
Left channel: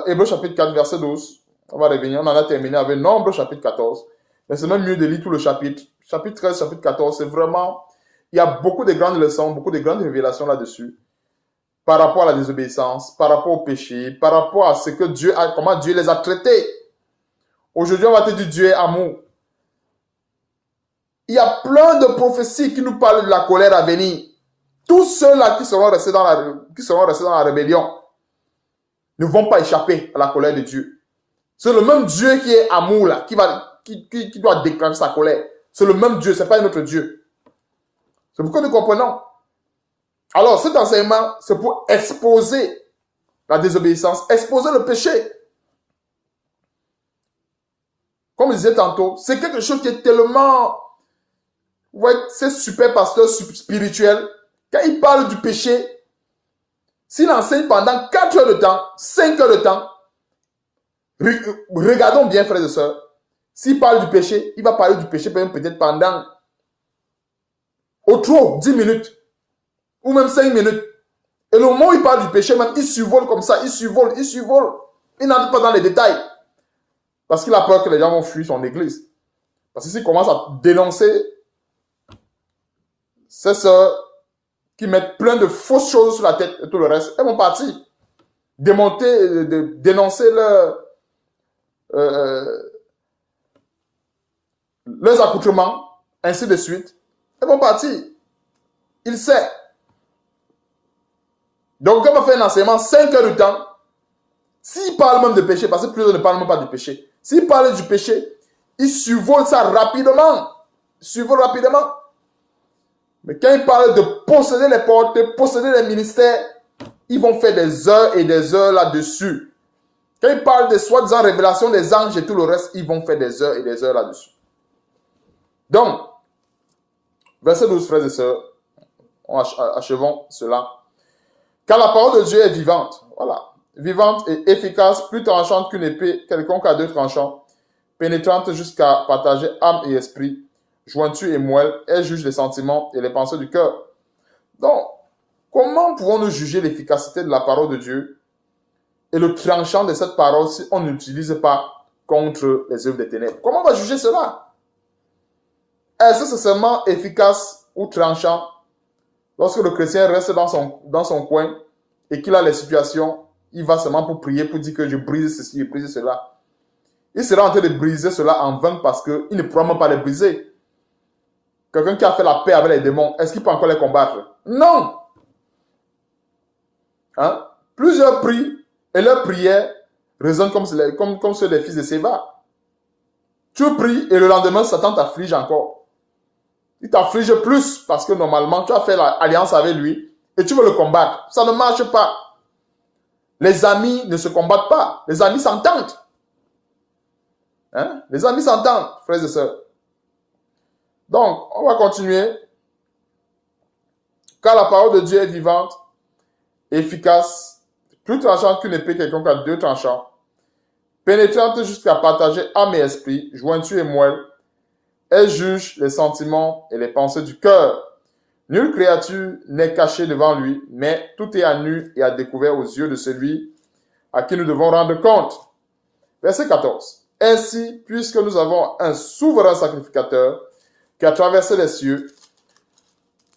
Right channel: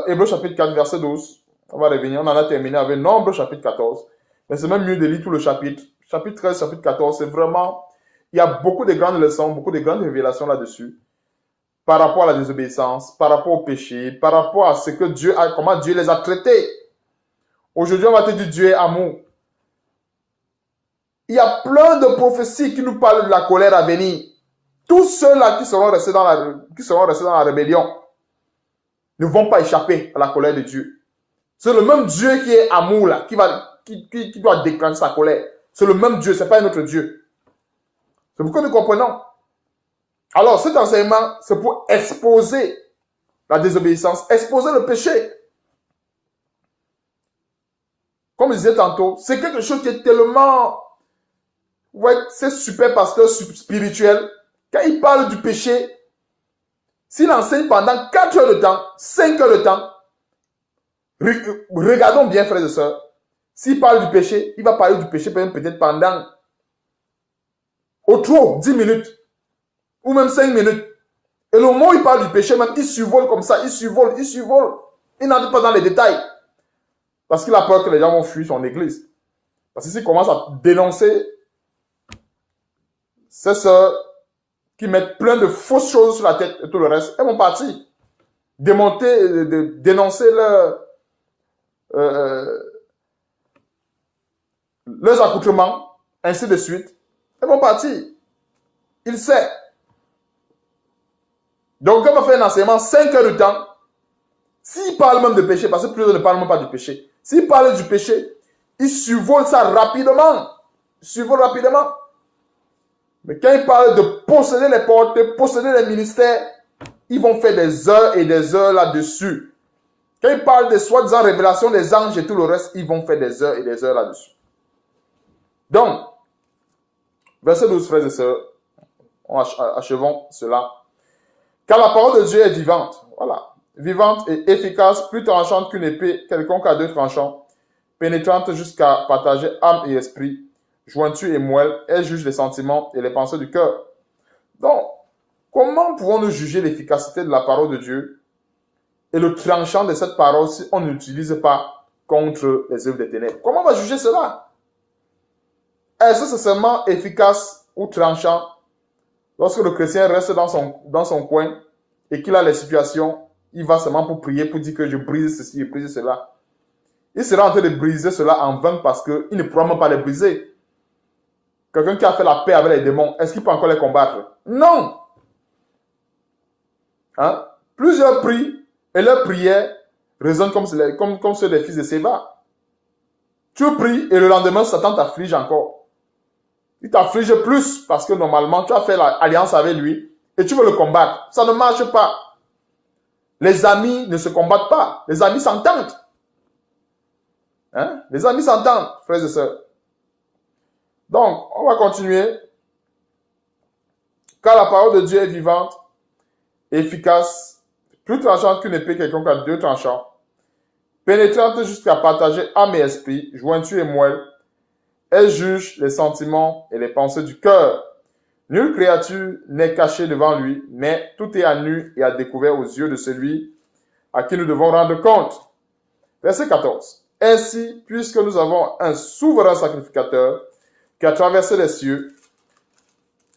Hébreux chapitre 4, verset 12. On va revenir. On en a terminé avec Nombre chapitre 14. Mais c'est même mieux de lire tout le chapitre. Chapitre 13, chapitre 14, c'est vraiment... Il y a beaucoup de grandes leçons, beaucoup de grandes révélations là-dessus. Par rapport à la désobéissance, par rapport au péché, par rapport à ce que Dieu a, comment Dieu les a traités. Aujourd'hui, on va te dire Dieu est amour. Il y a plein de prophéties qui nous parlent de la colère à venir. Tous ceux-là qui seront restés dans la rébellion ne vont pas échapper à la colère de Dieu. C'est le même Dieu qui est amour là, qui doit déclencher sa colère. C'est le même Dieu, ce n'est pas un autre Dieu. C'est pour que nous comprenons. Alors, cet enseignement, c'est pour exposer la désobéissance, exposer le péché. Comme je disais tantôt, c'est quelque chose qui est tellement... Ouais, c'est super pasteur spirituel. Quand il parle du péché, s'il enseigne pendant 4 heures de temps, 5 heures de temps, regardons bien, frères et sœurs, s'il parle du péché, il va parler du péché peut-être pendant au trop 10 minutes ou même 5 minutes. Et le moment où il parle du péché, même, il survole comme ça, il survole. Il n'entre pas dans les détails. Parce qu'il a peur que les gens vont fuir son église. Parce que s'il commence à dénoncer ces sœurs qui mettent plein de fausses choses sur la tête et tout le reste, elles vont partir. Dénoncer leurs accoutrements, ainsi de suite. Elles vont partir. Il sait. Donc, quand on fait un enseignement, 5 heures de temps, s'il parle même de péché, parce que plusieurs ne parlent même pas du péché, s'il parle du péché, il survole ça rapidement. Mais quand il parle de posséder les portes, de posséder les ministères, ils vont faire des heures et des heures là-dessus. Quand il parle de soi-disant révélation des anges et tout le reste, ils vont faire des heures et des heures là-dessus. Donc, verset 12, frères et sœurs, achevons cela. Car la parole de Dieu est vivante, voilà, vivante et efficace, plus tranchante qu'une épée quelconque à 2 tranchants, pénétrante jusqu'à partager âme et esprit, jointure et moelle, elle juge les sentiments et les pensées du cœur. Donc, comment pouvons-nous juger l'efficacité de la parole de Dieu et le tranchant de cette parole si on n'utilise pas contre les œuvres des ténèbres? Comment on va juger cela? Est-ce que c'est seulement efficace ou tranchant lorsque le chrétien reste dans son coin et qu'il a les situations, il va seulement pour prier, pour dire que je brise ceci, je brise cela. Il sera en train de briser cela en vain parce qu'il ne pourra même pas les briser. Quelqu'un qui a fait la paix avec les démons, est-ce qu'il peut encore les combattre? Non! Hein? Plusieurs prient et leurs prières résonnent comme ceux des fils de Séba. Tu pries et le lendemain, Satan t'afflige encore. Il t'afflige plus parce que normalement, tu as fait l'alliance avec lui et tu veux le combattre. Ça ne marche pas. Les amis ne se combattent pas. Les amis s'entendent. Hein? Les amis s'entendent, frères et sœurs. Donc, on va continuer. Car la parole de Dieu est vivante, efficace, plus tranchante qu'une épée quelconque à 2 tranchants, pénétrante jusqu'à partager âme et esprit, jointure et moelle. Elle juge les sentiments et les pensées du cœur. Nulle créature n'est cachée devant lui, mais tout est à nu et à découvert aux yeux de celui à qui nous devons rendre compte. Verset 14. Ainsi, puisque nous avons un souverain sacrificateur qui a traversé les cieux,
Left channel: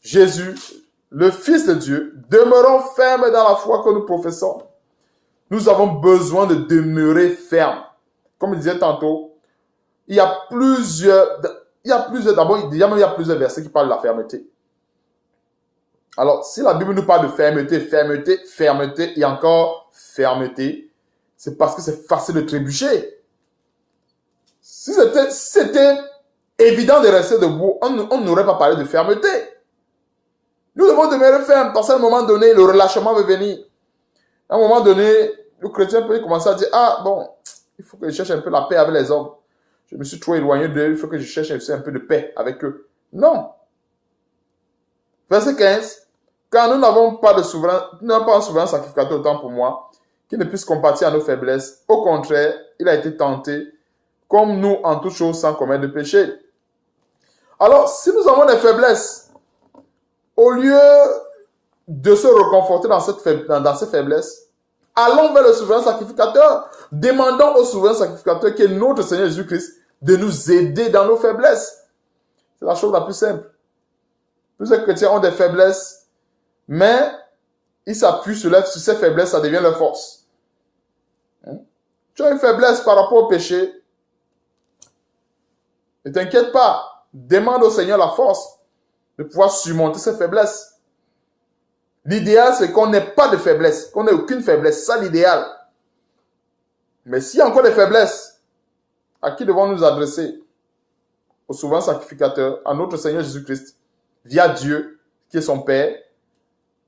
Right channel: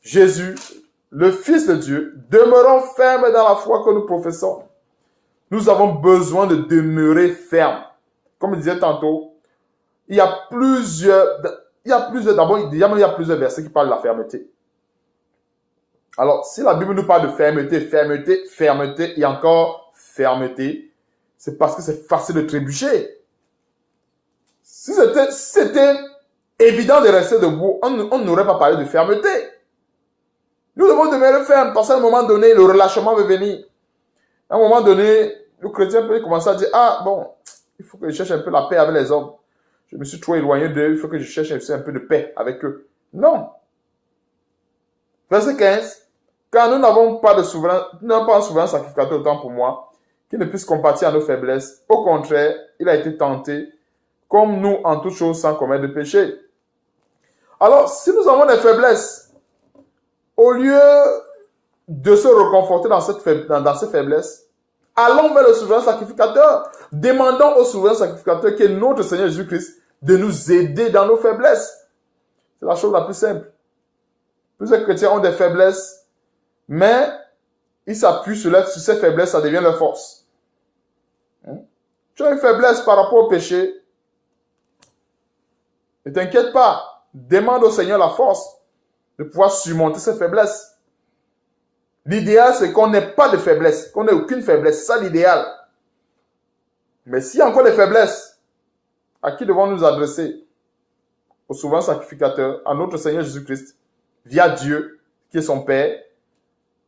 Jésus, le Fils de Dieu, demeurons fermes dans la foi que nous professons. Nous avons besoin de demeurer fermes. Comme je disais tantôt, il y a plusieurs versets qui parlent de la fermeté. Alors, si la Bible nous parle de fermeté et encore fermeté, c'est parce que c'est facile de trébucher. Si c'était évident de rester debout, on n'aurait pas parlé de fermeté. Nous devons demeurer fermes parce qu'à un moment donné, le relâchement va venir. À un moment donné, le chrétien peut commencer à dire, ah bon, il faut que je cherche un peu la paix avec les hommes. Je me suis trop éloigné d'eux, il faut que je cherche un peu de paix avec eux. Non. Verset 15. Car nous n'avons pas un souverain sacrificateur autant pour moi, qui ne puisse compatir à nos faiblesses. Au contraire, il a été tenté, comme nous en toutes choses, sans commettre de péché. Alors, si nous avons des faiblesses, au lieu de se reconforter dans ces faiblesses, allons vers le souverain sacrificateur. Demandons au souverain sacrificateur qui est notre Seigneur Jésus-Christ de nous aider dans nos faiblesses. C'est la chose la plus simple. Plusieurs chrétiens ont des faiblesses, mais ils s'appuient sur ces faiblesses, ça devient leur force. Tu as une faiblesse par rapport au péché, ne t'inquiète pas, demande au Seigneur la force de pouvoir surmonter ces faiblesses. L'idéal, c'est qu'on n'ait pas de faiblesse, qu'on n'ait aucune faiblesse. C'est ça l'idéal. Mais s'il y a encore des faiblesses, à qui devons-nous nous adresser? Au souverain sacrificateur, à notre Seigneur Jésus-Christ, via Dieu, qui est son Père,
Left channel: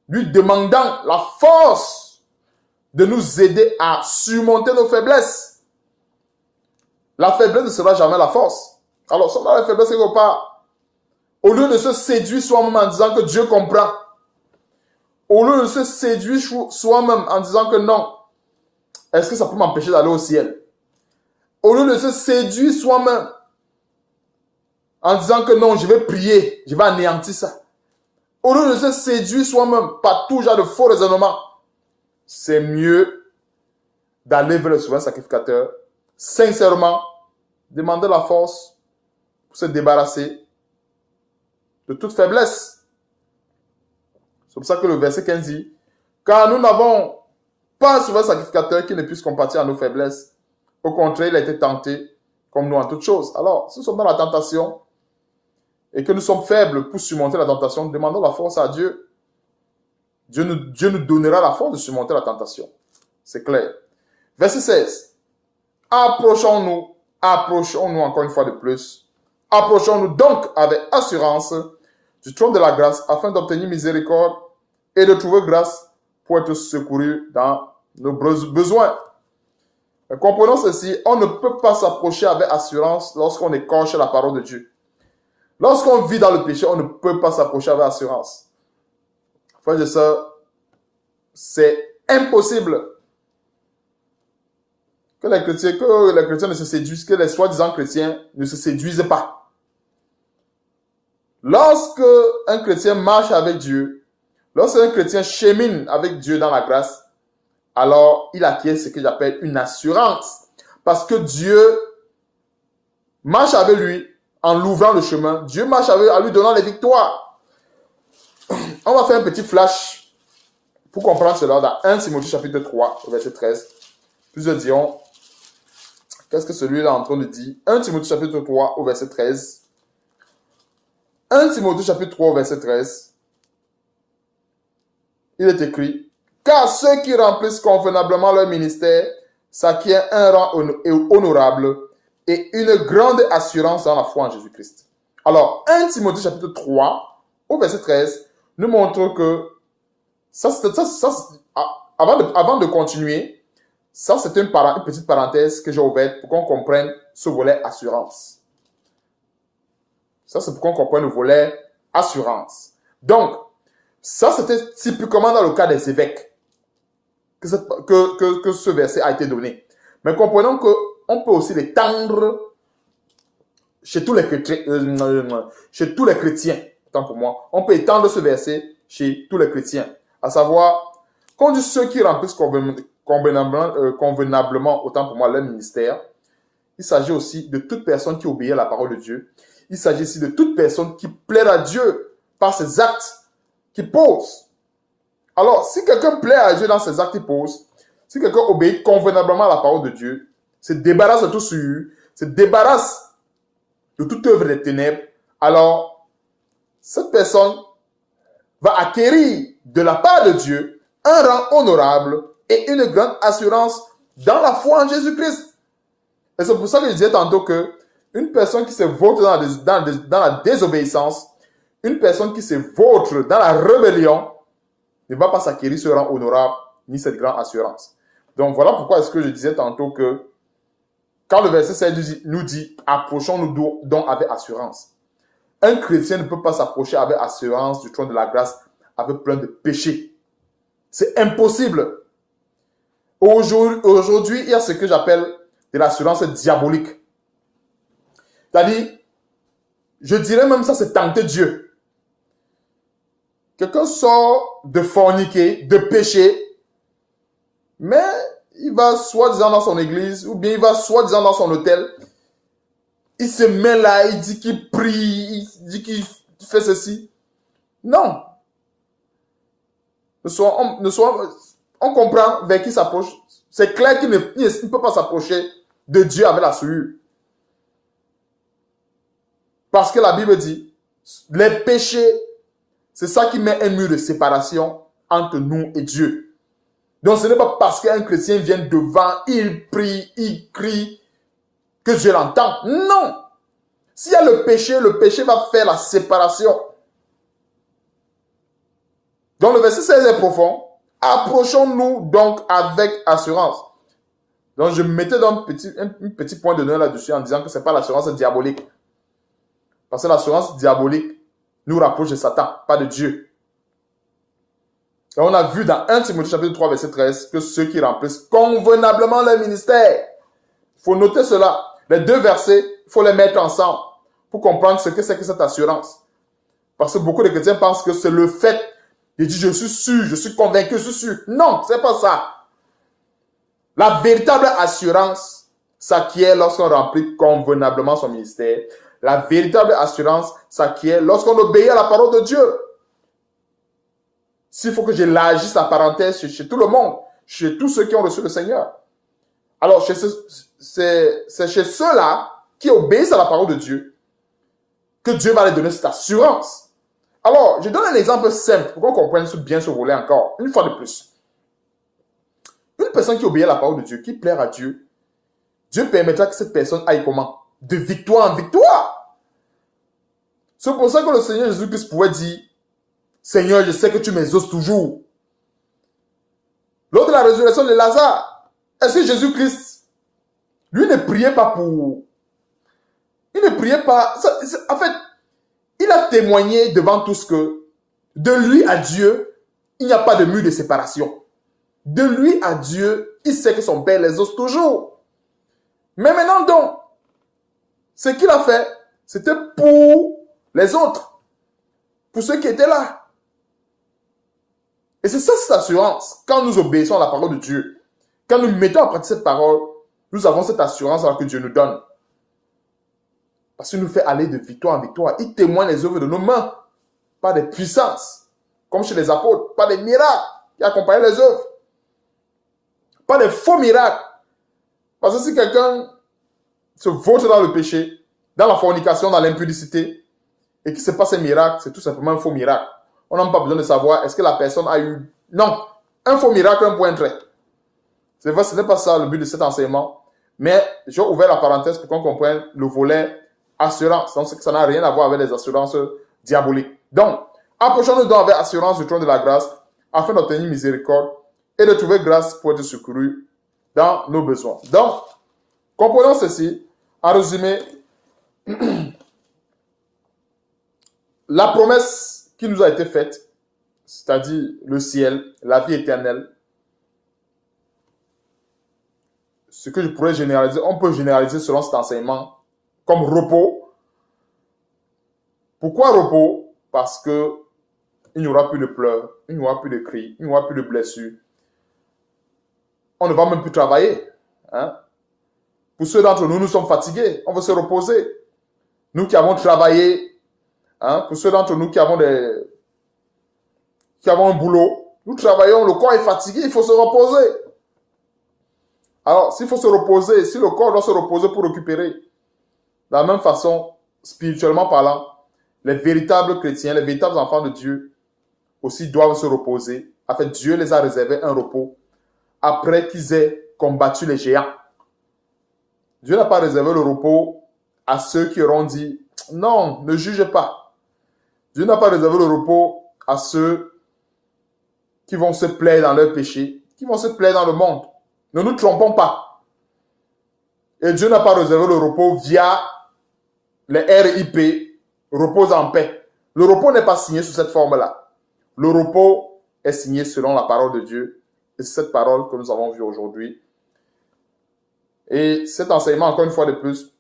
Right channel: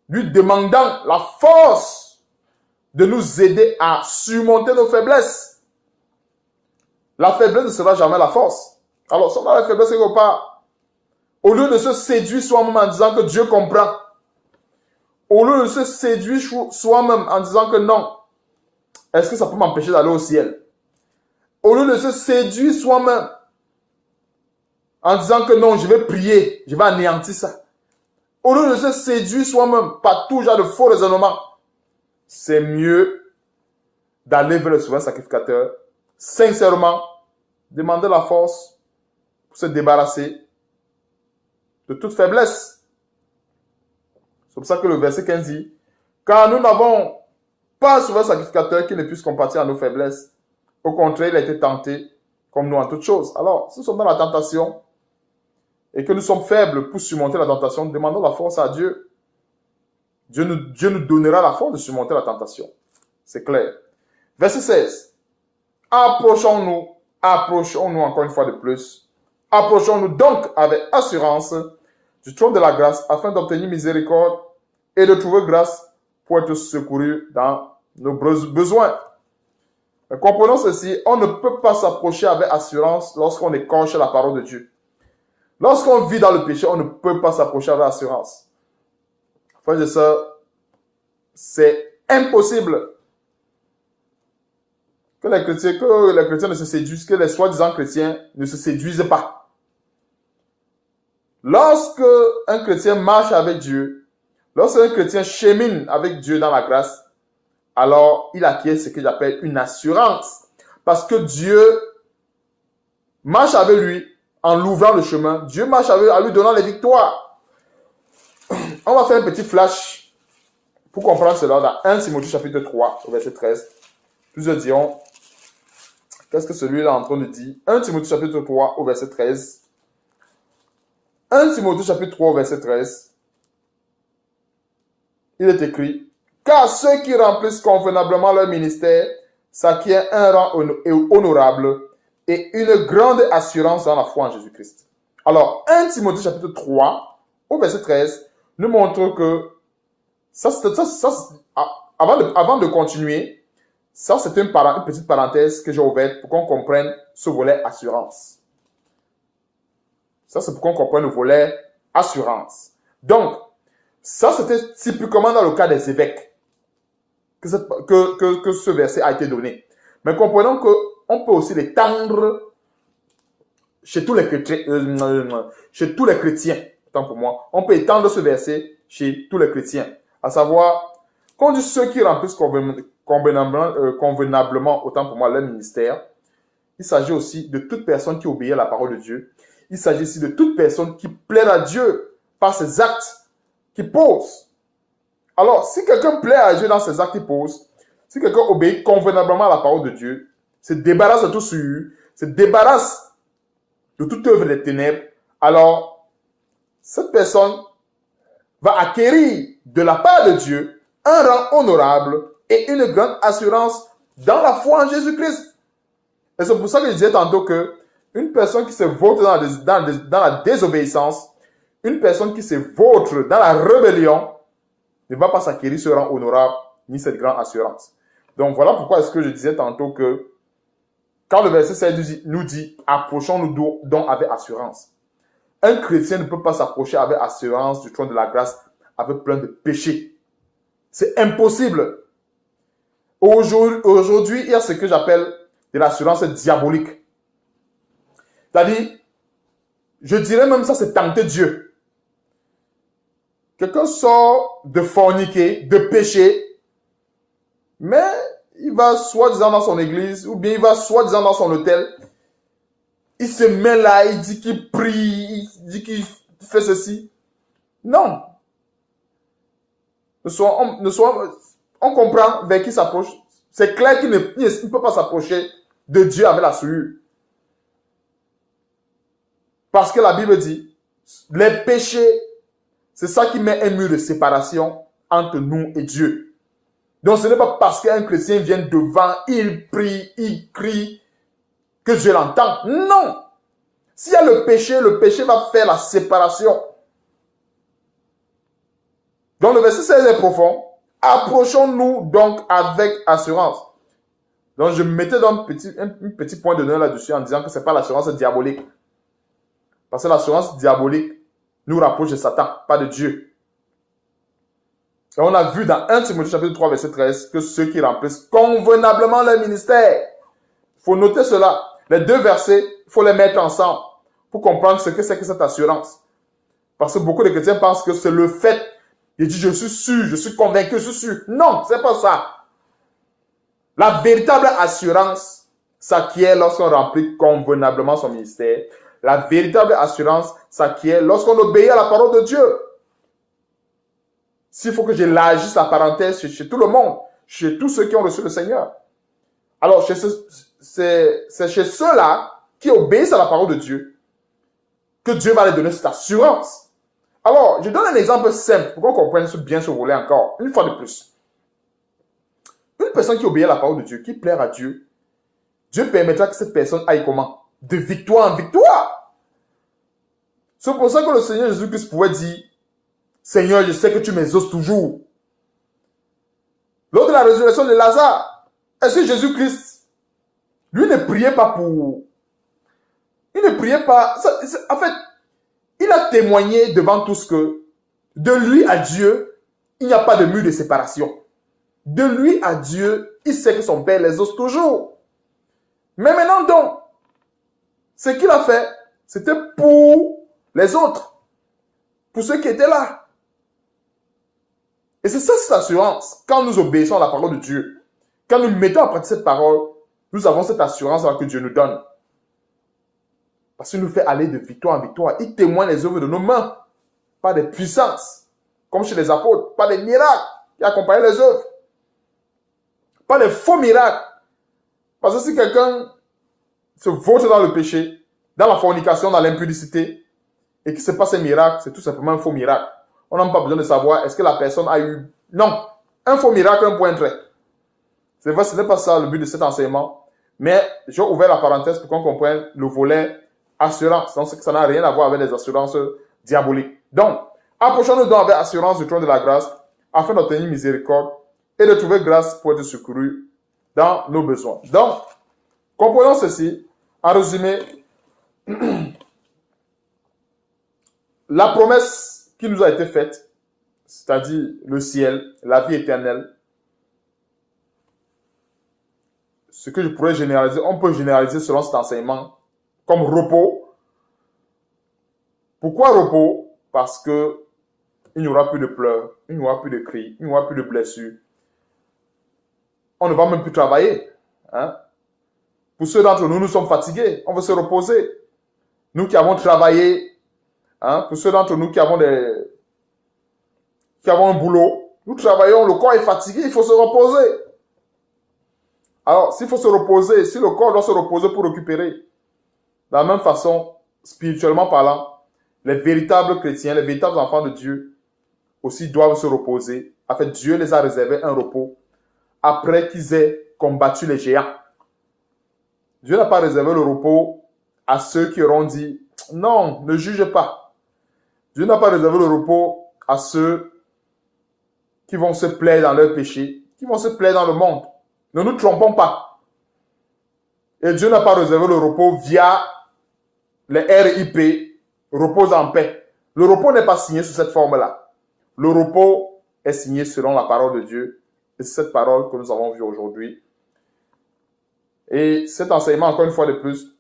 lui demandant la force de nous aider à surmonter nos faiblesses. La faiblesse ne sera jamais la force. Alors, si on a la faiblesse quelque part, au lieu de se séduire soi-même en disant que Dieu comprend, au lieu de se séduire soi-même en disant que non, est-ce que ça peut m'empêcher d'aller au ciel? Au lieu de se séduire soi-même en disant que non, je vais prier, je vais anéantir ça. Au lieu de se séduire soi-même par tout genre de faux raisonnements, c'est mieux d'aller vers le souverain sacrificateur, sincèrement, demander la force pour se débarrasser de toute faiblesse. C'est pour ça que le verset 15 dit, car nous n'avons pas un souverain sacrificateur qui ne puisse compatir à nos faiblesses. Au contraire, il a été tenté comme nous en toutes choses. Alors, si nous sommes dans la tentation et que nous sommes faibles pour surmonter la tentation, demandons la force à Dieu. Dieu nous donnera la force de surmonter la tentation. C'est clair. Verset 16. Approchons-nous encore une fois de plus. Approchons-nous donc avec assurance du trône de la grâce afin d'obtenir miséricorde et de trouver grâce pour être secouru dans nos besoins. Mais comprenons ceci, on ne peut pas s'approcher avec assurance lorsqu'on écorche la parole de Dieu. Lorsqu'on vit dans le péché, on ne peut pas s'approcher avec assurance. Frères et sœurs, c'est impossible que les chrétiens ne se séduisent, que les soi-disant chrétiens ne se séduisent pas. Lorsque un chrétien marche avec Dieu, lorsque un chrétien chemine avec Dieu dans la grâce, alors il acquiert ce que j'appelle une assurance. Parce que Dieu marche avec lui en l'ouvrant le chemin. Dieu marche avec lui en lui donnant les victoires. On va faire un petit flash pour comprendre cela dans 1 Timothée chapitre 3, verset 13. Plusieurs diront, qu'est-ce que celui-là est en train de dire? 1 Timothée chapitre 3, au verset 13. 1 Timothée chapitre 3, verset 13. Il est écrit, car ceux qui remplissent convenablement leur ministère s'acquièrent un rang honorable et une grande assurance dans la foi en Jésus-Christ. Alors, 1 Timothée chapitre 3, au verset 13, nous montre que, avant de continuer, ça c'est une petite parenthèse que j'ai ouverte pour qu'on comprenne ce volet assurance. Ça c'est pour qu'on comprenne le volet assurance. Donc, ça c'était typiquement dans le cas des évêques que ce verset a été donné. Mais comprenons qu'on peut aussi l'étendre chez tous les chrétiens. Tant pour moi, on peut étendre ce verset chez tous les chrétiens. À savoir, qu'on dit ceux qui remplissent convenablement, autant pour moi, leur ministère, il s'agit aussi de toute personne qui obéit à la parole de Dieu. Il s'agit aussi de toute personne qui plaît à Dieu par ses actes qu'il pose. Alors, si quelqu'un plaît à Dieu dans ses actes qu'il pose, si quelqu'un obéit convenablement à la parole de Dier, se débarrasse de tout souillure, se débarrasse de toute œuvre des ténèbres, alors cette personne va acquérir de la part de Dieu un rang honorable et une grande assurance dans la foi en Jésus-Christ. Et c'est pour ça que je disais tantôt que une personne qui se vautre dans la désobéissance, une personne qui se vautre dans la rébellion, ne va pas s'acquérir ce rang honorable ni cette grande assurance. Donc voilà pourquoi est-ce que je disais tantôt que quand le verset 16 nous dit « Approchons-nous donc avec assurance ». Un chrétien ne peut pas s'approcher avec assurance du trône de la grâce avec plein de péchés. C'est impossible. Aujourd'hui, il y a ce que j'appelle de l'assurance diabolique. C'est-à-dire, je dirais même ça, c'est tenter Dieu. Quelqu'un sort de forniquer, de pécher, mais il va soi-disant dans son église, ou bien il va soi-disant dans son hôtel. il se met là, il dit qu'il prie, il dit qu'il fait ceci. Non. On comprend vers qui s'approche. C'est clair qu'il ne peut pas s'approcher de Dieu avec la souillure. Parce que la Bible dit, les péchés, c'est ça qui met un mur de séparation entre nous et Dieu. Donc ce n'est pas parce qu'un chrétien vient devant, il prie, il crie, que Dieu l'entend. Non. S'il y a le péché va faire la séparation. Donc le verset 16 est profond. Approchons-nous donc avec assurance. Donc je mettais donc un petit point de données là-dessus en disant que ce n'est pas l'assurance diabolique. Parce que l'assurance diabolique nous rapproche de Satan, pas de Dieu. Et on a vu dans 1 Timothée chapitre 3 verset 13 que ceux qui remplissent convenablement leur ministère. Il faut noter cela. Les deux versets, il faut les mettre ensemble pour comprendre ce que c'est que cette assurance. Parce que beaucoup de chrétiens pensent que c'est le fait. Ils disent je suis sûr, je suis convaincu, je suis sûr. Non, c'est pas ça. La véritable assurance s'acquiert lorsqu'on remplit convenablement son ministère. La véritable assurance s'acquiert lorsqu'on obéit à la parole de Dieu. S'il faut que j'élargisse la parenthèse chez tout le monde, chez tous ceux qui ont reçu le Seigneur. Alors, c'est chez ceux-là qui obéissent à la parole de Dieu que Dieu va leur donner cette assurance. Alors, je donne un exemple simple pour qu'on comprenne bien ce volet encore, une fois de plus. Une personne qui obéit à la parole de Dieu, qui plaire à Dieu, Dieu permettra que cette personne aille comment? De victoire en victoire. C'est pour ça que le Seigneur Jésus-Christ pouvait dire, Seigneur, je sais que tu m'exauces toujours. Lors de la résurrection de Lazare, est-ce que Jésus-Christ, lui ne priait pas pour... Il ne priait pas... En fait, il a témoigné devant tous que de lui à Dieu, il n'y a pas de mur de séparation. De lui à Dieu, il sait que son Père l'exauce toujours. Mais maintenant donc, ce qu'il a fait, c'était pour les autres, pour ceux qui étaient là. Et c'est ça cette assurance. Quand nous obéissons à la parole de Dieu, quand nous mettons en pratique cette parole, nous avons cette assurance que Dieu nous donne. Parce qu'il nous fait aller de victoire en victoire. Il témoigne les œuvres de nos mains, pas des puissances, comme chez les apôtres, pas des miracles qui accompagnent les œuvres, pas des faux miracles. Parce que si quelqu'un se vautre dans le péché, dans la fornication, dans l'impudicité, et qu'il se passe un miracle, c'est tout simplement un faux miracle. On n'a pas besoin de savoir est-ce que la personne a eu... Non, un faux miracle, un point trait. C'est vrai, ce n'est pas ça le but de cet enseignement. Mais j'ai ouvert la parenthèse pour qu'on comprenne le volet assurance. Donc, ça n'a rien à voir avec les assurances diaboliques. Donc, approchons-nous donc avec assurance du trône de la grâce afin d'obtenir miséricorde et de trouver grâce pour être secouru dans nos besoins. Donc, comprenons ceci. En résumé, la promesse qui nous a été faite, c'est-à-dire le ciel, la vie éternelle, ce que je pourrais généraliser, on peut généraliser selon cet enseignement comme repos. Pourquoi repos? Parce que il n'y aura plus de pleurs, il n'y aura plus de cris, il n'y aura plus de blessures. On ne va même plus travailler. Hein? Pour ceux d'entre nous, nous sommes fatigués, on va se reposer. Nous qui avons travaillé, hein, pour ceux d'entre nous qui avons un boulot, nous travaillons, le corps est fatigué, il faut se reposer. Alors, s'il faut se reposer, si le corps doit se reposer pour récupérer, de la même façon, spirituellement parlant, les véritables chrétiens, les véritables enfants de Dieu aussi doivent se reposer. En fait, Dieu les a réservé un repos après qu'ils aient combattu les géants. Dieu n'a pas réservé le repos à ceux qui auront dit « Non, ne jugez pas ». Dieu n'a pas réservé le repos à ceux qui vont se plaire dans leur péché, qui vont se plaire dans le monde. Ne nous trompons pas. Et Dieu n'a pas réservé le repos via les RIP, repose en paix. Le repos n'est pas signé sous cette forme-là. Le repos est signé selon la parole de Dieu. Et c'est cette parole que nous avons vue aujourd'hui. Et cet enseignement, encore une fois de plus,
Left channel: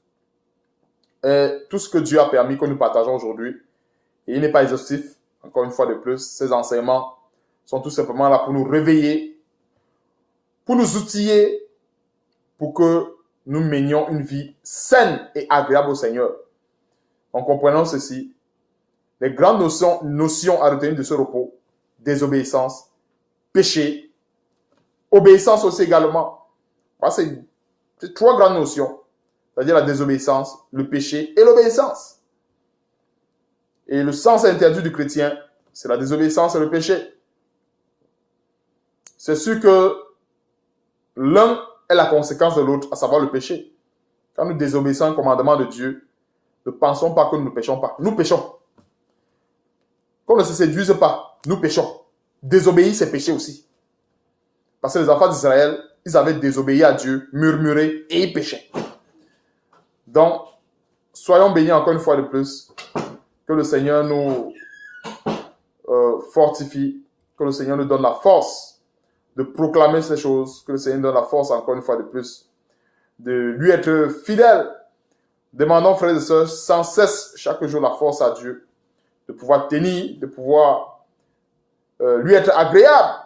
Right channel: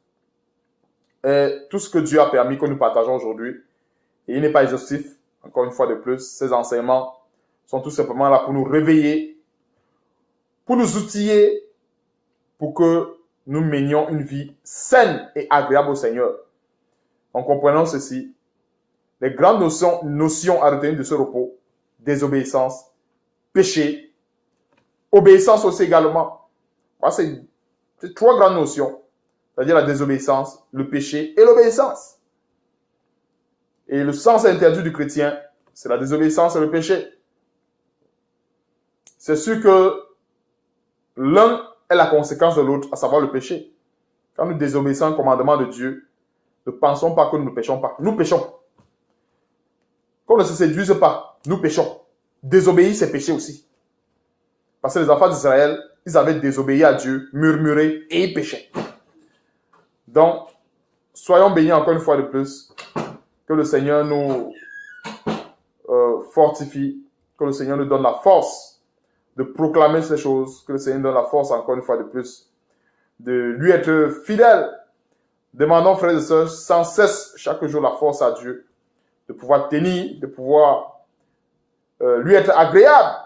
est tout ce que Dieu a permis que nous partageons aujourd'hui. Et il n'est pas exhaustif. Encore une fois de plus, ces enseignements sont tout simplement là pour nous réveiller, pour nous outiller, pour que nous menions une vie saine et agréable au Seigneur. En comprenant ceci, les grandes notions à retenir de ce repos: désobéissance, péché, obéissance aussi également. C'est 3 grandes notions, c'est-à-dire la désobéissance, le péché et l'obéissance. Et le sens interdit du chrétien, c'est la désobéissance et le péché. C'est sûr que l'un est la conséquence de l'autre, à savoir le péché. Quand nous désobéissons un commandement de Dieu, ne pensons pas que nous ne péchons pas. Nous péchons. Qu'on ne se séduise pas, nous péchons. Désobéir, c'est pécher aussi. Parce que les enfants d'Israël, ils avaient désobéi à Dieu, murmuré et ils péchaient. Donc, soyons bénis encore une fois de plus. Que le Seigneur nous fortifie. Que le Seigneur nous donne la force de proclamer ces choses. Que le Seigneur nous donne la force encore une fois de plus de lui être fidèle. Demandons, frères et sœurs, sans cesse, chaque jour, la force à Dieu. De pouvoir tenir, de pouvoir lui être agréable.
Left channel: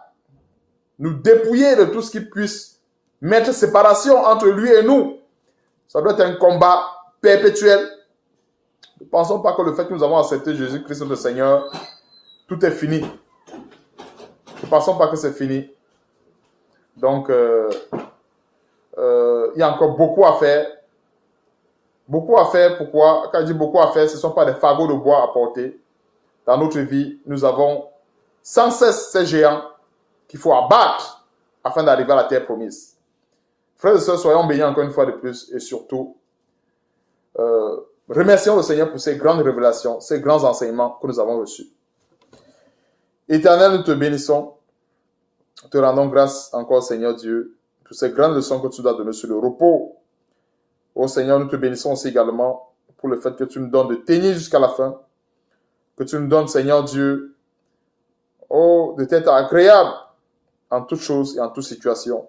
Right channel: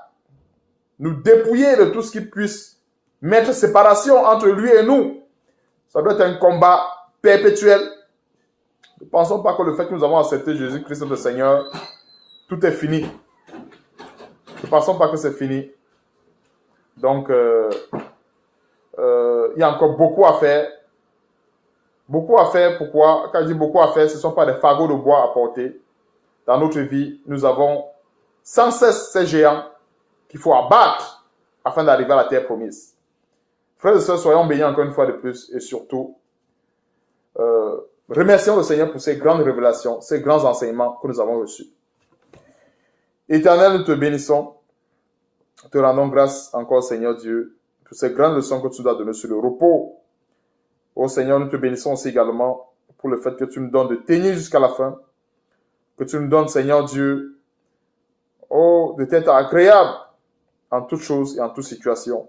Nous dépouiller de tout ce qui puisse mettre séparation entre lui et nous. Ça doit être un combat perpétuel. Ne pensons pas que le fait que nous avons accepté Jésus-Christ notre Seigneur, tout est fini. Ne pensons pas que c'est fini. Donc, il y a encore beaucoup à faire. Beaucoup à faire, pourquoi? Quand je dis beaucoup à faire, ce ne sont pas des fagots de bois à porter. Dans notre vie, nous avons sans cesse ces géants qu'il faut abattre afin d'arriver à la terre promise. Frères et sœurs, soyons bénis encore une fois de plus et surtout, remercions le Seigneur pour ces grandes révélations, ces grands enseignements que nous avons reçus. Éternel, nous te bénissons, te rendons grâce encore, Seigneur Dieu, pour ces grandes leçons que tu nous as données sur le repos. Oh Seigneur, nous te bénissons aussi également pour le fait que tu nous donnes de tenir jusqu'à la fin, que tu nous donnes, Seigneur Dieu, oh, de t'être agréable en toutes choses et en toutes situations.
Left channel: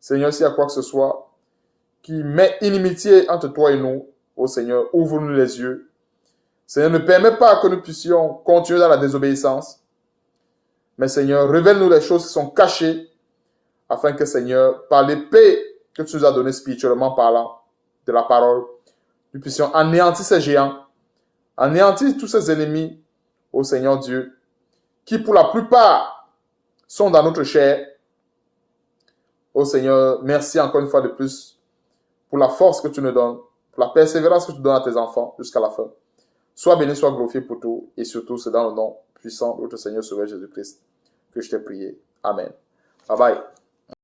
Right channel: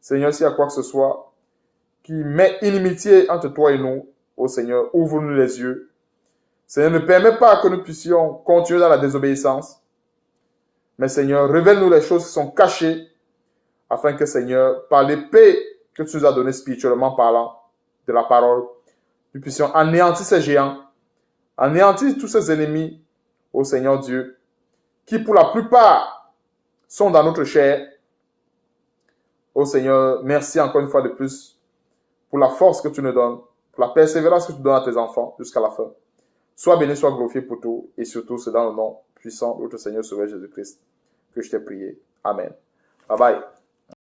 Seigneur, s'il y a quoi que ce soit qui met inimitié entre toi et nous, oh Seigneur, ouvre-nous les yeux. Seigneur, ne permets pas que nous puissions continuer dans la désobéissance. Mais Seigneur, révèle-nous les choses qui sont cachées, afin que, Seigneur, par l'épée que tu nous as donnée spirituellement parlant, de la parole, nous puissions anéantir ces géants, anéantir tous ces ennemis, ô Seigneur Dieu, qui pour la plupart sont dans notre chair. Ô Seigneur, merci encore une fois de plus pour la force que tu nous donnes, pour la persévérance que tu donnes à tes enfants jusqu'à la fin. Sois béni, sois glorifié pour tout, et surtout c'est dans le nom puissant de notre Seigneur Sauveur Jésus-Christ que je t'ai prié. Amen. Bye bye.